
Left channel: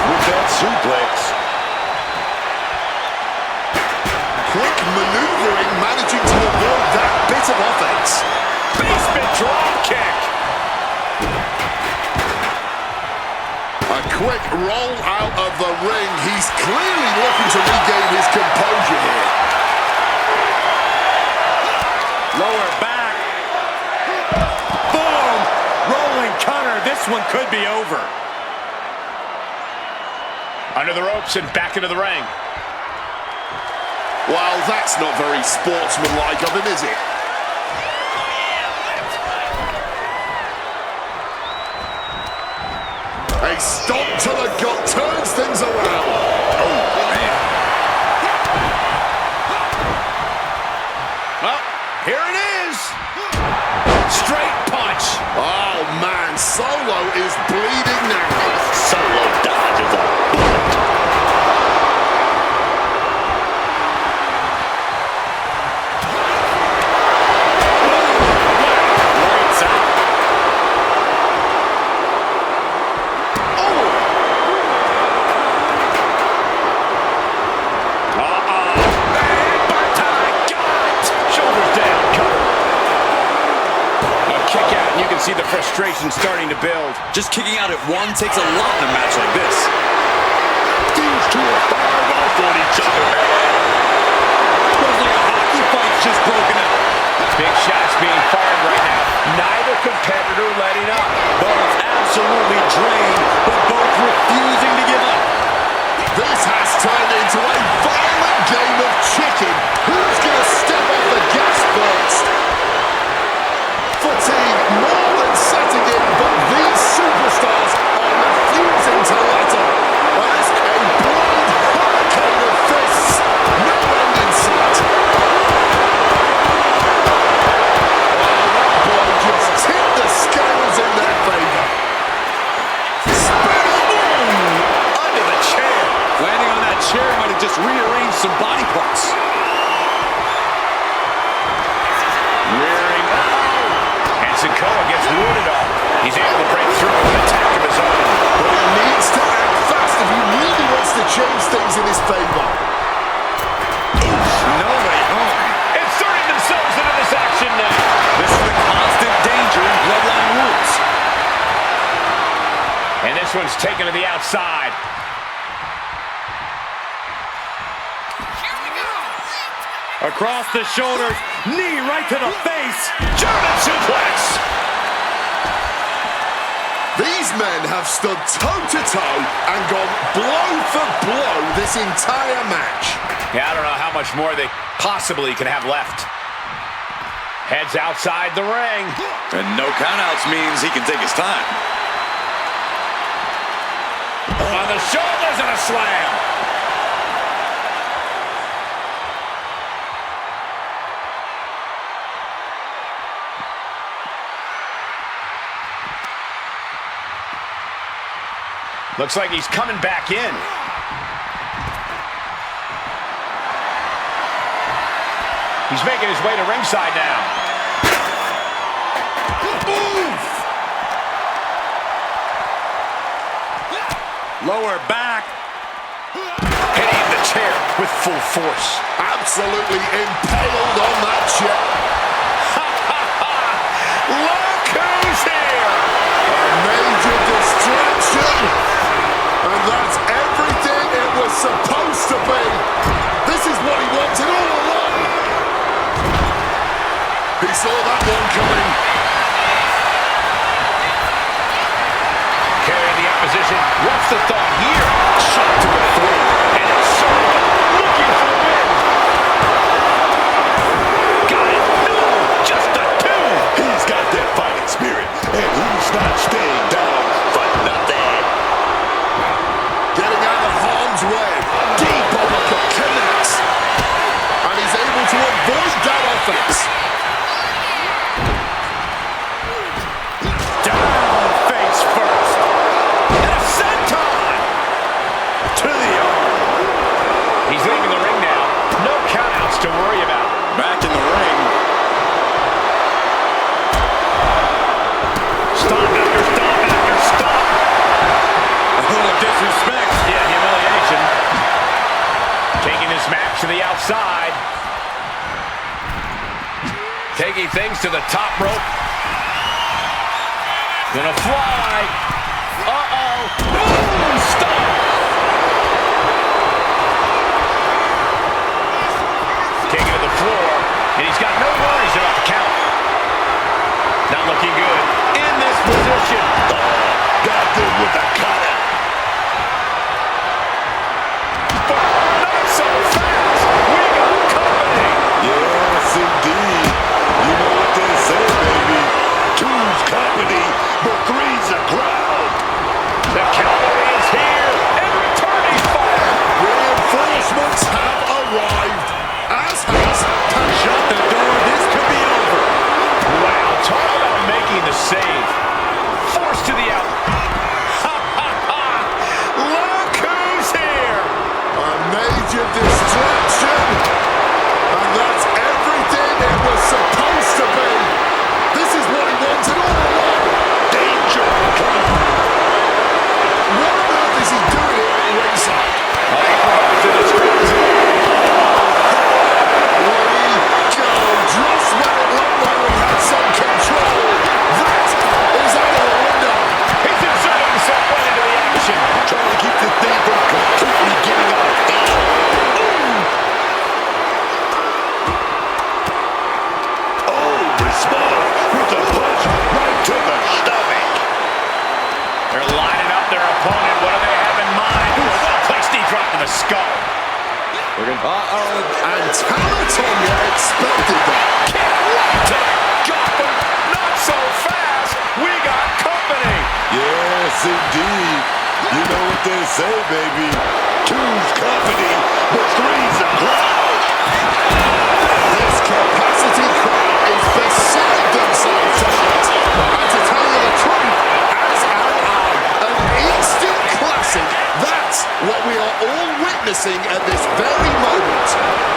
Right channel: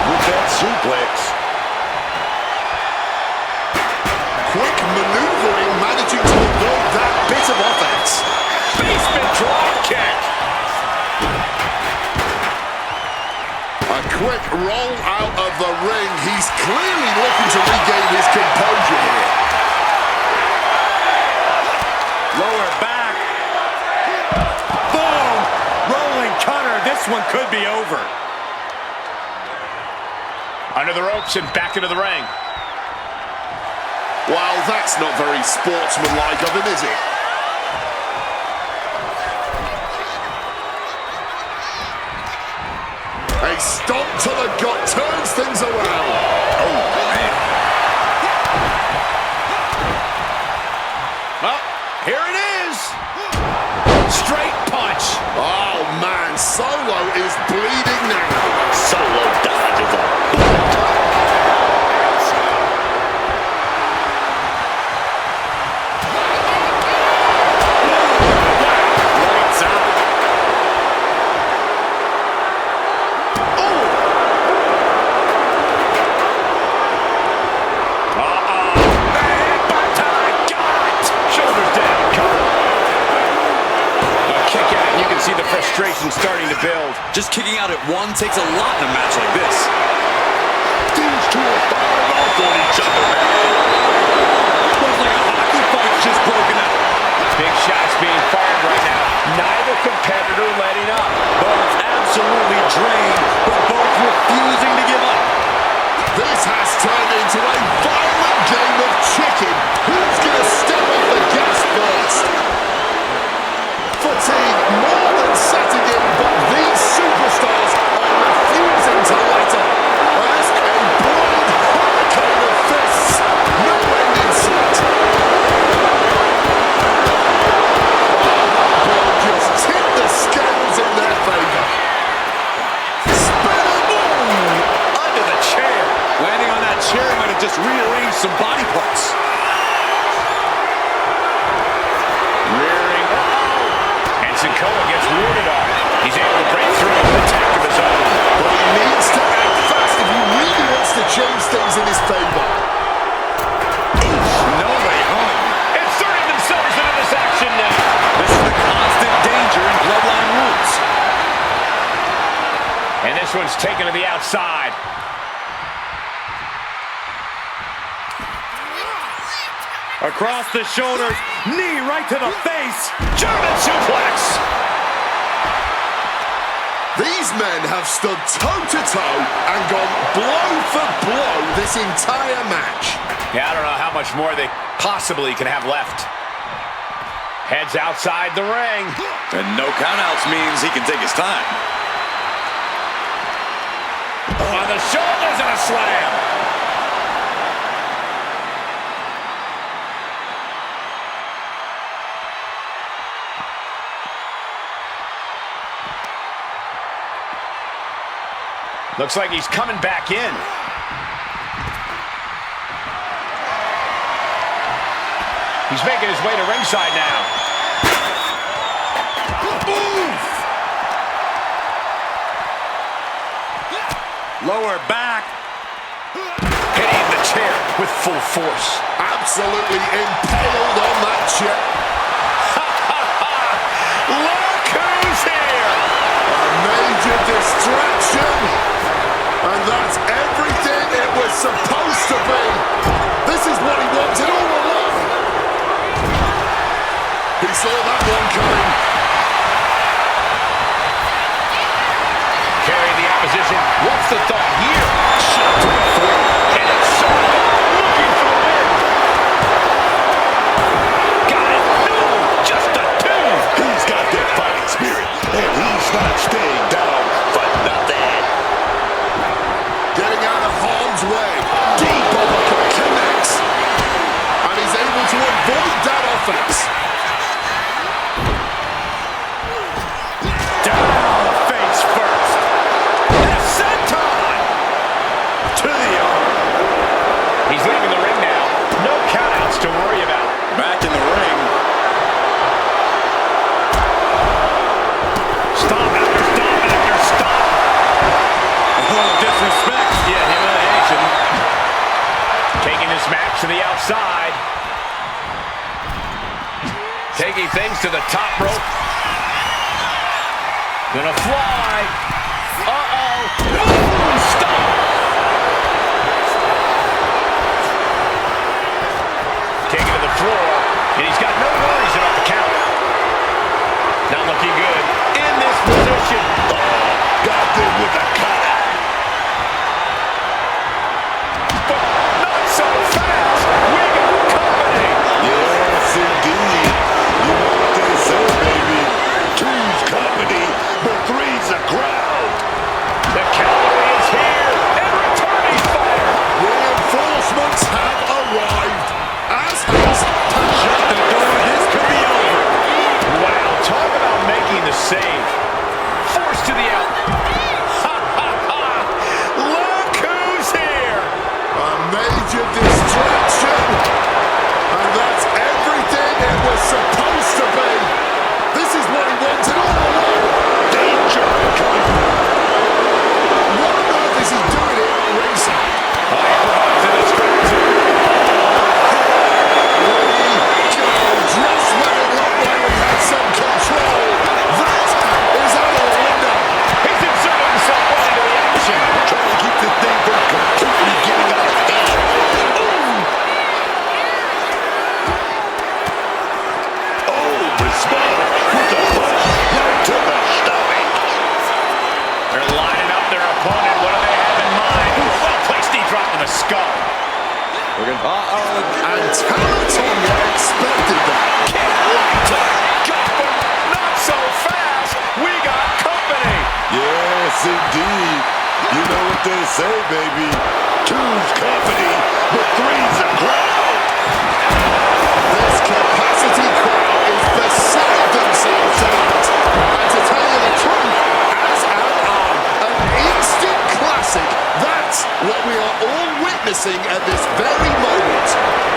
With that suplex. Quick maneuvering, managing to avoid that bit of offense. Basement drop kick. A quick roll out of the ring. He's clearly looking to regain his composure here. Lower back. Boom! Rolling cutter. This one could be over. Under the ropes and back into the ring. Well, that's not very sportsmanlike of him, is it? A stomp to the gut turns things around. Oh, man. Well, here it is. Straight punch. Oh, man. Solo is bleeding now. Solo dodges a bullet. Lights out. See the frustration starting to build. Just kicking out at one takes a lot in a match like this. These two are firing off on each other, man. Looks like a hockey fight's just broken out. Big shots being fired right now. Neither competitor letting up. Both absolutely drained, but both refusing to give up. This has turned into a violent game of chicken. Who's going to step off the gas first? Fatigue more than setting in, but these superstars are refusing to let up. And it's a blind hurricane of fists. No end in sight. Oh, that blow just tipped the scales in their favor. Spinner boom! Under the chair. Landing on that chair might have just rearranged some body parts. Rearing. SIKOA gets wounded off. He's able to break through with an attack of his own. But he needs to act fast if he really wants to change things in his favor. No way home. Inserting themselves into this action now. This is the constant danger in Bloodline rules. And this one's taken to the outside. Across the shoulders, knee right to the face. German suplex. These men have stood toe-to-toe and gone blow for blow this entire match. Yeah, I don't know how much more they possibly can have left. Heads outside the ring. And no countouts means he can take his time. On the shoulders and a slam. Looks like he's coming back in. He's making his way to ringside now. Oof! Lower back. Hitting the chair with full force. Absolutely impaled on that chair. Look who's here! A major distraction. And that's everything it was supposed to be. This is what he wanted all along. He saw that one coming. Carrying the opposition. What's the thought here? Shot to the throat. And it's Solo looking for the win. Got it. No, just a two. He's got that fighting spirit, and he's not staying down for nothing. Getting out of harm's way. Deep uppercut connects. And he's able to avoid that offense. Down Back in the ring. Stop after stop after stop. Oh, disrespect. Yeah, humiliation. Taking this match to the outside. Taking things to the top rope. Gonna fly. Uh-oh. Boom! Stop! Taking to the floor, and he's got no worries about the count. Not looking good in this position. Oh, got them with the cutout. But not so fast. We got company. Yes, indeed. You know what they say, baby. Two's company, but three's a crowd. The cavalry is here, and returning fire. Reinforcements have arrived. As has Shut the door. This could be over. Wow, talk about making the save. Forced to the out. Ha, ha, ha. Look who's here. a major distraction. And that's everything it was supposed to be. This is what he wanted all along. Danger. What on earth is he doing here at ringside? He provides the distraction. Just when it looked like we had some control, that is out of the window. He's inserted himself right into the action. Trying to keep the thing from completely getting out of hand. Oh, response with a punch right to the stomach. They're lining up their opponent. What do they have in mind? Well-placed knee drop to the skull. And Tamatonga expected that. Kick right to the gut, but not so fast. We got company. Yes, indeed. You know what they say, baby. Two's company, but three's a crowd. This capacity crowd is beside themselves tonight. And to tell you the truth, as an instant classic, that's what we are all witnessing at this very moment.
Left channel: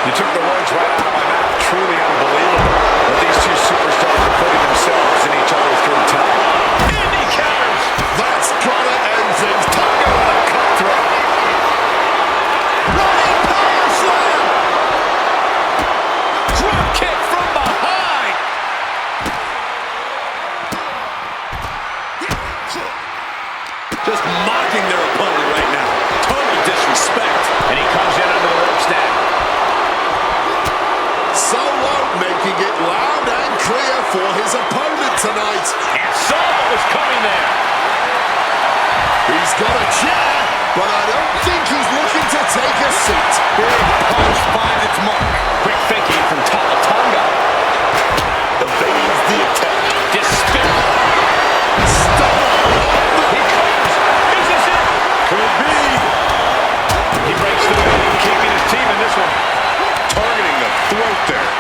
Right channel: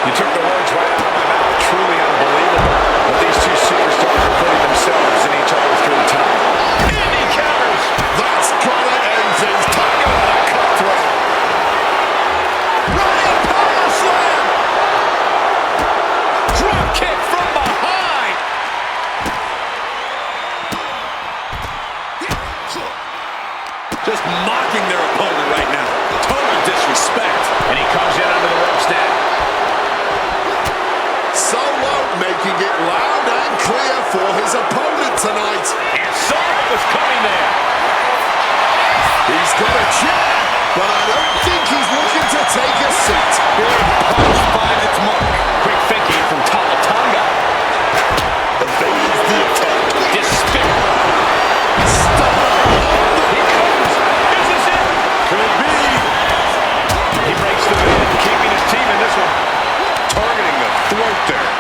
You took the words right out of my mouth. Truly unbelievable what these two superstars are putting themselves in each other through time. Indy counters. That's gonna end things. Tonga with a cutthroat. Running power slam. Drop kick from behind. Just mocking their opponent right now. Total disrespect. And he comes in under the ropes now. Solo making it loud and clear for his opponent tonight. And saw what was coming there. He's got a chair, but I don't think he's looking to take a seat. Big punch finds its mark. Quick thinking from Tonga. Evades the attack. Despair. He comes. Is this it? Could be. He breaks the pin, keeping his team in this one. Targeting the throat there.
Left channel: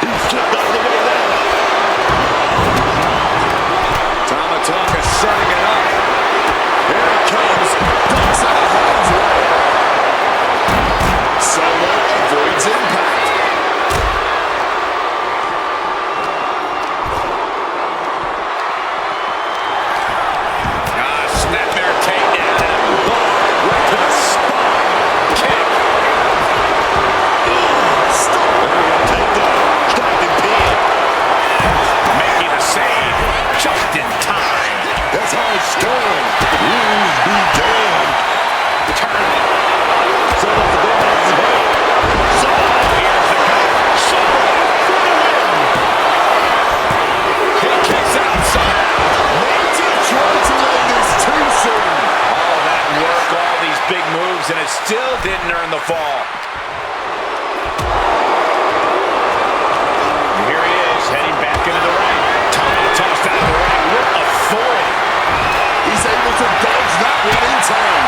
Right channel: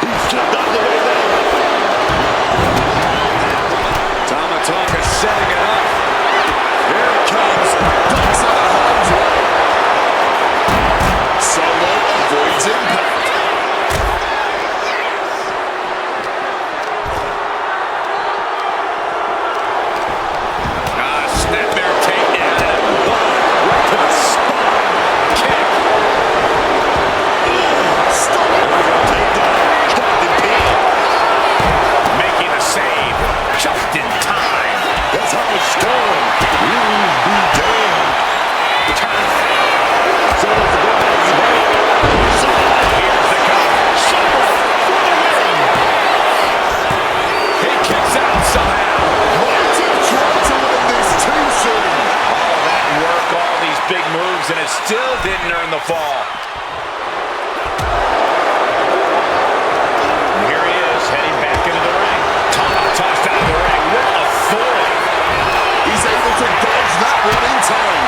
He slipped out of the way there. Tamatonga setting it up. Here it comes. ducks out of harm's way. Solo avoids impact. Snapmare takedown. Right to the spine. Kick. Stop. There we go. Takedown. Trapped and pinned. Making a save. Just in time. That's how it's done. Rules be damned. Turn. Solo for the head. Solo. Here's the cover. Solo for the win. He kicks out somehow. Might have tried to win this too soon. All that work, all these big moves, and it still didn't earn the fall. And here he is, heading back into the ring. Tossed out of the ring with authority. He's able to dodge that one in time.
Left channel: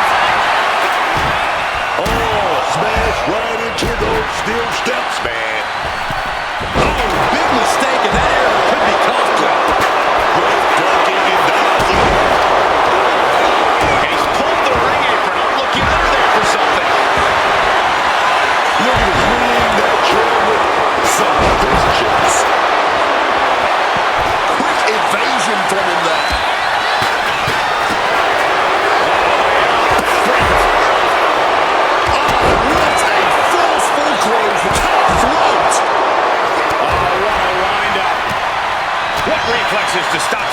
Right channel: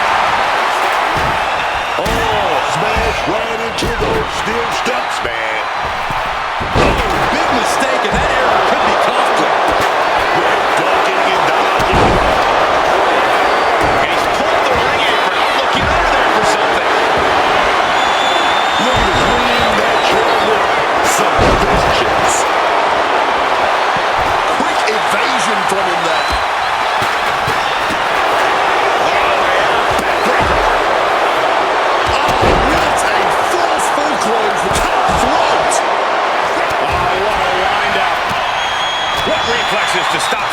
Oh, smash right into those steel steps, man. Oh, big mistake, and that error could be costly. Great ducking and dodging. And he's pulled the ring apron. I'm looking under there for something. Look at his ring, that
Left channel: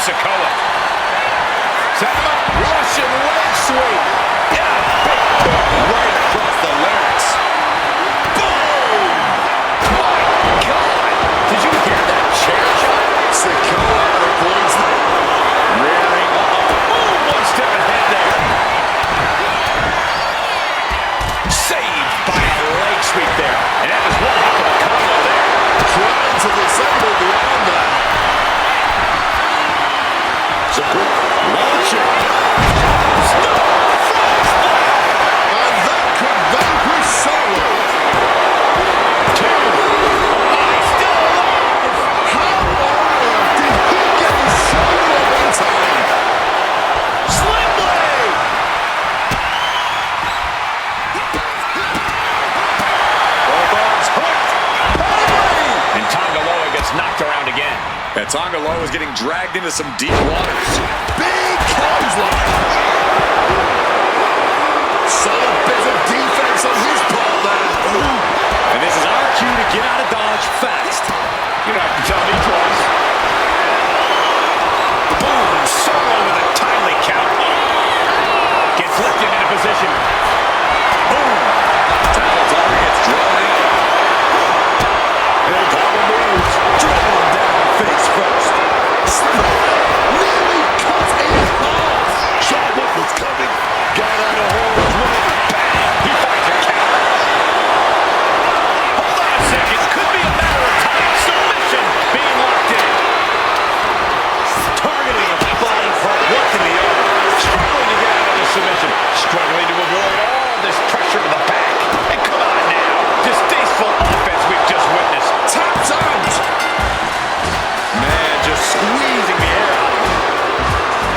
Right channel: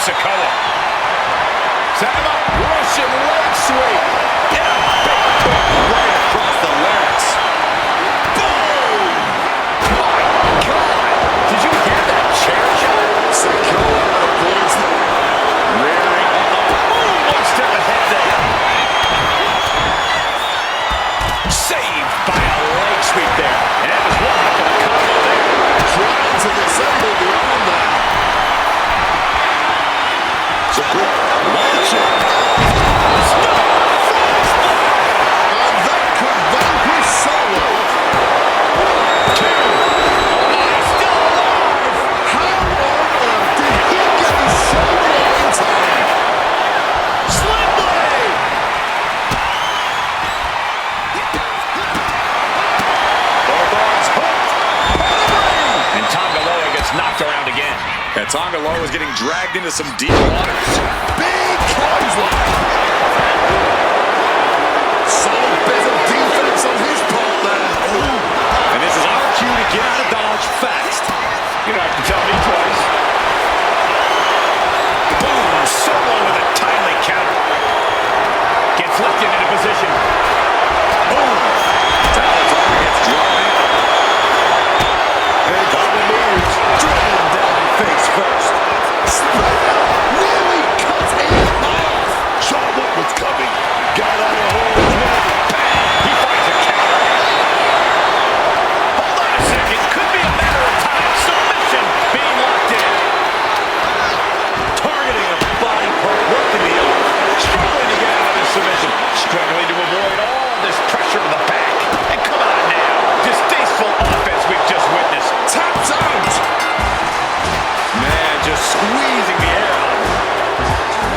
SIKOA. Set him up. Russian leg sweep. And a big hook right across the larynx. Boom! My God! Did you hear that chair shot? SIKOA avoids the Rearing. Boom! One step ahead there. Saved by a leg sweep there. And that was one heck of a combo there. trying to disable the arm there. It's a quick launching. And that could vanquish Solo. Two. Oh my, still alive. How on earth did he get his shoulder up in time? Slim blade. Both arms hooked. Pedigree. And Tongaloa gets knocked around again. And Tongaloa is getting dragged into some deep waters. Big clothesline. Solid bit of defense on his part there. And this is our cue to get out of Dodge fast. You don't have to tell me twice. Boom! Solo with a timely counter. Gets lifted into position. Boom! Tongaloa gets drawn in. And Tama moves. Driven down face first. Spear nearly cut in half. Saw what was coming. Got out of harm's way. Bang! He finds a counter. Hold on a second. Could be a matter of time. Submission being locked in. Targeting a body part, working the arm. Struggling to get out of this submission. Struggling to avoid all this pressure to the back. And come on now. Distasteful offense we've just witnessed. Tapped out. Man, just squeezing the air out of him.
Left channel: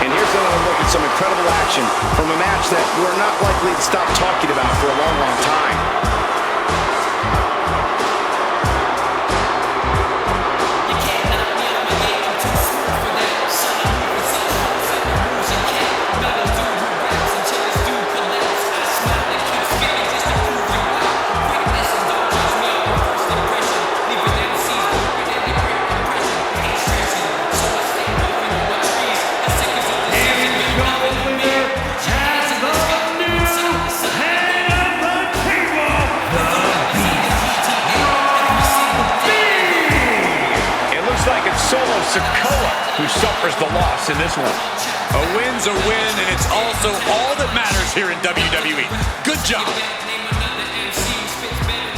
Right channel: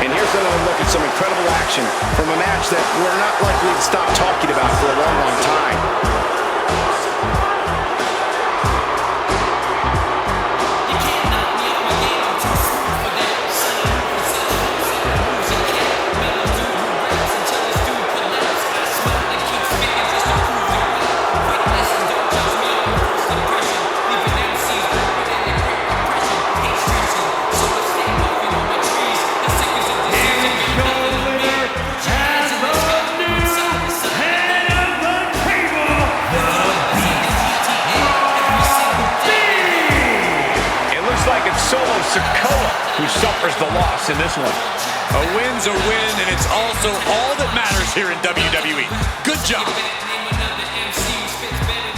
And here's another look at some incredible action from a match that we're not likely to stop talking about for a long, long time. You can't knock me off my game, I'm too smooth for that. Son, I move with such force and moves and cat. Mellow dude who raps until this dude collapse. I smile and keep spitting just to prove you right. Quick lesson, don't judge me on your first impression. Leaving MCs broken in the great depression. Ain't stressing, so I stay puffing on my trees. The sick is a disease and got nothing on me. Put your hands in the sky, side to side. Head of the table, the It looks like it's solo SIKOA who suffers the loss in this one. A win's a win, and it's also all that matters here in WWE. Good job. Name another MC who spits better than